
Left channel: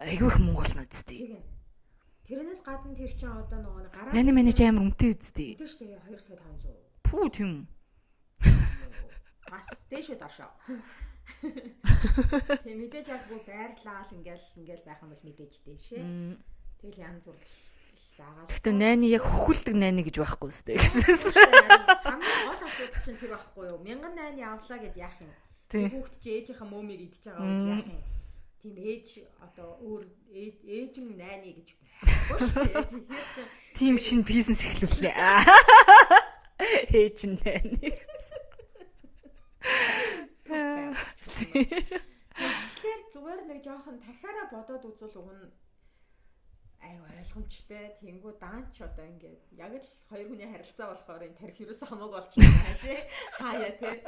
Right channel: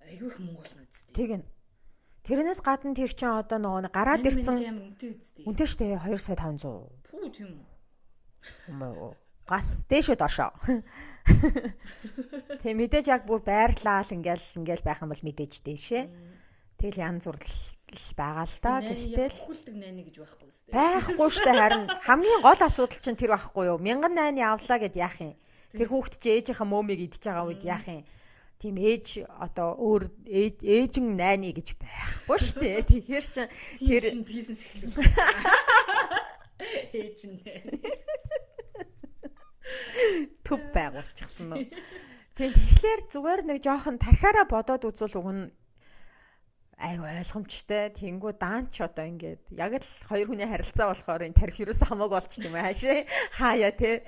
айгүй их мөнгө болно үстэй. Тэг нь. Тэрнээс гадна тэр чинь одоо нөгөө гараад ирсэн. Миний амар үнэтэй үстэй. Үнэтэй шүү дээ 2 сая 500. Пүү тийм үү. Гас дээшөө доошоо. Тэг мэдээж яг бүр байрлал ингээл байх юм бол мэдээж дээшээ. Тэгэл янз бүр байгаа л та. Найны яг хөхүүлдэг найны гэж байхгүй шүү дээ. Байхгүй шүү дээ. Харин хамгийн гол асуудал чинь тэр байхгүй юу? 1000 найны авлаа гэд яах юм? Тэр хүүхэд чи ээжийнхээ мөөмийг идчихэж байгаа үед яах юм? Тийм ээж одоо өөр ээжин найны гэж байхгүй шүү дээ. Тэгэхээр чи тийм шинэ бизнес эхлүүлээ. Ээжин найны. Төв байгуулчихсан нь. Тэгэхээр зүгээр нэг жоохон тархаараа бодоод үзвэл уг нь айгу ойлгомжтой. Тэнгүү даанч одоо ингээд яг л хоёр хүний харилцаа болохоор энэ тарих юус хамаагүй болчихсон юм хаашаа. Хаяа те.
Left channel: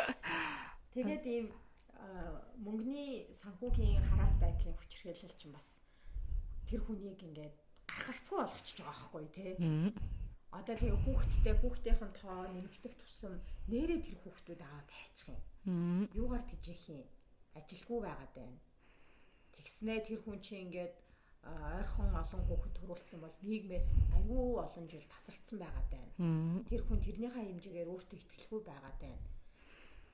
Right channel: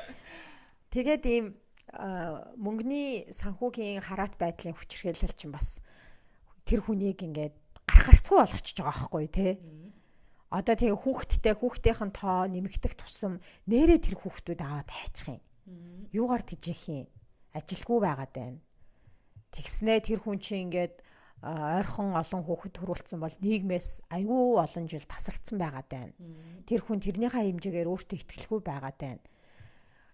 Тэгээд ийм мөнгөний санхүүгийн хараат байдлын хүчирхийлэл чинь бас тэр хүнийг ингээд гарцгүй болгочихж байгаа байхгүй те. Одоо тэгээ хүүхдийнхэн тоо нэмэгдэх тусам нэрээ тэр хүүхдүүд аваад хайчих юм. Юугаар тижих юм? Ажилгүй байгаад байна. Тэгснээ тэр хүн чинь ингээд ойрхон олон хүүхэд төрүүлсэн бол нийгмээс айгүй олон жил тасарсан байгаад байна. Тэр хүн тэрнийхээ хэмжээгээр өөртөө итгэлгүй байгаад байна.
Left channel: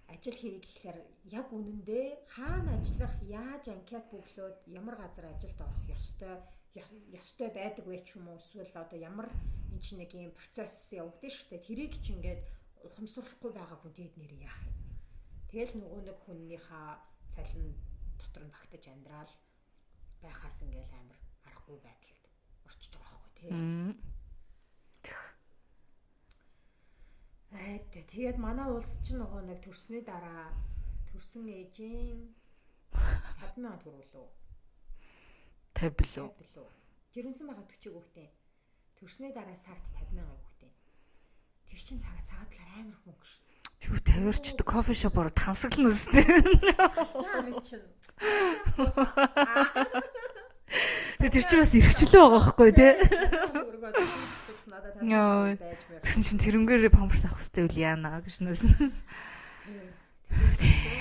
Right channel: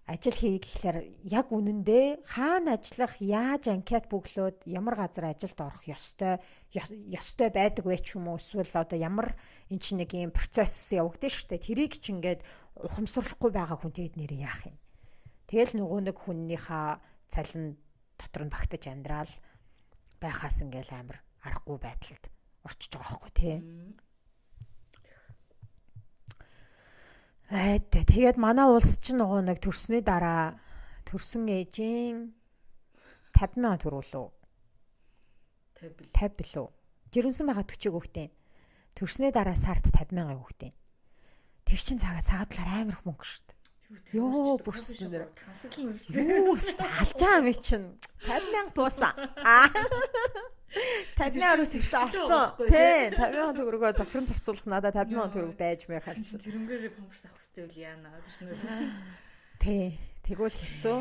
Ажил хий гэхлээр яг үнэндээ хаана ажиллах, яаж анкет бүглөөд ямар газар ажилд орох ёстой байдаг вэ ч юм уу, эсвэл одоо ямар энэ чинь нэг юм процесс явагдаж штэ. Тэрийг ч ингээд ухамсарлахгүй байгаа хүн тэгэд нэр яах юм. Тэгэл нөгөө нэг хүннийхээ цалин дотор нь багтаж амьдрал байхаас ингээл амар аргагүй байдалд орчиж байгаа байхгүй тий. Тэгээд манай улс чинь нөгөө нэг төрсний дараа төрсөн ээжийн 50,000 төгрөг. 50 билүү. Жирэмсэн байгаа 40 хүүхдээ. Төрсний дараа сард 50,000 хүүхдээ. Тэр чинь цагаад талаар амар их мөнгө шүү дээ. Юу тавиурчд кофе шопоор тансаглана үстэй. Алж байгаа ми чинь 50,000 буусан. Тэр чинь бас эрхчлөө байгаа байхгүй тий. 50,000 төгрөгөө зөвхөн зарцуулах надад 50,000 төгрөг байж мэй. Тэгсэн чинь тэрнгээрээ памперс авах хэрэгтэй үл яана гэж нөөс. Тий. Тэгвэл хэцүү.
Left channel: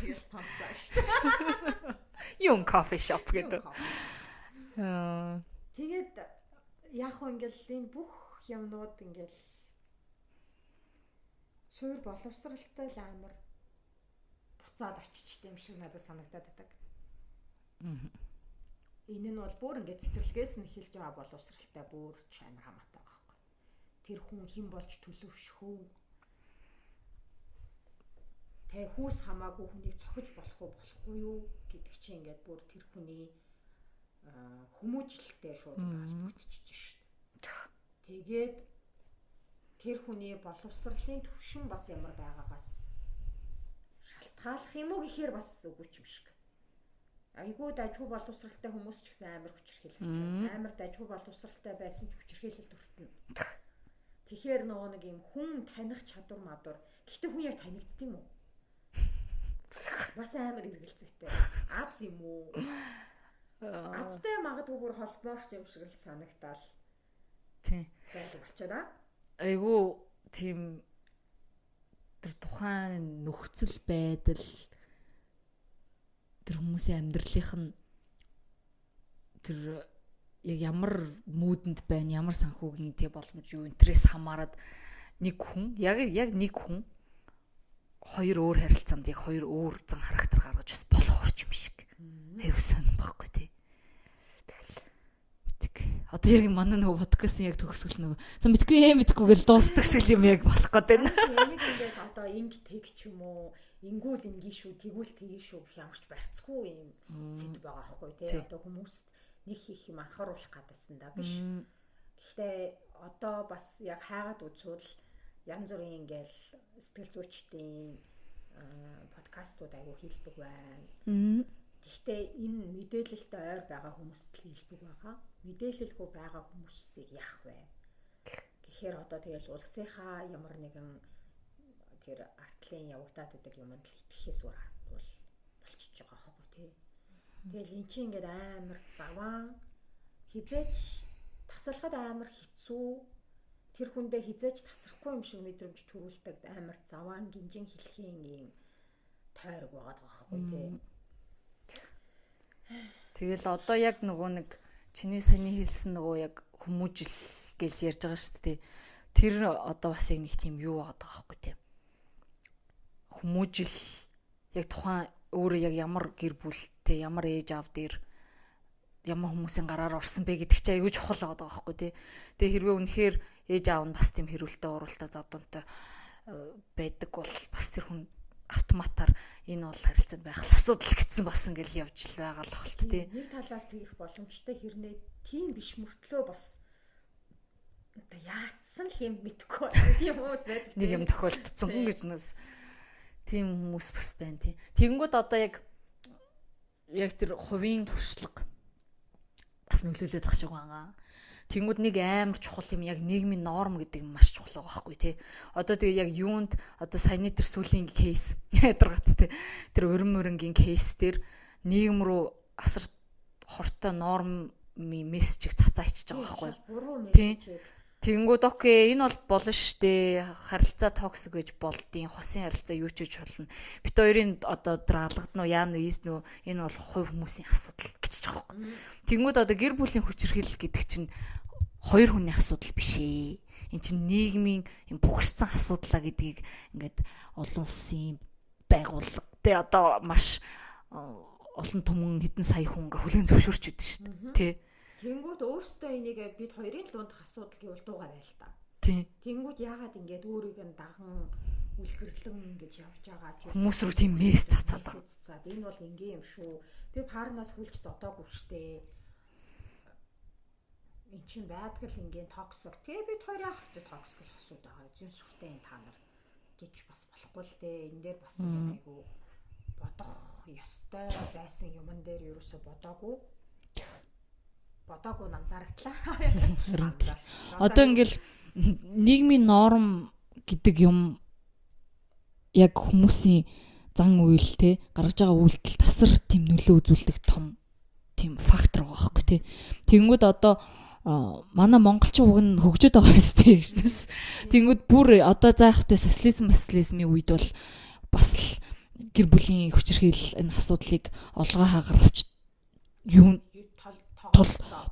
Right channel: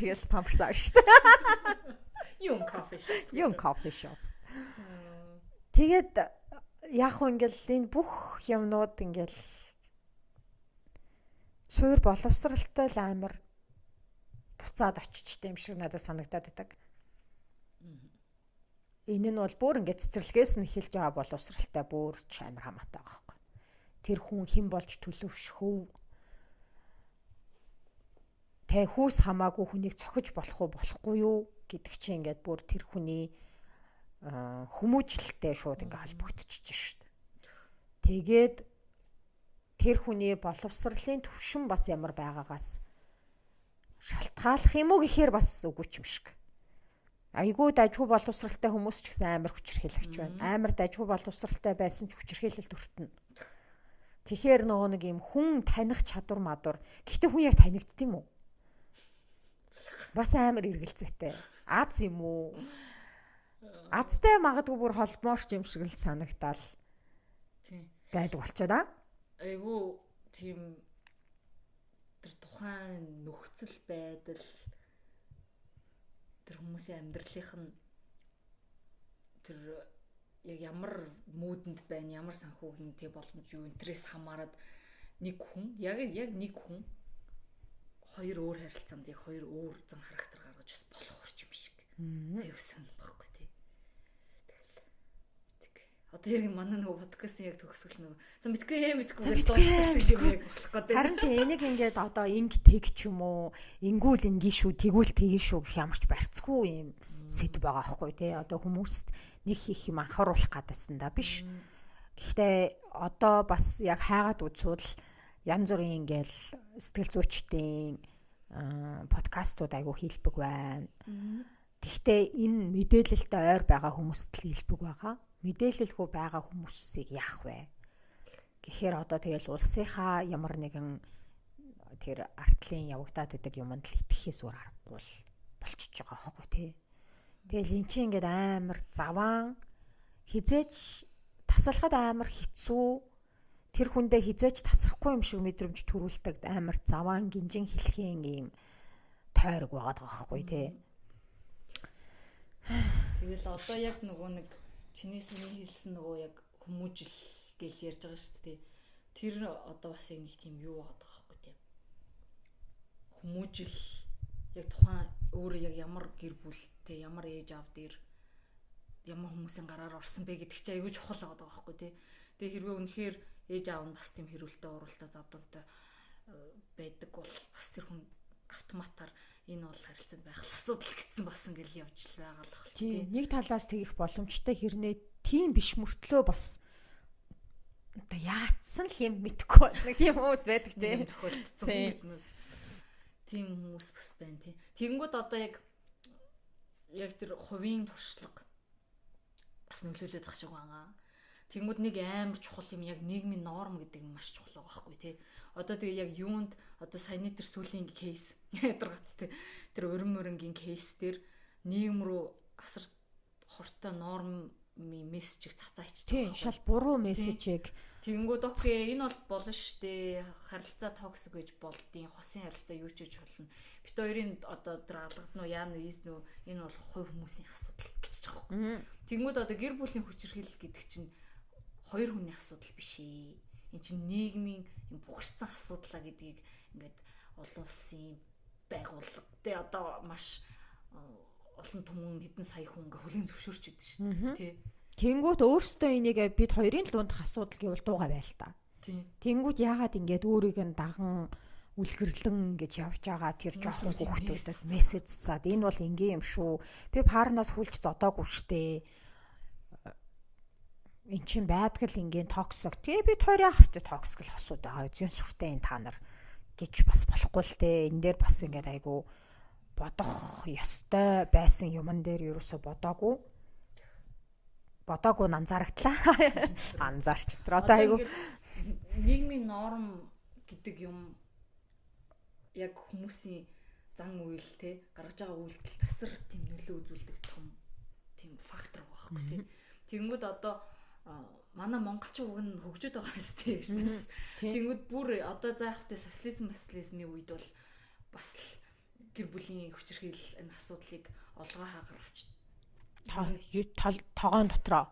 Тэгэл памперс авах шүү дээ. Юм кофе шоп гэдэг. Юм кофе шоп. Тэгээд яг хөө ингээл энэ бүх юмнууд ингээл суур боловсралтай л амар буцаад очичтэй юм шиг надад санагдаад байдаг. Энэ нь бол бүр ингээд цэцэрлэгээс нь эхэлж байгаа боловсралтай бүр ч амар хамаатай байгаа байхгүй. Тэр хүн хэн болж төлөвшөхөв. Тэ хүүс хамаагүй хүнийг цохиж болохгүй юу гэдэг чинь ингээд бүр тэр хүний хүмүүжлэлтэй шууд ингээд холбогдчихж шүү дээ. Тэгээд тэр хүний боловсролын төвшин бас ямар байгаагаас шалтгааллах юм уу гэхээр бас үгүй ч юм шиг. Айгүй дажгүй боловсралтай хүмүүс ч гэсэн амар хүчирхийлэгч байна. Амар дажгүй боловсралтай байсан ч хүчирхийлэлд өртөнө. Тэгэхээр нөгөө нэг юм хүн таних чадвар мадвар. Гэхдээ хүн яг танигдд юм уу? Бас амар эргэлзээтэй. Аз юм уу? Азтай магадгүй бүр холбоорч юм шиг л санагдаал. Тийм. Байдаг болчиход аа. Айгу тийм тэр тухайн нөхцөл байдал тэр хүмүүсийн амьдралынх нь тэр яг ямар муудэнд байна, ямар санхүүгийн тэг боломж юу энтрээс хамаарад нэг хүн яг нэг хүн хоёр өөр харилцаанд яг хоёр өөр зан характер гаргаж бас болох юм шиг. Аюу сан баггүй тий. Одоо яг манай нөгөө подкастын яг төгсгөл нөгөө за мэдгүй гэж дуустдаг шиг юм яг болох гэдэг. Харин энийг ингээд одоо инг тэг ч юм уу, ингүүл ингийн шүү, тэгвэл тэгээ шүү гэх ямарч барьцгүй юм сэдв байгаа байхгүй тий. Одоо хүмүүст нэг хийх юм анхааруулах гадсан да биш. Гэхдээ одоо бас яг хайгаад үзвэл янз бүрийн ингээл сэтгэл зүйчдийн подкастууд айгу хийлбэг байна. Гэхдээ энэ мэдээлэлтэй ойр байгаа хүмүүст л хийлбэг байгаа. Мэдээлэлгүй байгаа хүмүүсийг яах вэ? Гэхээр одоо тэгэл улсынхаа ямар нэгэн тэр артлын явагдаад байдаг юмд л итгэхээс өөр аргагүй болчихж байгаа байхгүй тий. Тэгэл эн чинь ингээд амар заваан хизээч тасалхад амар хэцүү тэр хүндээ хизээч тасрахгүй юм шиг мэдрэмж төрүүлдэг амар заваан гинжин хэлхийн юм тойрог байгаад байгаа байхгүй тий. Тэгэл одоо яг нөгөө нэг чиний саний хэлсэн нөгөө яг хүмүүжил гэж ярьж байгаа шүү дээ. Тэр одоо бас яг нэг тийм юу байгаа байхгүй тийм. хүмүүжил яг тухайн өөрөө яг ямар гэр бүлтэй, ямар ээж аав дээр ямар хүмүүсийн гараар орсон бэ гэдэг чинь аюул чухал байгаа байхгүй тий. Тэгээ хэрвээ үнэхээр ээж аав нь бас тийм хэрүүлтэй уралдаа зодонтой байдаг бол бас тэр хүн автоматар энэ бол харилцаанд байх асуудал гэсэн бас ингээл явж л байгаа л ахалт тий. Нэг талаас тэгэх боломжтой хэрнээ тийм биш мөртлөө бас одоо яатсан л юм мэдхгүй байна. Тийм хүмүүс байдаг тийм юм тохиолдсон гэж нэс. Тийм хүмүүс бас байна тий. Тэгэнгүүт одоо яг тэр хувийн туршлага бас нөлөөлөд тах шиг байгаа. Тэнгүүд нэг амар чухал юм яг нийгмийн норм гэдэг нь маш чухал байгаа байхгүй тий. Одоо тэгээ яг юунд одоо саяны тэр сүлийн кейс ядаргат тий. Тэр өрн мөрөнгийн кейс дээр нийгэм рүү асар хортой нормын мессежийг цацаачиж байгаа байхгүй. Шал буруу мессежийг. Тэнгүүд окей энэ бол болно штэ. Харилцаа токсик гэж болдیں۔ Хосын харилцаа юу ч хийж болно. Бит хоёрын одоо тэр алгадна уу яана ийс нөө энэ бол хувь хүмүүсийн асуудал гэж байгаа байхгүй. Тэнгүүд одоо гэр бүлийн хүчирхийлэл гэдэг чинь хоёр хүний асуудал биш ээ. Энд чинь нийгмийн бүхэрсэн асуудлаа гэдгийг ингээд олон улсын байгууллага тэ одоо маш олон түмэн хэдэн сая хүн ингээ хүлээн зөвшөөрч идэв шүү дээ. Тэнгүүд өөрөөсөө энийг бид хоёрын дундах асуудал гэвэл дуугаа байл та. Тэнгүүд яагаад ингээд өөрийг нь даган үлгэрлэн гэж явж байгаа тэр хүмүүс рүү тийм мессеж цацаад энэ бол ингийн юм шүү. Би парнаас хүлж зодоогүй штэ. Эн чинь байдаг л ингийн токсик. Тэгээ бид хоёрын авто токсик л хосууд байгаа. Зүйн сүртэй энэ та нар гэж бас болохгүй л дээ. Энэ дээр бас ингээд айгу бодох ёстой байсан юмн дээр ерөөсө бодоогүй анзаарагдлаа. Анзаарч. Одоо ингээл нийгмийн норм гэдэг юм яг хүмүүсийн зан үйл те гаргаж байгаа үйлдэл тасар тийм нөлөө үзүүлдэг том тийм фактор байгаа байхгүй те. Тэнгүүд одоо манай монголчин үг нь хөгжөд байгаа юм сте гэжнээс. Тэнгүүд бүр одоо заахтай социализмын үед бол бас л гэр бүлийн хүчирхийлэл энэ асуудлыг олгоо хаагаравч юу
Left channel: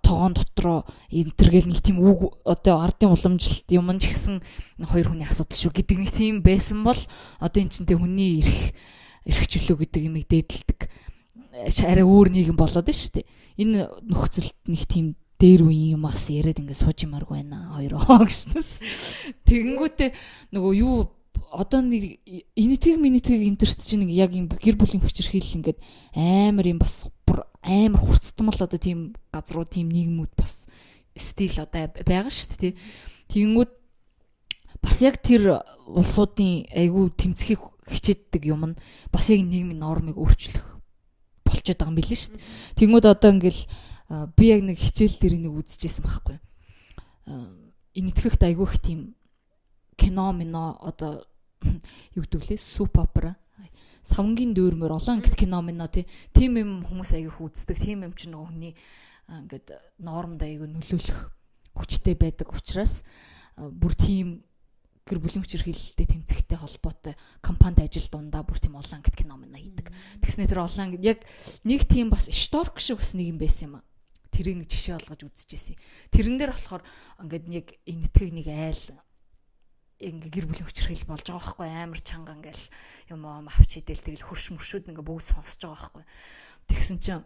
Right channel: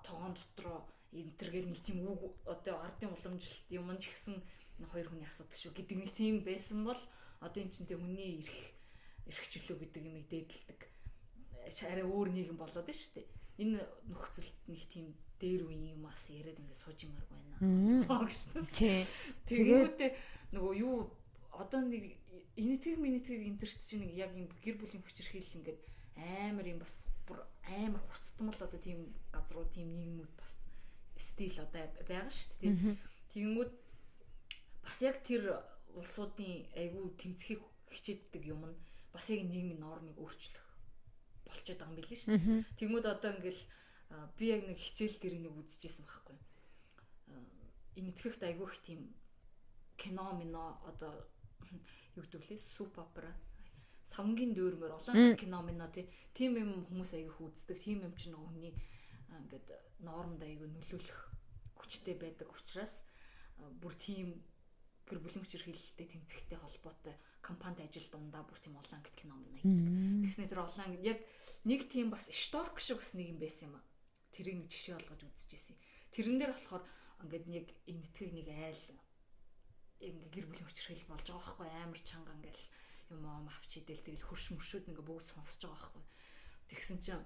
тогоон дотроо энтергээл нэг тийм үг одоо ардын уламжилт юм ч гэсэн хоёр хүний асуудал шүү гэдэг нэг тийм байсан бол одоо эн чинь тэ хүний эрх чөлөө гэдэг юмыг дээдэлдэг арай өөр нийгэм болоод байна шүү дээ. Энэ нөхцөлд нэг тийм дээр үеийн юм ас яриад ингээд сууж юмарг байна хоёр гэжнээс. Тэгэнгүүтээ нөгөө юу одоо нэг энэтхэг интерт чинь нэг яг юм гэр бүлийн хүчирхийлэл ингээд амар юм бас амар хурцтмал одоо тийм газруу тийм нийгмүүд бас стил одоо байгаа шүү дээ. Тэгэнгүүт бас яг тэр улсуудын айгүй тэмцэхийг хичээддэг юм нь бас яг нийгмийн нормыг өөрчлөх болчиход байгаа юм билээ шүү дээ. Тэгэнгүүт одоо ингээл би яг нэг хичээл дээр нэг үзчихсэн байхгүй. Энэтхэгт айгүй их тийм кино одоо юу гэдэг лээ суп опера савнгийн дүүрмөр олон ангит кино минь тийм юм хүмүүс аяг үздэг тийм юм чинь нөгөө хүний ингээд нормд аяг нөлөөлөх хүчтэй байдаг учраас бүр тийм гэр бүлийн хүчирхийлэлтэй тэмцэхтэй холбоотой компанид ажил дундаа бүр тийм олон ангит кино минь хийдэг. Тэгснээр тэр олон ангит яг нэг тийм бас шторк шиг бас нэг юм байсан юм а. Тэрийг нэг жишээ олгож үзчихсэн. Тэрэн дээр болохоор ингээд нэг энэтхэг нэг айл ингээ гэр бүлийн хүчирхийлэл болж байгаа байхгүй амар чанга ингээл юм авч идэл тэгэл хөрш мөршүүд ингээ бүгд сонсож байгаа байхгүй. Тэгсэн чинь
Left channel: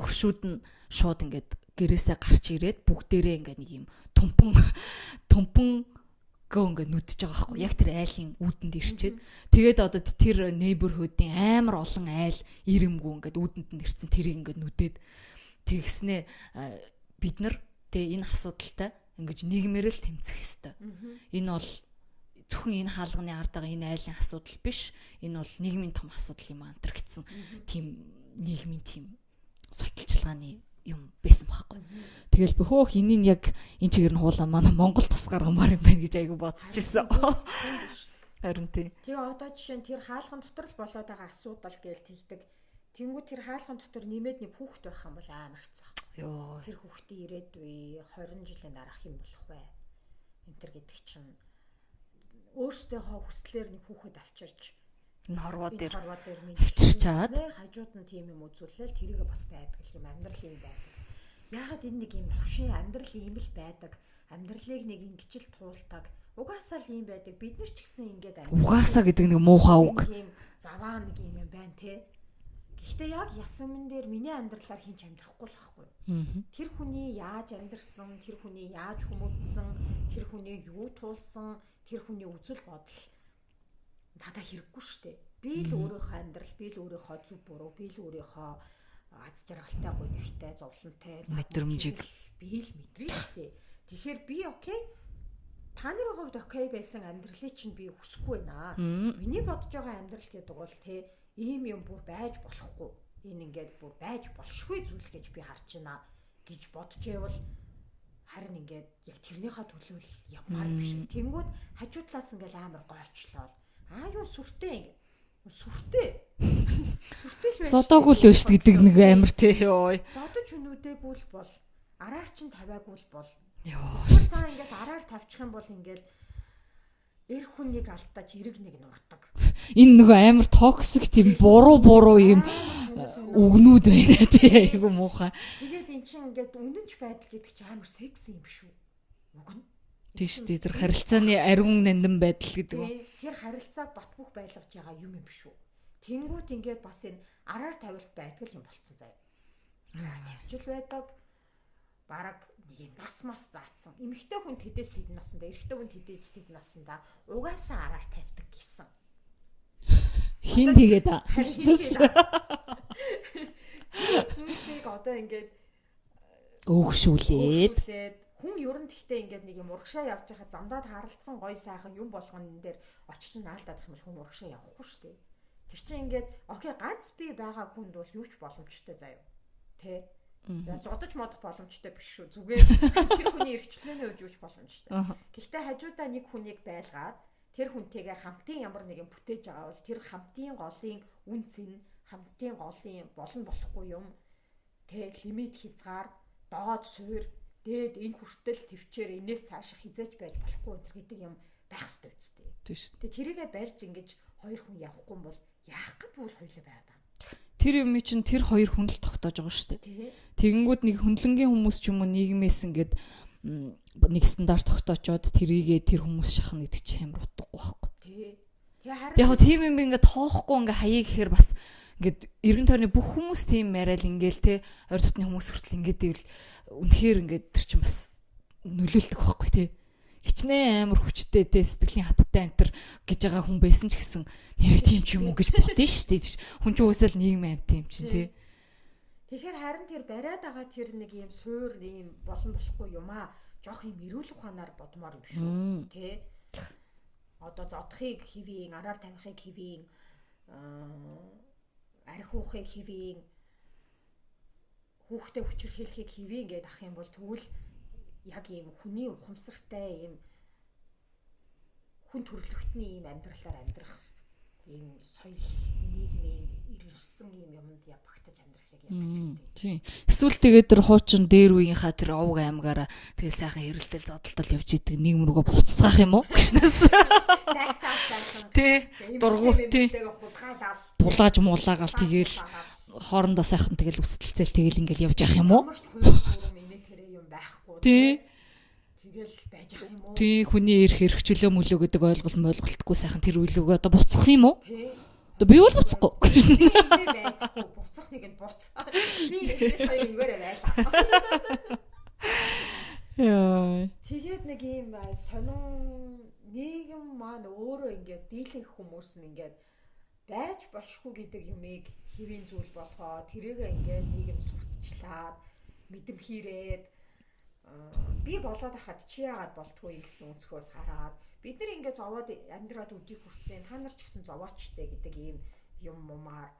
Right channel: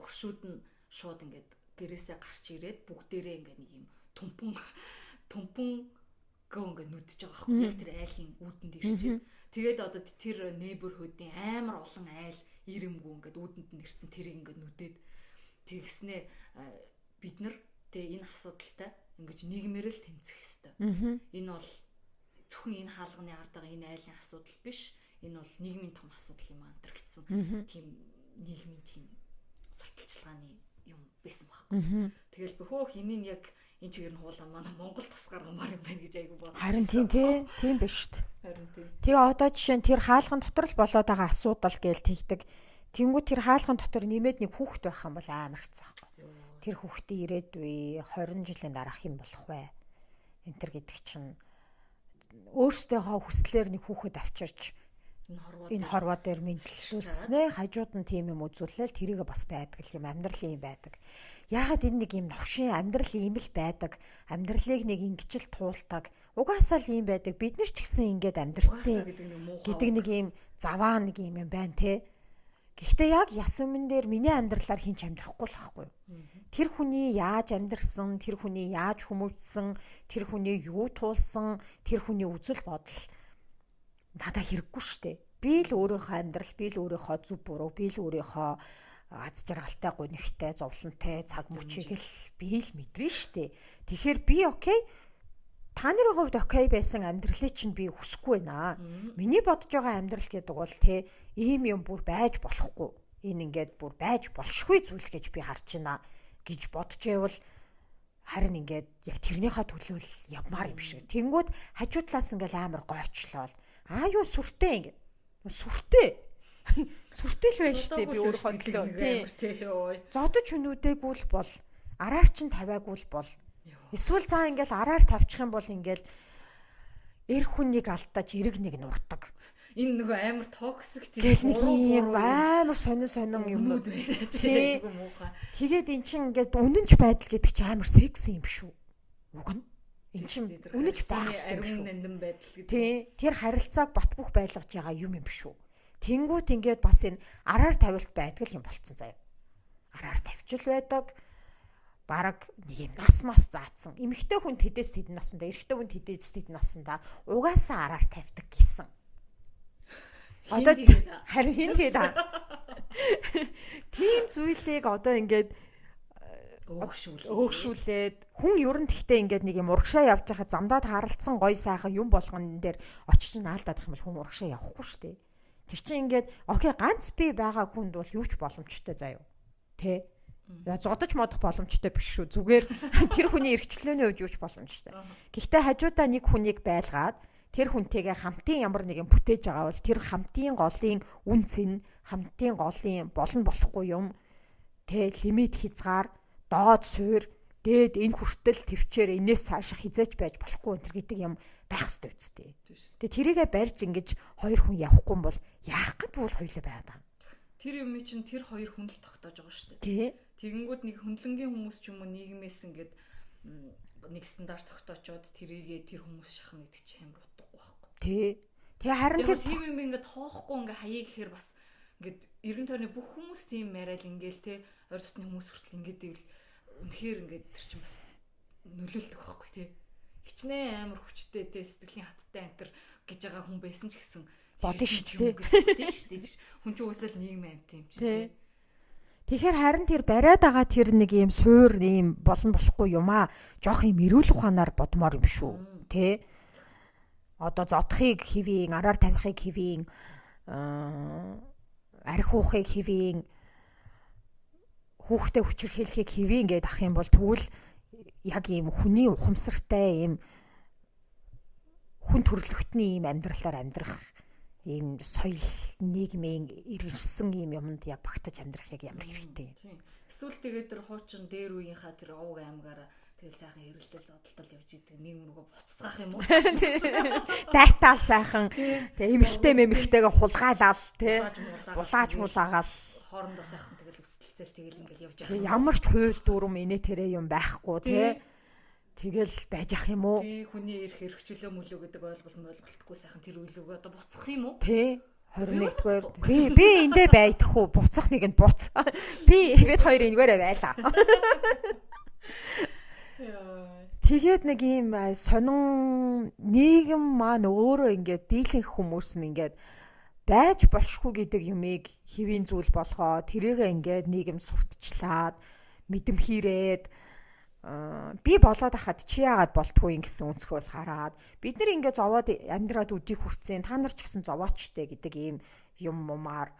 хөршүүд нь шууд ингээд гэрээсээ гарч ирээд бүгдээрээ ингээ нэг юм тумпан гоо ингээ нүдж байгаа байхгүй. Яг тэр айлын үүдэнд ирчээд тэгээд одоо тэр нейберхүүдийн амар олон айл ирэмгүү ингээ үүдэнд нь ирсэн тэрийг ингээ нүдээд тэгснээ бид нар тэгээ энэ асуудалтай ингэж нийгмээр л тэмцэх ёстой. Энэ бол зөвхөн энэ хаалганы ард байгаа энэ айлын асуудал биш. Энэ бол нийгмийн том асуудал юм аа гэсэн тийм нийгмийн тийм сурталчилгааны юм байсан байхгүй. Тэгэл бөхөөх энийг яг энэ чигээр нь хуулаа манай Монгол тус гаргамаар юм байна гэж айгу бодчихсон. Тийм биш шүү дээ. Харин тийм. Тэгээ одоо жишээ нь тэр хаалган дотор л болоод байгаа асуудал гээл тэгдэг. Тэнгүү тэр хаалган дотор нэмээд нэг хүүхэд байх юм бол амар хэцүү байхгүй. Тэр хүүхдийн ирээдүй 20 жилийн дараах юм болох вэ? Энтэр гэдэг чинь өөртөөхөө хүслээр нэг хүүхэд авчирч энэ хорвоо дээр мэдчихсэн. Хажууд нь тийм юм үзүүлэл тэрийг бас байдаг юм амьдралын юм байдаг. Яагаад энэ нэг юм новшин амьдрал ийм л байдаг. Амьдралыг нэг ингэж л туулдаг. Угаасаа л ийм байдаг. Бид нар ч гэсэн ингэж амьдрал. Угаасаа гэдэг нэг муухай үг. Нэг ийм заваа нэг юм байна те. Гэхдээ яг яс өмнө дээр миний амьдралаар хинч амьдрахгүй л байхгүй юу? Тэр хүний яаж амьдрсан, тэр хүний яаж хүмүүжсэн, тэр хүний юу туулсан, тэр хүний үзэл бодол надад хэрэггүй шүү дээ. Би л өөрийнхөө амьдрал, би л өөрийнхөө зөв буруу, би л өөрийнхөө аз жаргалтай, гонигтай, зовлонтой, цаг мөчийг би л мэдрээ шүү дээ. Тэгэхээр би окей. Та нарын хувьд окей байсан амьдралыг чинь би хүсэхгүй байна. Миний бодож байгаа амьдрал гэдэг бол те ийм юм бүр байж болохгүй. Энэ ингээд бүр байж болшгүй зүйл гэж би харж байна гэж бодож байвал харин ингээд яг тэрнийхээ төлөө л явмаар юм шиг. Тэнгүүд хажуу талаас ингээд амар гойчлоо. Юу сүртэй ингээд. Сүртэй. Сүртэй л байж. Зодоогүй л биш гэдэг нэг амар те ёо. Зодож хүнүүдээгүй л бол араар чин тавиагүй л бол. Эсвэл цаа ингээл араар тавьчих юм бол ингээл эр хүнийг алдаж эрэг нэг нурдаг. Энэ нөгөө амар токсик тийм буруу юм амар сонио өгнүүд байна тий. Айгу муухай. Тэгээд эн чинь ингээд үнэнч байдал гэдэг чинь амар секси юм шүү. Уг нь. Тийш тий тэр харилцааны ариун нандин байдал гэдэг. Тэр харилцааг бат бөх байлгаж байгаа юм шүү. Тэнгүүт ингээд бас энэ араар тавилт байдаг юм болцсон заяа. Араар тавьчил байдаг. Бараг нэг юм нас мас заацсан. Эмэгтэй хүн тэдээс тэд насанда, эрэгтэй хүн тэдээс тэд насанда угаасаа араар тавьдаг гэсэн. Хин тэгээд харин хин тэгээд. Тийм зүйлийг одоо ингээд өөгшүүлээд хүн ер нь тэгтээ ингээд нэг юм урагшаа явж байхад замдаа харалцсан гой сайхан юм болгон дээр очиж наалдаад их юм бол хүн урагшаа явахгүй шүү дээ. Тэр чинь ингээд окей ганц би байгаа хүнд бол юу ч боломжтой заяа. Тэ зодож модох боломжтой биш шүү. Зүгээр тэр хүний эрхчлөөний хувьд юу ч боломжтой. Гэхдээ хажуудаа нэг хүнийг байлгаад тэр хүнтэйгээ хамтын ямар нэгэн бүтээж байгаа бол тэр хамтын голын үнц нь хамтын голын болон болохгүй юм. Тэ лимит хязгаар, доод суур, дээд энэ хүртэл төвчээр энэс цаашаа хизээч байж болохгүй энэ гэдэг юм байх ёстой үстэй. Тийм шүү. Тэгээ тэрийгэ барьж ингэж хоёр хүн явахгүй юм бол яах гээд бол хоёулаа байгаа. Тэр юм чинь тэр хоёр хүн л тогтоож байгаа шүү дээ. Тэгэнгүүт нэг хөндлөнгийн хүмүүс ч юм уу нийгмээс ингээд нэг стандарт тогтоочоод тэрийгээ тэр хүмүүс шахна гэдэг чинь амар утгагүй байхгүй. Тэгээ харин яг тийм юм ингээд тоохгүй ингээд хаяа гэхээр бас ингээд эргэн тойрны бүх хүмүүс тийм яриад ингээл те ойр дотны хүмүүс хүртэл ингээд ивэл үнэхээр ингээд тэр чинь бас нөлөөлдөг байхгүй те. Хичнээн амар хүчтэй те сэтгэлийн хаттай антер гэж байгаа хүн байсан ч гэсэн тийм юм гэж бодсон шүү дээ. Хүн чинь үсэл нийгмийн амт юм чинь тий. Тэгэхээр харин тэр бариад байгаа тэр нэг юм суур юм болон болохгүй юм аа. Жох юм эрүүл ухаанаар бодмоор юм шүү. Тэ. Одоо зодохыг хэвийн, араар тавихыг хэвийн, арх уухыг хэвийн, хүүхдээ хүчрхийлэхийг хэвийн гэдээ ах юм бол тэгвэл яг ийм хүний ухамсартай ийм хүн төрөлхтний ийм амьдралаар амьдрах ийм соёл нийгмийн ирсэн ийм юмд яг багтаж амьдрах яг ямар хэрэгтэй. Тийм. Эсвэл тэгээд тэр хуучин дээр үеийнхаа тэр овг аймгаараа тэгэл сайхан хэрэлдэл зодтолтол явж идэг нийгэм рүүгээ буццгаах юм уу? Дата сайхан. Тэгээ эмэгтэйгээ хулгайлал, булгааж муулаагаал тэгээд хоорондоо сайхан тэгэл үсэлцэл тэгэл ингээл явж явах юм уу? Ямар ч хууль дүрм инээ тэрэ юм байхгүй тий. Тэгэл байж ах юм уу? Тий, хүний эрх хэрэгчлөө мөлөө гэдэг ойлголтгүй сайхан тэр үйлүүгээ одоо буцах юм уу? Тий. Би бол буцахгүй. Би эндээ байдах уу? Буцах нэг нь буц. Бид хоёр энэгээрээ байлаа. Яа. Тэгээд нэг юм сонин нийгэм маань өөрөө ингээд дийлэнх хүмүүс нь ингээд байж болшгүй гэдэг юмыг хэвийн зүйл болгоо. Тэрийгээ ингээд нийгэм сурталчлаад мэдэмхийрээд би болоод ахад чи яагаад болтгүй юм гэсэн өнцгөөс хараад бид нар ингээд зовоод амьдраад өдийг хүрцэн та нар ч гэсэн зовоочтой гэдэг ийм юммаар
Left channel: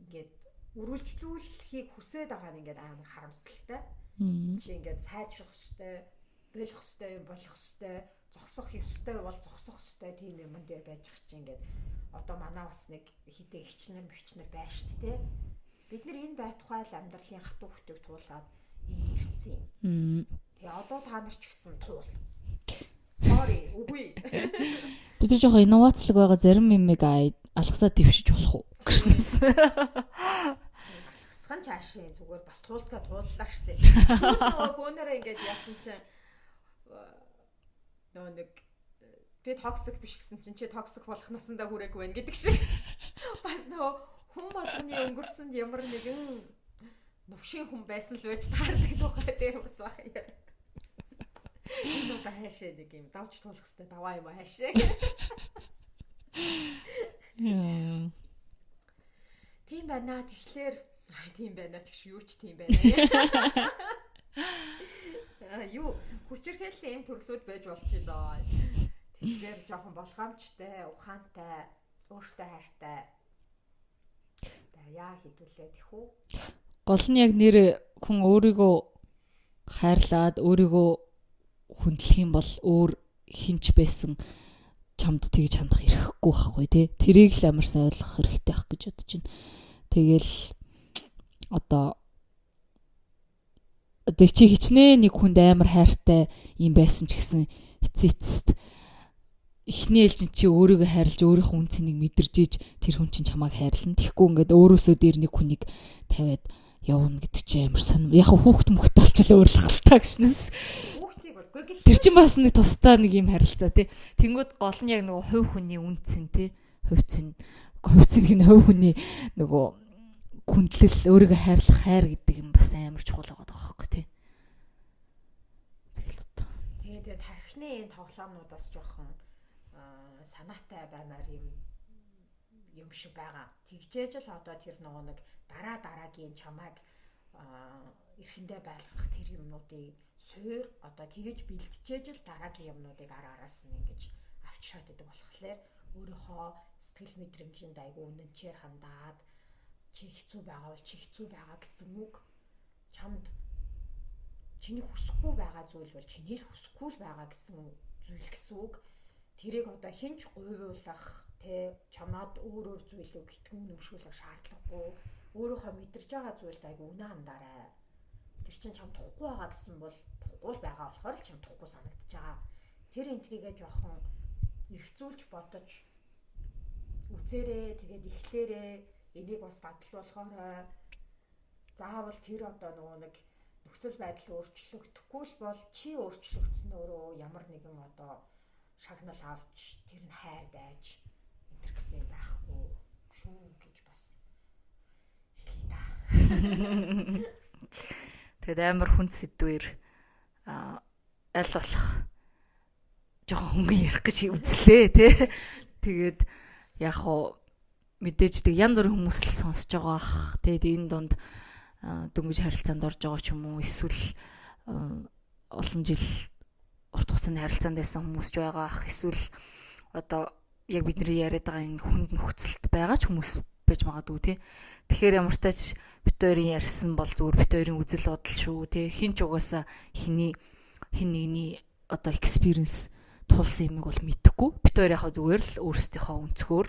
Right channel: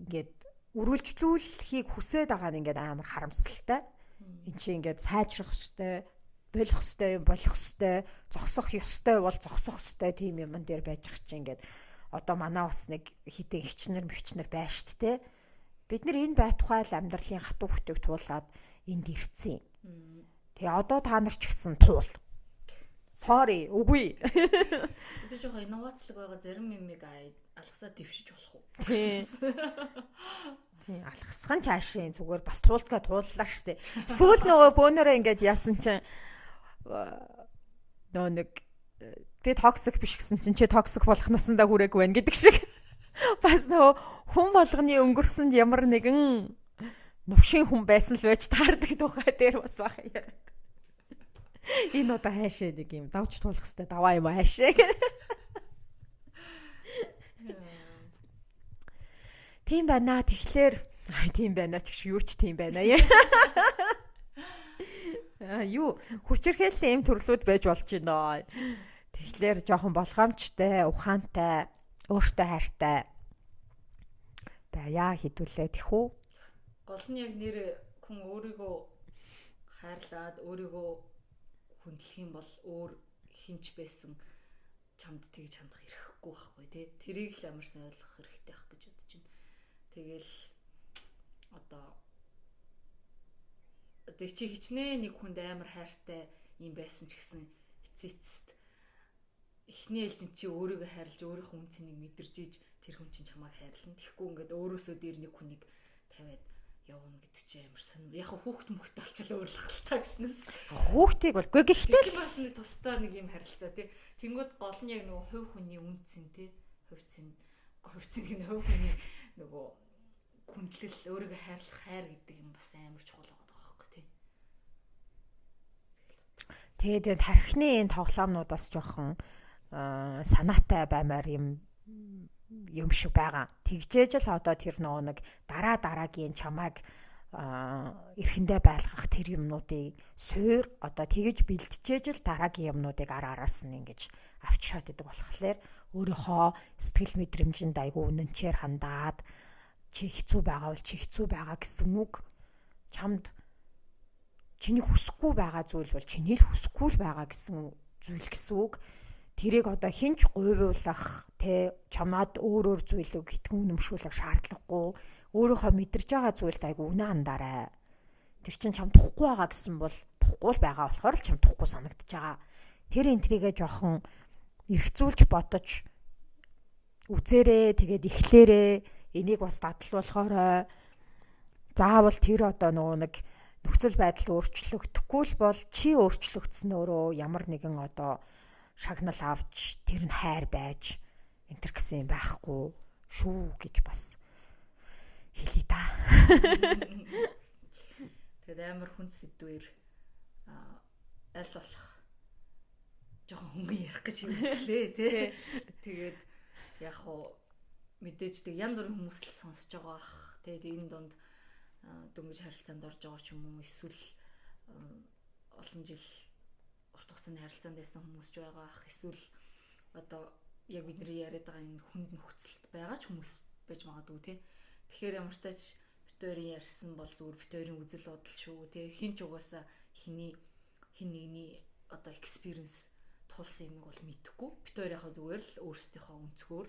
ингээд үргэлжлүүлэхийг хүсээд байгаа нь ингээд амар харамсалтай. Энд чи ингээд сайжрах ёстой, болох ёстой, болох ёстой, зогсох ёстой бол зогсох ёстой тийм юм дээр байж ах чи ингээд одоо манай бас нэг хитэн хичнэр мөвчнэр байна шүү дээ. Бид нар энэ байтугай л амьдралын хатуу хөтөг туулаад энд ирсэн юм. Тэгээ одоо та нар ч гэсэн туул. Sorry, үгүй. Бид нар жоохон инновацлог байгаа зарим юмыг алгасаа дэвшиж болох уу? Тийм алхасхан цаашаа зүгээр бас туултгаа тууллаа штэ. Сүүл нөгөө бөөнөрөө ингээд яасан чинь нөө нэг би токсик биш гэсэн чинь чи токсик болох насандаа хүрээгүй байна гэдэг шиг. Бас нөгөө хүн болгоны өнгөрсөнд ямар нэгэн новшин хүн байсан л байж таардаг тухай дээр бас баха яа. Энэ одоо хайшаа нэг юм давж туулах хэвээр даваа юм хайшаа. Тийм байна. Тэгэхээр тийм байна ч гэж юу ч тийм байна яа. Юу хүчирхээллийн юм төрлүүд байж болж байна. Тэгэхээр жоохон болгоомжтой, ухаантай, өөртөө хайртай яа хідүүлээ тэхүү. Гол нь яг нэр хүн өөрийгөө хайрлаад өөрийгөө хүндлэх юм бол өөр хинч байсан чамд тэгж хандах эрхгүй байхгүй тий. Тэрийг л амар сайн ойлгох хэрэгтэй ах гэж бодож байна. Тэгэл одоо чи хичнээн нэг хүнд амар хайртай юм байсан ч гэсэн эцэст эхний ээлжин чи өөрийгөө хайрлаж өөрийнхөө үн цэнийг мэдэрж иж тэр хүн чинь чамайг хайрлана. Тэгэхгүй ингээд өөрөөсөө дээр нэг хүнийг тавиад явна гэдэг чи амар сонирм. Яг хүүхд мөхт болчихлоо өөрлөлтөө гиснэс. Хүүхдийг болгүй гэх тэр чинь бас нэг тусдаа нэг юм харилцаа тий. Тэнгүүд гол нь яг нөгөө хувь хүний үн цэн тий. Хувь цэн гэх нь хувь хүний нөгөө хүндлэл өөрийгөө хайрлах хайр гэдэг юм бас амар чухал байгаа байхгүй тий. Тэгээд тархины энэ тоглоомнуудаас жоохон санаатай баймаар юм шиг байгаа. Тэгжээж л одоо тэр нөгөө нэг дараагийн чамайг эрхэндээ байлгах тэр юмнуудыг суур одоо тэгэж бэлтжээж л дараагийн юмнуудыг араас нь ингэж авч шат идэг болохоор өөрийнхөө сэтгэл мэдрэмжинд айгүй үнэнчээр хандаад чи хэцүү байгаа бол чи хэцүү байгаа гэсэн үг чамд чиний хүсэхгүй байгаа зүйл бол чиний л хүсэхгүй л байгаа гэсэн зүйл гэсэн үг. Тэрийг одоо хинч говьуулах те чамаад өөр зүйлийг хитгэн үнэмшүүлэх шаардлагагүй өөрийнхөө мэдэрж байгаа зүйлд айгу үнэ хандаарай. Тэр чин чам тухгүй байгаа гэсэн бол тухгүй л байгаа болохоор л чам тухгүй санагдаж байгаа. Тэр энтрийгээ жоохон эргцүүлж бодож үзээрээ тэгээд эхлээрээ энийг бас дадлуулахаарай. Заавал тэр одоо нөгөө нэг нөхцөл байдал өөрчлөгдөхгүй л бол чи өөрчлөгдсөн өөрөө ямар нэгэн одоо шагнал авч тэр нь хайр байж энтер гэсэн юм байхгүй шүү гэж бас хэлий да. Тэгээд амар хүнд сэдвэр аль болох жоохон хөнгөн ярих гэж үзлээ тий. Тэгээд яг хоо мэдээж тэг янз бүрийн хүмүүс л сонсож байгаа ах. Тэгээд энэ донд дөнгөж харилцаанд орж байгаа ч юм уу эсвэл олон жил урт хугацааны харилцаанд байсан хүмүүс ч байгаа ах. Эсвэл одоо яг бидний яриад байгаа энэ хүнд нөхцөлд байгаа ч хүмүүс байж магадгүй тий. Тэгэхээр ямар ч тач бит хоёрын ярьсан бол зүгээр бит хоёрын үзэл бодол шүү тий. Хин ч угаасаа хин нэгний одоо experience тулсан юмыг бол мэдэхгүй. Бит хоёр яхаа зүгээр л өөрсдийнхөө өнцгөр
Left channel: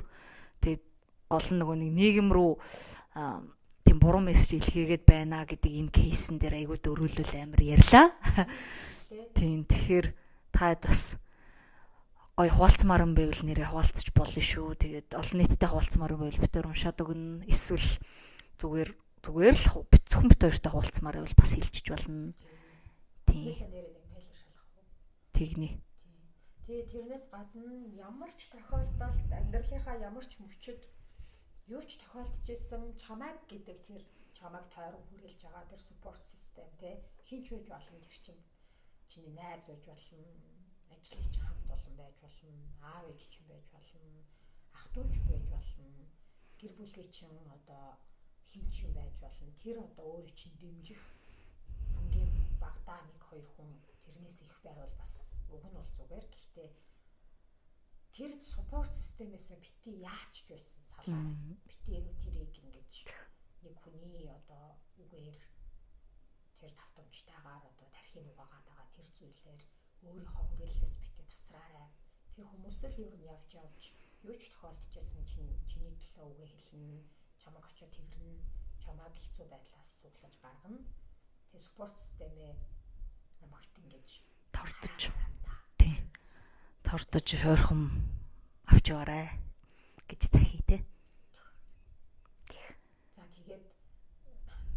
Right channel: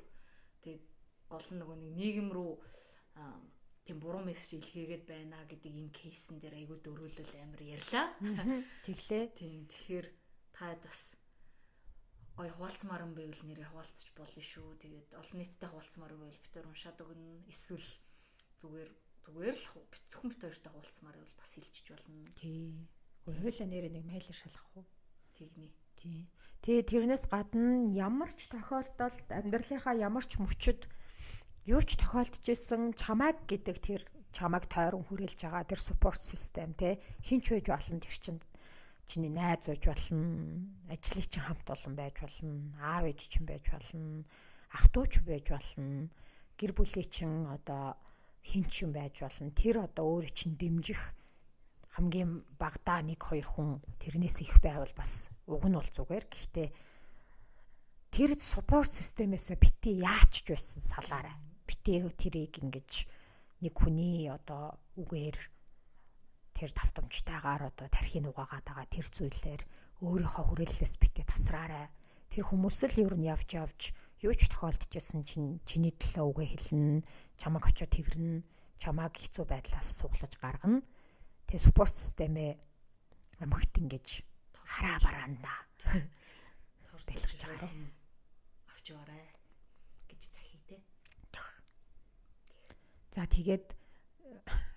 тэгээд гол нь нөгөө нэг нийгэм рүү тийм буруу мессеж илгээгээд байна гэдэг энэ кейсэн дээр айгүй дөрүүлэл амар ярьлаа. Тэглээ. Тийм тэгэхээр таад бас гой хуваалцмаар юм байвал нэрээ хуваалцаж болно шүү. Тэгээд олон нийтэд хуваалцмаар байвал бид төр уншаад өгнө. Эсвэл зүгээр л зөвхөн бид хоёртой хуваалцмаар байвал бас хэлчихэж болно. Тийм. Хоёулаа нэрээ нэг майл шалгах уу? Тэгнэ. Тийм. Тэгээ тэрнээс гадна ямар ч тохиолдолд амьдралынхаа ямар ч мөчөд юу ч тохиолдчихсэн чамайг гэдэг тэр чамайг тойрон хүрээлж байгаа тэр support system те хинч байж болно тэр чинь чиний найз байж болно ажлын чинь хамт олон байж болно аав ээж чинь байж болно ах トゥ ч байж болно гэр бүлийн чинь одоо хинч юм байж болно тэр одоо өөрөө чинь дэмжих хамгийн багадаа 1-2 хүн тэрнээс их байвал бас уг нь бол зүгээр гэхдээ тэр support system-ээс бити яач ч байсан салаарай. Бити тэрийг ингэж нэг хүний одоо үгээр тэр давтамжтайгаар одоо тархийг угаагаад байгаа тэр зүйлээр өөрийнхөө хүрээллээс бити тасраарай. Тэр хүмүүс л ер нь явж юу ч тохиолдчихсэн чиний төлөө үгээ хэлнэ, чамайг очиод тэрнэ, чамайг хэцүү байдлаас суглаж гаргана. Тэгээ support system-ээ амхт ингэж хараа бараанда. Тордож хойрхон авч яваарай гэж захий те. За тэгээд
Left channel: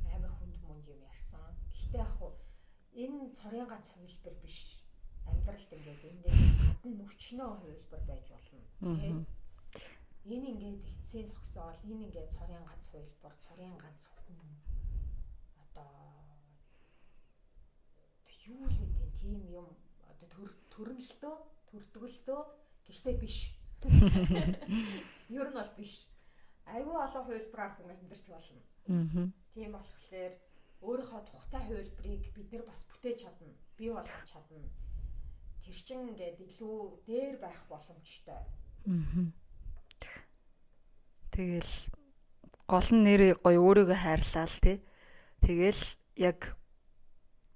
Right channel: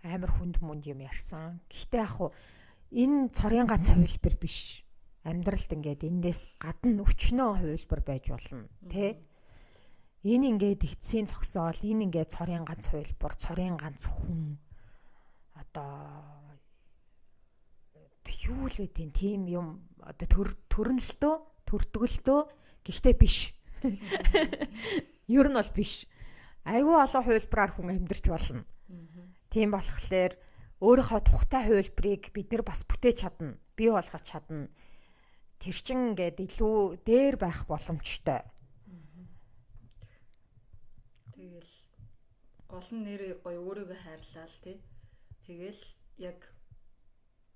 амар хүнд юм ярьсан. Гэхдээ яг хуу энэ цорын ганц хувилбар биш. Амьдралд ингээд эндээс гадна өчнөө хувилбар байж болно тий. Энэ ингээд эцсийн зогсоол, энэ ингээд цорын ганц хувилбар, цорын ганц хүн одоо юу л үгүй тийм юм одоо төрдгөлтөө гэхдээ биш. Ер нь бол биш. Айгүй олон хувилбараар хүн амьдарч болно. Тийм болохоор өөрийнхөө тухтай хувилбарыг бид нэр бас бүтээж чадна, бий болгож чадна. Тэр чин ингээд илүү дээр байх боломжтой. Тэгэл гол нь нэр гоё өөрийгөө хайрлаа л тий. Тэгэл яг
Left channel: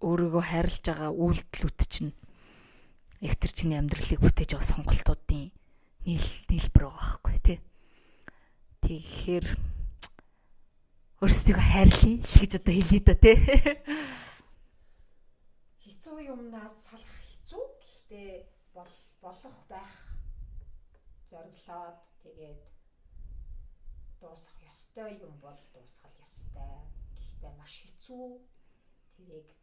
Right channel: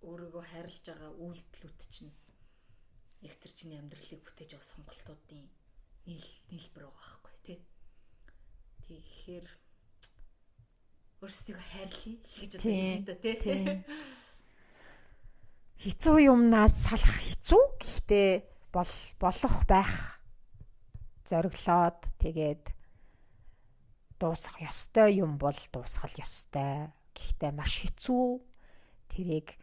өөрийгөө хайрлаж байгаа үйлдэлүүд чинь яг тэр чиний амьдралыг бүтээж байгаа сонголтуудын нийлбэр байгаа байхгүй тий. Тэгэхээр өөрсдийгөө хайрлая гэж одоо хэлээ да тий. Хэцүү юмнаас салах хэцүү. Гэхдээ болох байх зориглоод тэгээд дуусах ёстой юм бол дуусгал ёстой. Гэхдээ маш хэцүү. Тэрийг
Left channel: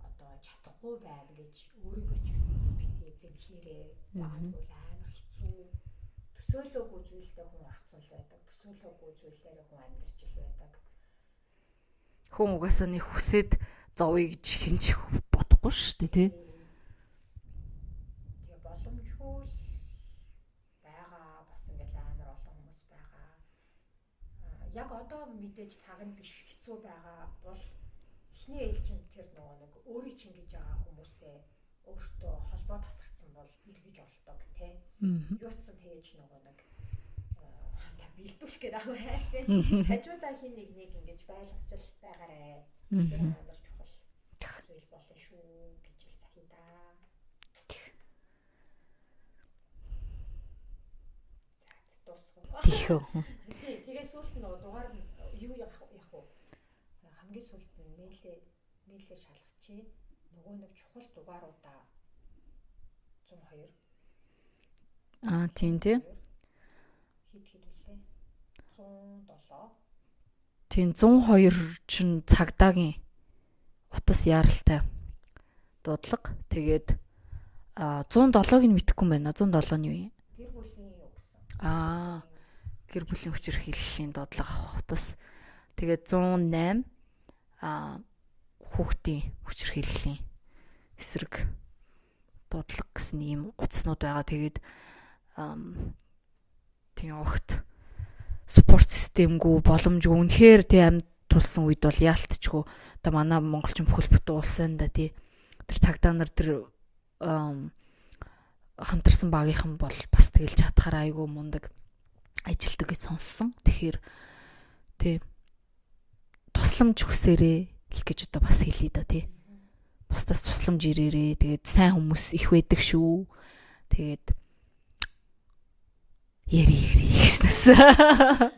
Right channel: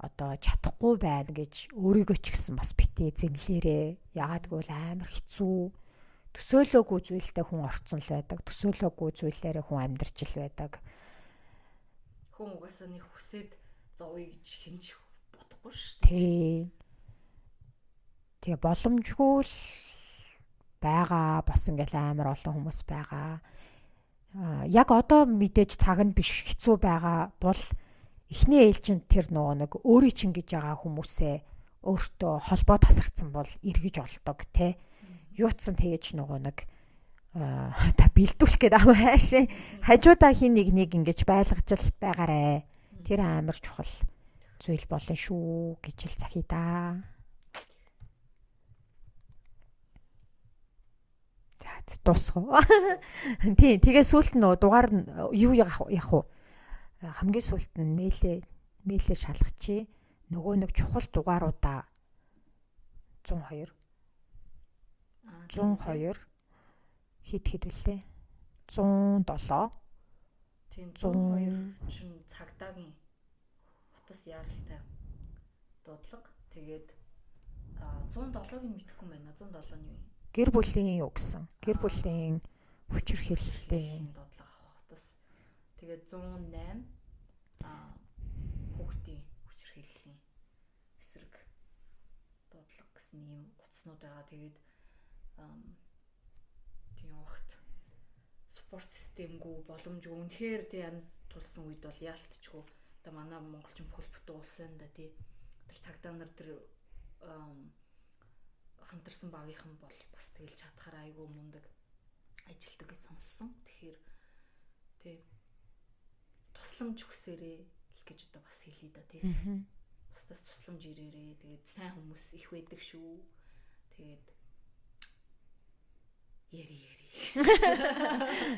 одоо чадахгүй байна гэж өөрийгөө ч гэсэн бас битээ зэмлээрээ. Ягаад гэвэл амар хэцүү. Төсөөлөөгүй зүйлтэй хүн орцсон л байдаг. Төсөөлөөгүй зүйлээрээ хүн амьдарч л байдаг. Хүн угаасаа нэг хүсээд зовъё гэж хинч бодохгүй шүү дээ. Тэгээ боломжгүй л байгаа. Бас ингээл амар олон хүмүүс байгаа. Яг одоо мэдээж цаг нь биш хэцүү байгаа бол эхний ээлжинд тэр нэг өөрийн чинь гэж байгаа хүмүүсээ өөртөө холбоо тасарсан бол эргэж олдог тий. Юутсан тэгэж нэг та бэлдүүлэх гээд аваа хаашаа хажуудаа хин нэг ингэж байлгаж л байгаарэ. Тэр амар чухал зүйл болно шүү гэж л захий да. За дуусах. Тий, тэгээ сүүлд нь дугаар юу явах уу? Хамгийн сүүлд нь мэйлээ шалгачих. Нөгөө нэг чухал дугааруудаа 102. Тийм. Хэд вүлээ? 107. Тийм 102 чинь цагдаагийн утас яаралтай дуудлага. Тэгээд 107-ыг нь мэдэхгүй юм байна. 107 нь юу юм? Гэр бүлийн юу гэсэн? Гэр бүлийн хүчирхийллийн дуудлага авах утас. Тэгээд 108 хүүхдийн хүчирхийллийн эсрэг дуудлага гэсэн ийм утаснууд байгаа. Тэгээд тийм огт спорт системгүй боломжгүй үнэхээр тий амьд тулсан үед бол яалтчгүй одоо манай монголчин бүхэл бүтэн улсын да тий тэр цагдаа нар тэр хамтарсан багийнхан бол бас тэгэл чадхаар айгүй мундаг ажилтдаг гэж сонссон. Тэгэхээр тий тусламж хүсээрээ л гэж одоо бас хэлээ да тий. Бусдаас тусламж ирээрээ тэгээд сайн хүмүүс их байдаг шүү. Тэгээд яри гэсэн.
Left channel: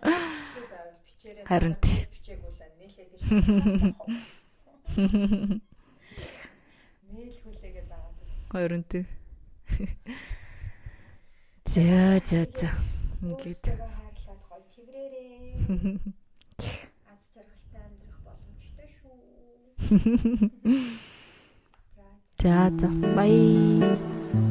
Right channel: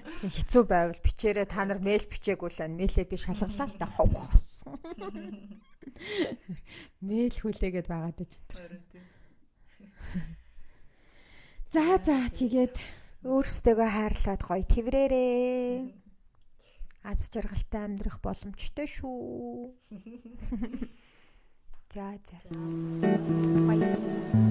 Хэцүү байвал бичээрээ та нар мэйл бичээгүй л мэйлээ би шалгахад ховсон. Мэйл хүлээгээд байгаад байж. Хоёрынтэй. За тэгээд өөрсдөө хайрлаад гоё тэврээрээ. Аз жаргалтай амьдрах боломжтой шүү. За. Бай.